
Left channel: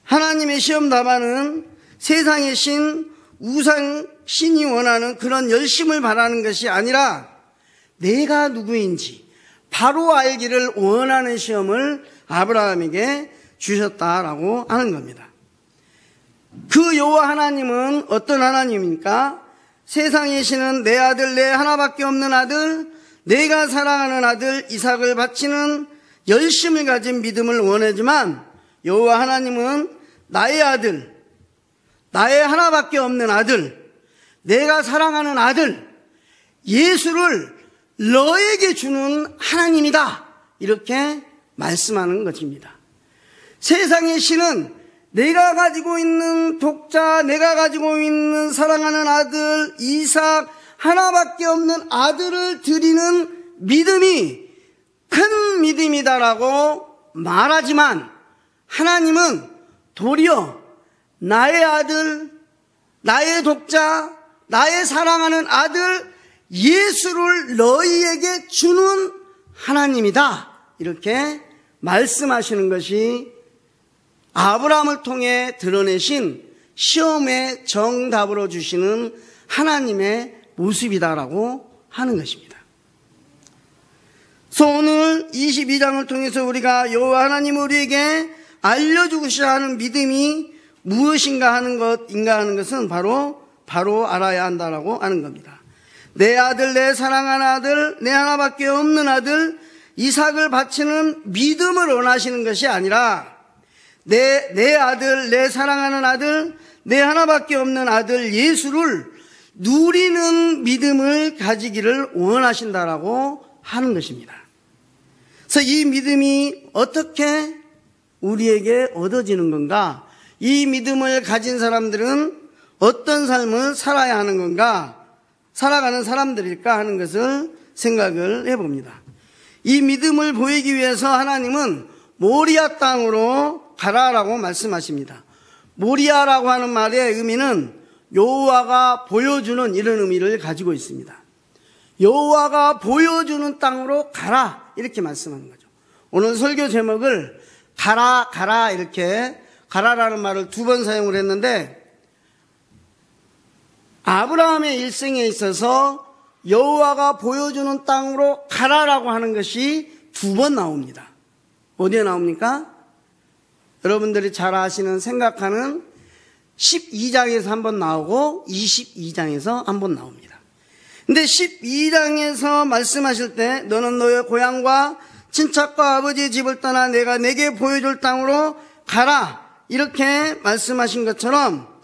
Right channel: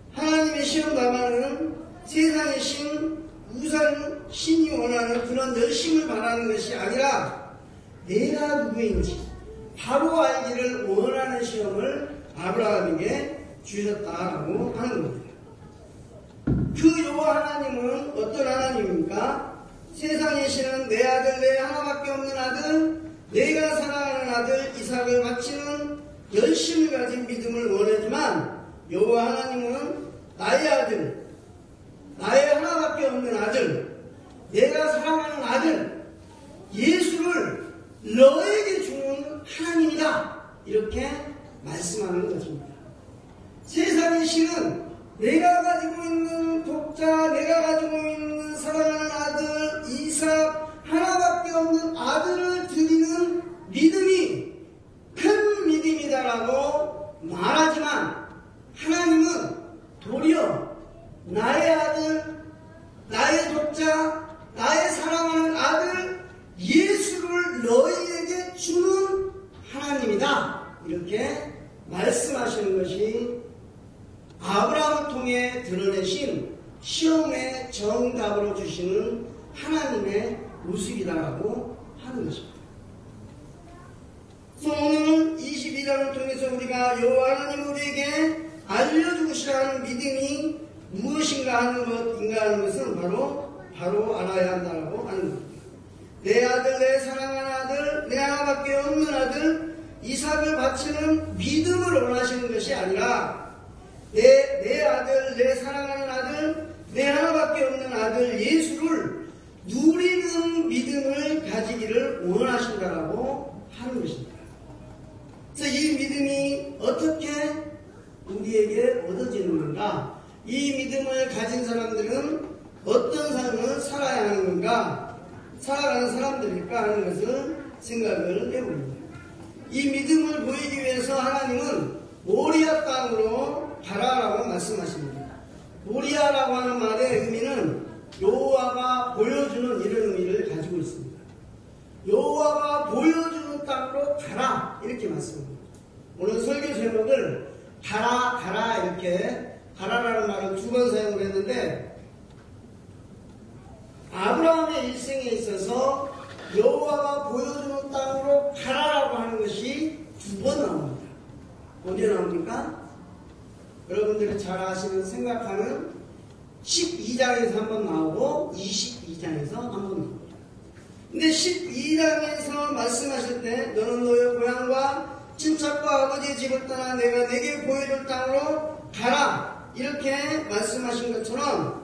하나님의 시험 답안은 세상의 우상 신이 원하는 그런 열심을 바라는 것이 아니라 내가 누구인지 바로 알기를 원하는 시험을 아브라함에게 주셨다라고 하는 겁니다. 그 여호와 하나님은 어떤 하나님입니까? 세상의 신은 내 아들, 내 하나밖에 없는 아들, 내가 사랑하는 아들 이삭을 바치는 열심을 가진 믿음을 원하지만, 여호와 하나님은 나의 아들, 나의 하나밖에 없는 아들, 내가 사랑하는 아들 예수를 너에게 주는 하나님이다. 이렇게 말씀하는 것입니다. 세상의 신은 내가 가지고 있는 독자, 내가 가지고 있는 사랑하는 아들 이삭 하나밖에 없는 아들을 드리는 믿음이 큰 믿음이다라고 말하지만, 하나님은 도리어 나의 아들, 나의 독자, 나의 사랑하는 아들 예수를 너희에게 주는 하나님이다. 이렇게 말씀하시는 것이 아브라함을 통해 드러내신 시험의 정답으로 주시는 하나님의 모습이다라고 하는 것입니다. 그래서 오늘 22장을 통해서 우리가 여호와 하나님 우리에게 알려주고자 하는 믿음이 무엇인가 하는 것은 바로 알아야 한다라고 하는 겁니다. 내 아들, 내 사랑하는 아들, 내 하나밖에 없는 아들 이삭을 바치는 믿음을 원하시는 것이 아니라 내 아들, 내 사랑하는 아들, 내 하나밖에 없는 아들 예수를 누리는 믿음을 가지기를 원하신다라고 하는 것입니다. 그래서 이 믿음이 어떻게 우리에게 얻어지는 건가? 이 믿음을 가진 사람들은 어떤 삶을 살아야 하는 건가? 살아가는 사람들일까 하는 것을 생각을 해봅니다. 이 믿음을 보이기 위해서 하나님은 모리아 땅으로 가라라고 말씀하십니다. 모리아라고 하는 말의 의미는 여호와가 보여주는 이런 의미를 가지고 있습니다. 여호와가 보여주는 땅으로 가라 이렇게 말씀하는 거죠. 오늘 설교 제목을 가라 이렇게 가라라는 말을 2번 사용을 했는데, 아브라함의 일생에 있어서 여호와가 보여주는 땅으로 가라라고 하는 것이 2번 나옵니다. 어디에 나옵니까? 여러분들이 잘 아시는 생각하는 12장에서 한 번 나오고 22장에서 한 번 나옵니다. 근데 12장에서 말씀하실 때 너는 너의 고향과 친척과 아버지의 집을 떠나 내가 내게 보여줄 땅으로 가라 이렇게 말씀하신 것처럼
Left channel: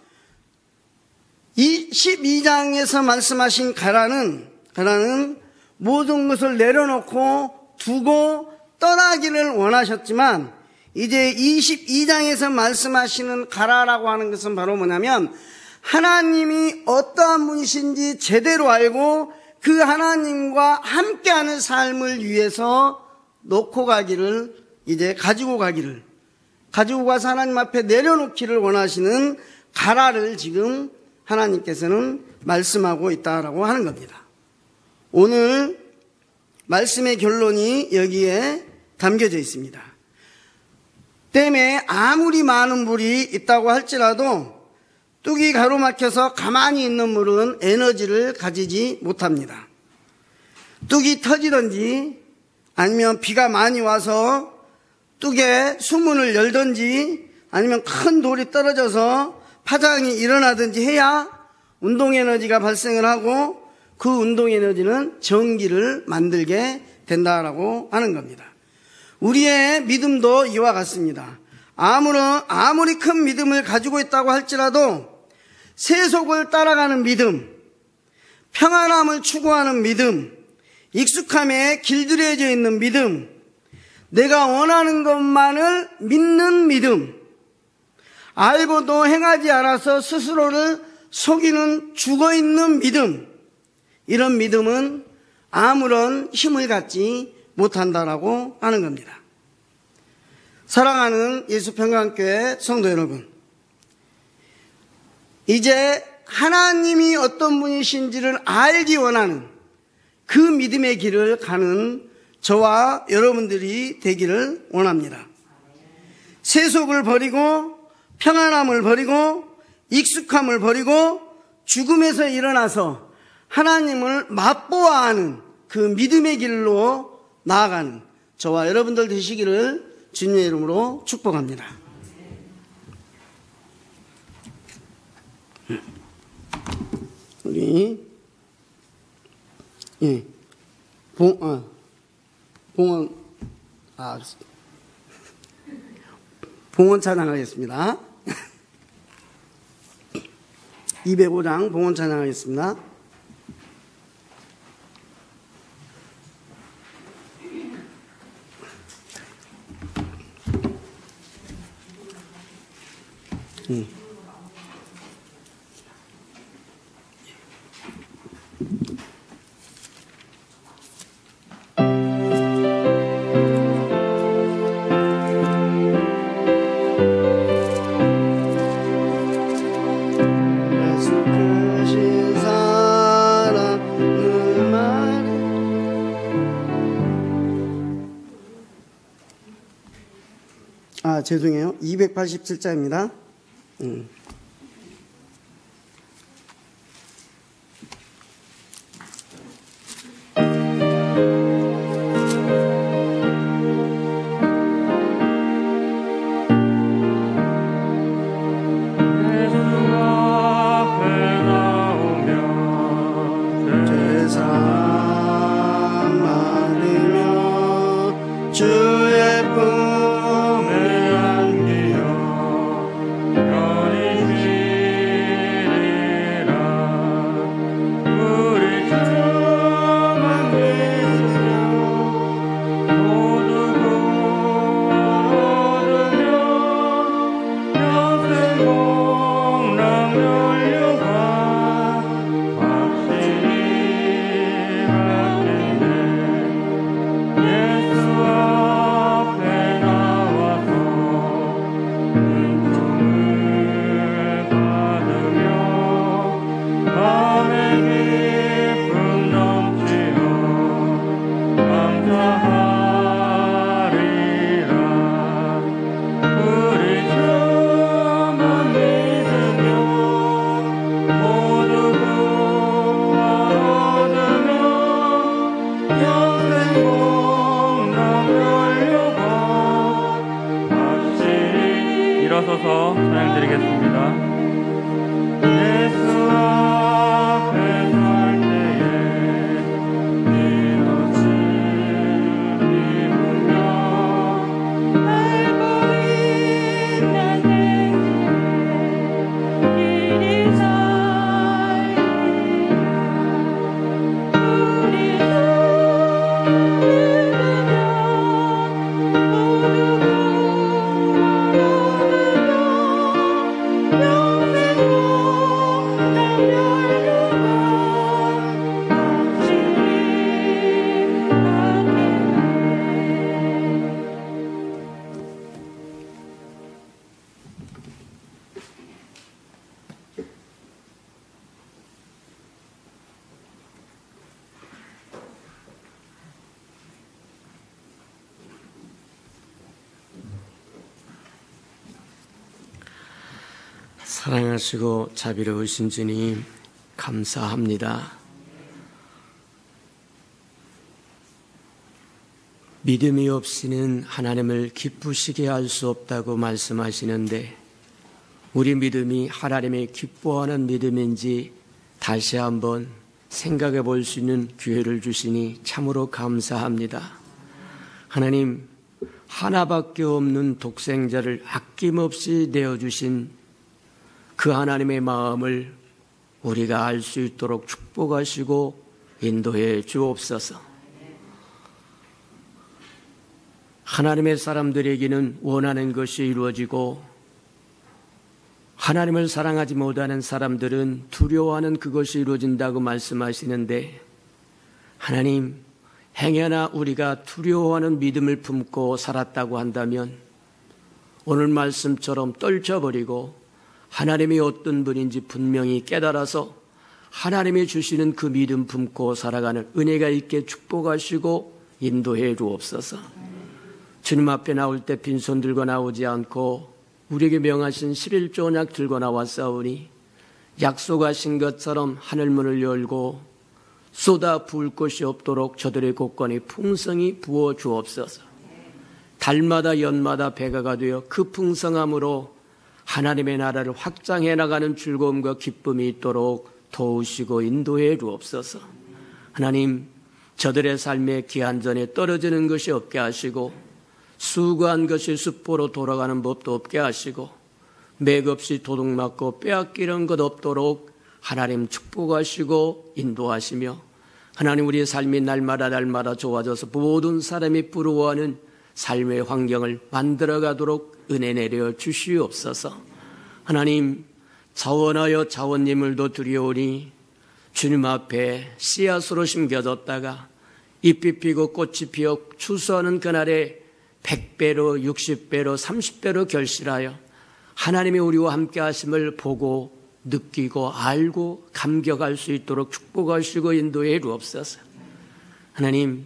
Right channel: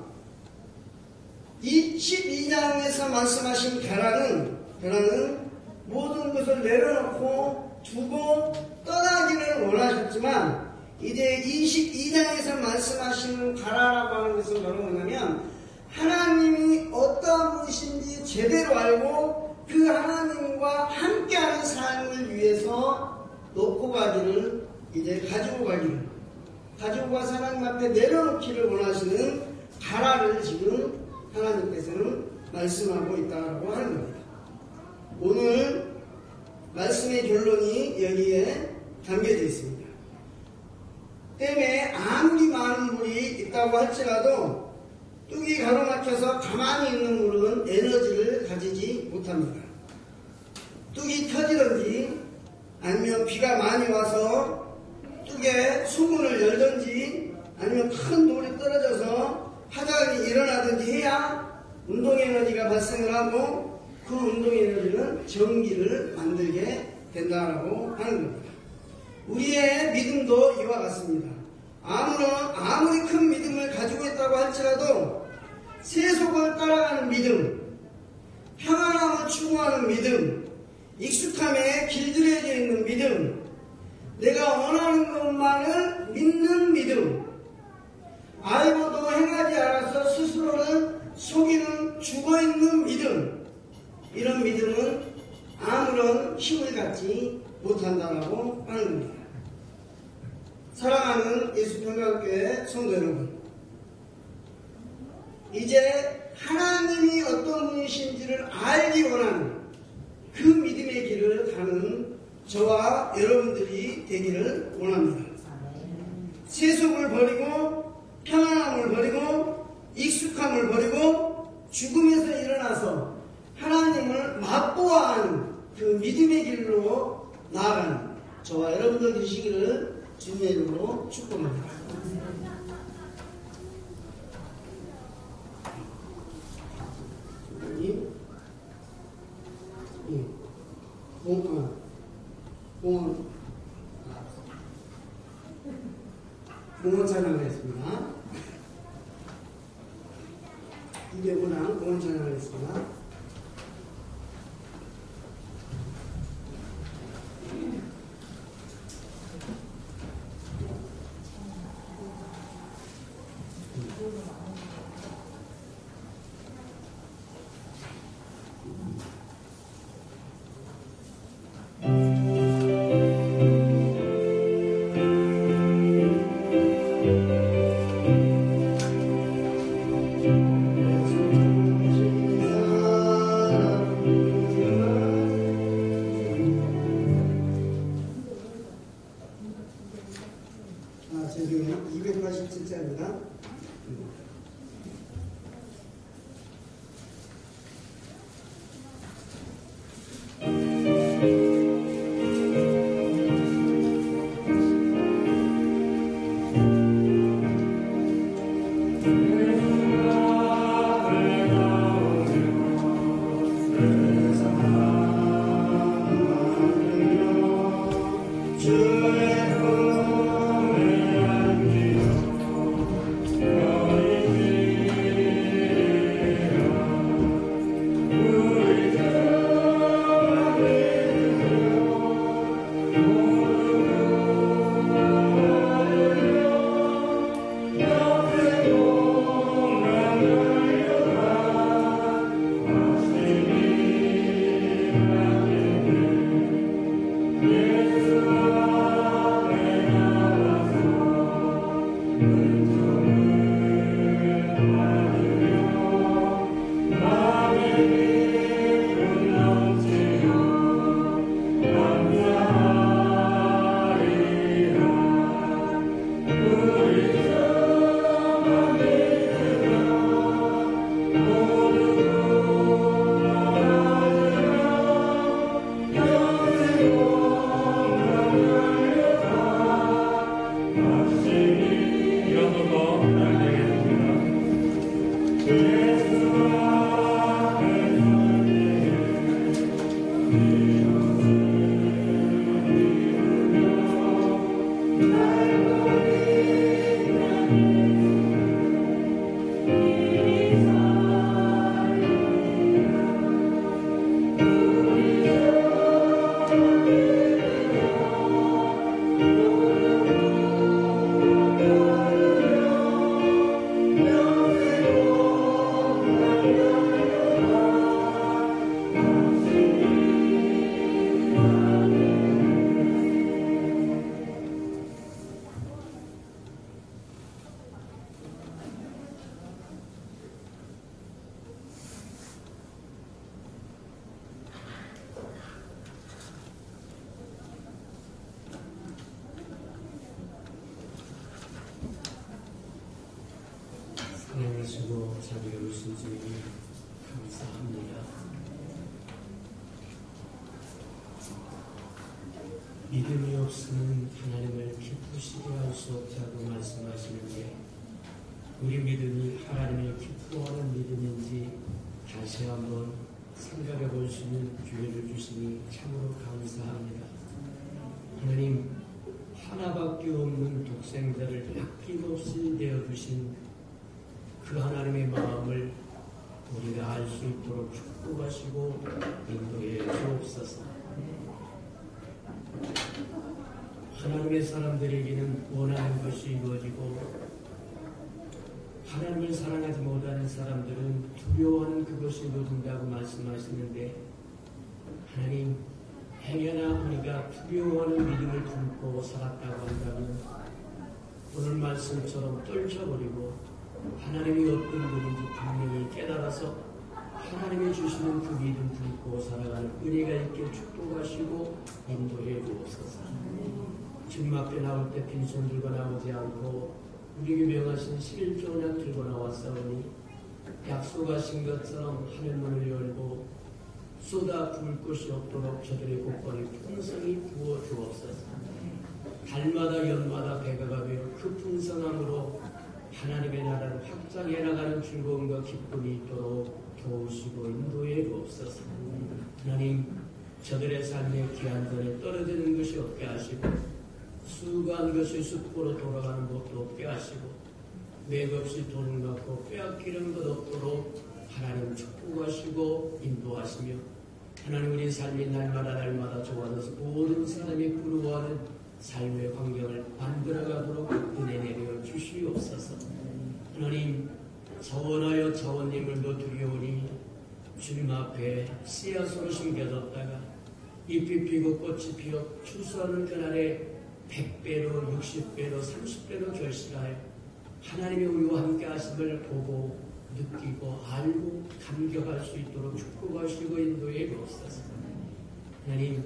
이 12장에서 말씀하신 가라는 모든 것을 내려놓고 두고 떠나기를 원하셨지만, 이제 22장에서 말씀하시는 가라라고 하는 것은 바로 뭐냐면 하나님이 어떠한 분이신지 제대로 알고 그 하나님과 함께하는 삶을 위해서 놓고 가기를, 이제 가지고 가서 하나님 앞에 내려놓기를 원하시는 가라를 지금 하나님께서는 말씀하고 있다라고 하는 겁니다. 오늘 말씀의 결론이 여기에 담겨져 있습니다. 댐에 아무리 많은 물이 있다고 할지라도 뚝이 가로막혀서 가만히 있는 물은 에너지를 가지지 못합니다. 뚝이 터지든지 아니면 비가 많이 와서 뚝에 수문을 열든지 아니면 큰 돌이 떨어져서 파장이 일어나든지 해야 운동에너지가 발생을 하고 그 운동에너지는 전기를 만들게 된다라고 하는 겁니다. 우리의 믿음도 이와 같습니다. 아무리 큰 믿음을 가지고 있다고 할지라도 세속을 따라가는 믿음, 평안함을 추구하는 믿음, 익숙함에 길들여져 있는 믿음, 내가 원하는 것만을 믿는 믿음, 알고도 행하지 않아서 스스로를 속이는 죽어있는 믿음, 이런 믿음은 아무런 힘을 갖지 못한다라고 하는 겁니다. 사랑하는 예수평강교회 성도 여러분, 이제 하나님이 어떤 분이신지를 알기 원하는 그 믿음의 길을 가는 저와 여러분들이 되기를 원합니다. 세속을 버리고 평안함을 버리고 익숙함을 버리고 죽음에서 일어나서 하나님을 맛보아 하는 그 믿음의 길로 나아가는 저와 여러분들 되시기를 주님의 이름으로 축복합니다. 우리 봉헌 찬양하겠습니다. 205장 봉헌 찬양하겠습니다. 죄송해요. 287자입니다. 일어서서 찬양드리겠습니다. 사랑하시고 자비로우신 주님, 감사합니다. 믿음이 없이는 하나님을 기쁘시게 할 수 없다고 말씀하시는데, 우리 믿음이 하나님의 기뻐하는 믿음인지 다시 한번 생각해 볼 수 있는 기회를 주시니 참으로 감사합니다. 하나님, 하나밖에 없는 독생자를 아낌없이 내어주신 그 하나님의 마음을 우리가 알 수 있도록 축복하시고 인도해 주옵소서. 하나님의 사람들에게는 원하는 것이 이루어지고, 하나님을 사랑하지 못하는 사람들은 두려워하는 그것이 이루어진다고 말씀하시는데, 하나님, 행여나 우리가 두려워하는 믿음을 품고 살았다고 한다면 오늘 말씀처럼 떨쳐버리고 하나님이 어떤 분인지 분명히 깨달아서 하나님이 주시는 그 믿음 품고 살아가는 은혜가 있게 축복하시고 인도해 주옵소서. 주님 앞에 나올 때 빈손 들고 나오지 않고 우리에게 명하신 11조 언약 들고 나왔사오니, 약속하신 것처럼 하늘문을 열고 쏟아 부을 것이 없도록 저들의 곳간에 풍성히 부어 주옵소서. 달마다 연마다 배가가 되어 그 풍성함으로 하나님의 나라를 확장해 나가는 즐거움과 기쁨이 있도록 도우시고 인도해 주옵소서. 하나님, 저들의 삶의 기한전에 떨어지는 것이 없게 하시고, 수고한 것이 수포로 돌아가는 법도 없게 하시고, 맥없이 도둑맞고 빼앗기는 것 없도록 하나님 축복하시고 인도하시며, 하나님, 우리의 삶이 날마다 좋아져서 모든 사람이 부러워하는 삶의 환경을 만들어가도록 은혜 내려 주시옵소서. 하나님, 자원하여 자원님을도 두려우니 주님 앞에 씨앗으로 심겨졌다가 잎이 피고 꽃이 피어 추수하는 그날에 100배로 60배로 30배로 결실하여 하나님이 우리와 함께 하심을 보고 느끼고 알고 감격할 수 있도록 축복하시고 인도해 주옵소서. 하나님,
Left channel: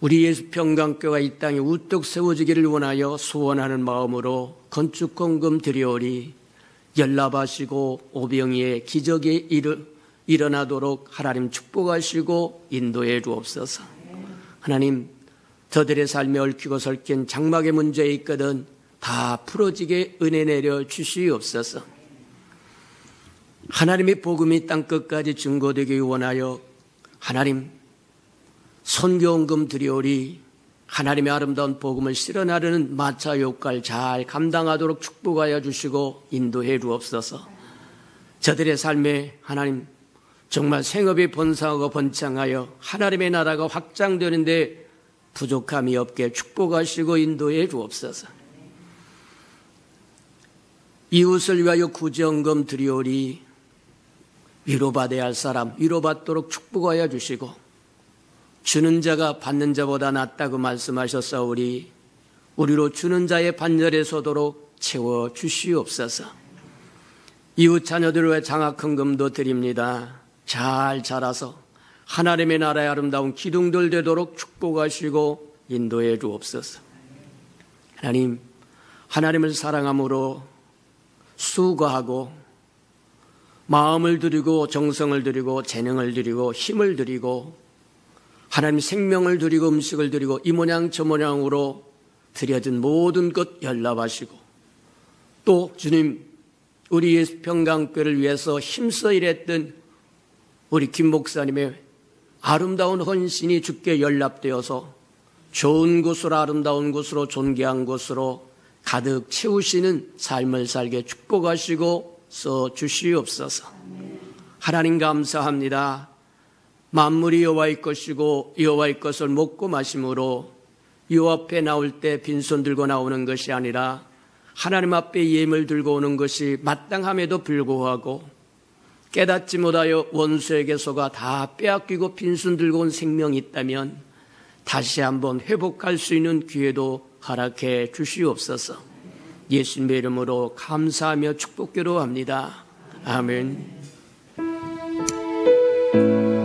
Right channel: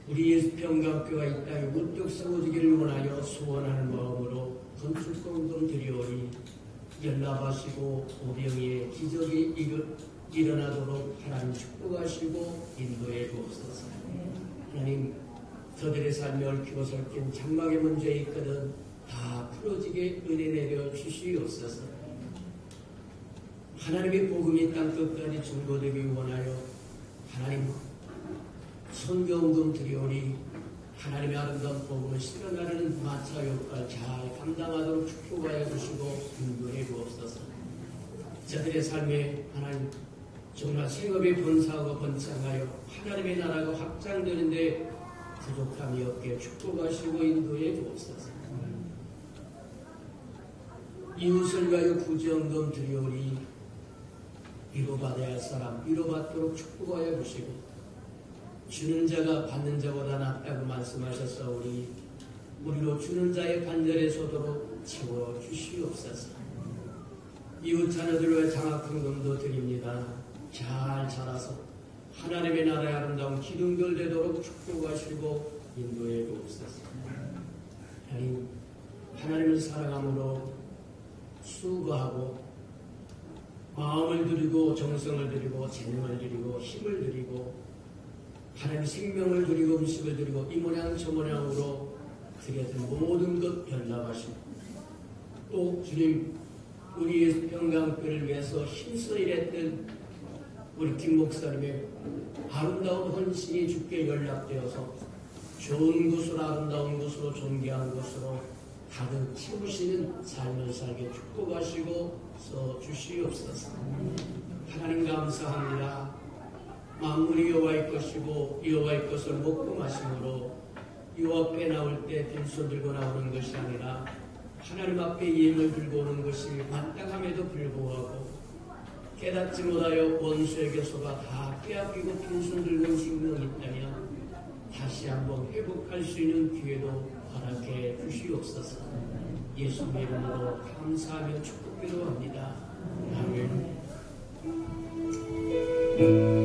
우리 예수 평강교가 이 땅에 우뚝 세워지기를 원하여 소원하는 마음으로 건축 헌금 드리오리 연락하시고 오병이의 기적이 일어나도록 하나님 축복하시고 인도해 주옵소서. 하나님, 저들의 삶에 얽히고 설킨 장막의 문제 있거든 다 풀어지게 은혜 내려 주시옵소서. 하나님의 복음이 땅끝까지 증거되기 원하여 하나님 선교헌금 드리오리 하나님의 아름다운 복음을 실현하려는 마차 역할 잘 감당하도록 축복하여 주시고 인도해 주옵소서. 저들의 삶에 하나님 정말 생업이 번성하고 번창하여 하나님의 나라가 확장되는데 부족함이 없게 축복하시고 인도해 주옵소서. 이웃을 위하여 구제헌금 드리오리 위로받아야 할 사람 위로받도록 축복하여 주시고 주는 자가 받는 자보다 낫다고 말씀하셨사오니 우리로 주는 자의 반열에 서도록 채워 주시옵소서. 이웃 자녀들을 위해 장학헌금도 드립니다. 잘 자라서 하나님의 나라의 아름다운 기둥들 되도록 축복하시고 인도해 주옵소서. 하나님, 하나님을 사랑함으로 수고하고 마음을 드리고 정성을 드리고 재능을 드리고 힘을 드리고 하나님 생명을 드리고 음식을 드리고 이 모양 저 모양으로 드려진 모든 것 연락하시고 또 주님 우리 예수 평강교회를 위해서 힘써 일했던 우리 김 목사님의 아름다운 헌신이 주께 연락되어서 좋은 곳으로 아름다운 곳으로 존귀한 곳으로 가득 채우시는 삶을 살게 축복하시고 써 주시옵소서. 하나님 감사합니다. 만물이 여호와의 것이고 여호와의 것을 먹고 마심으로 여호와 앞에 나올 때 빈손 들고 나오는 것이 아니라 하나님 앞에 예물을 들고 오는 것이 마땅함에도 불구하고 깨닫지 못하여 원수에게 속아 다 빼앗기고 빈손 들고 온 생명이 있다면 다시 한번 회복할 수 있는 기회도 허락해 주시옵소서. 예수님의 이름으로 감사하며 축복기로 합니다. 아멘. 그날까지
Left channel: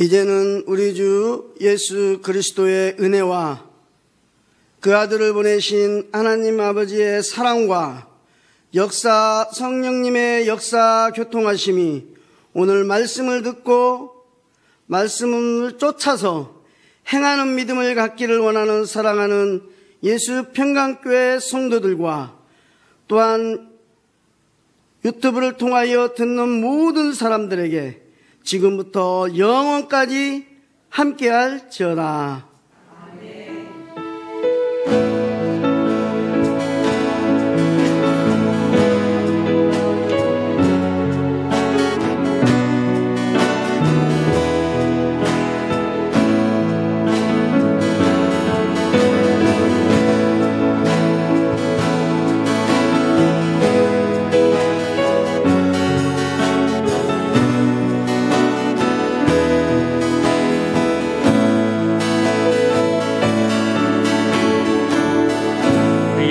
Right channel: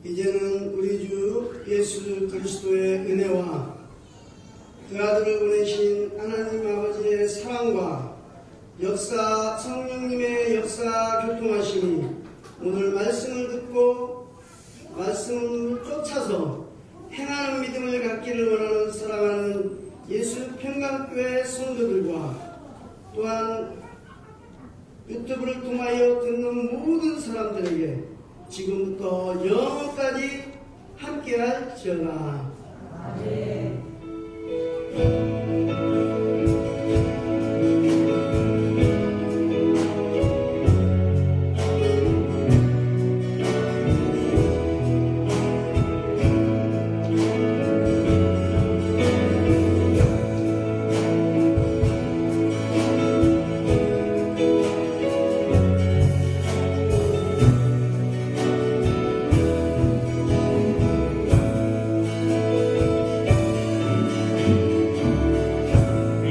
이제는 우리 주 예수 그리스도의 은혜와 그 아들을 보내신 하나님 아버지의 사랑과 역사 성령님의 역사 교통하심이 오늘 말씀을 듣고 말씀을 쫓아서 행하는 믿음을 갖기를 원하는 사랑하는 예수 평강교회 성도들과 또한 유튜브를 통하여 듣는 모든 사람들에게 지금부터 영원까지 함께할지어다.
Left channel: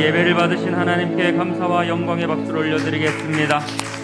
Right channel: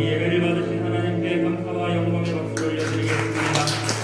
예배를 받으신 하나님께 감사와 영광의 박수를 올려드리겠습니다.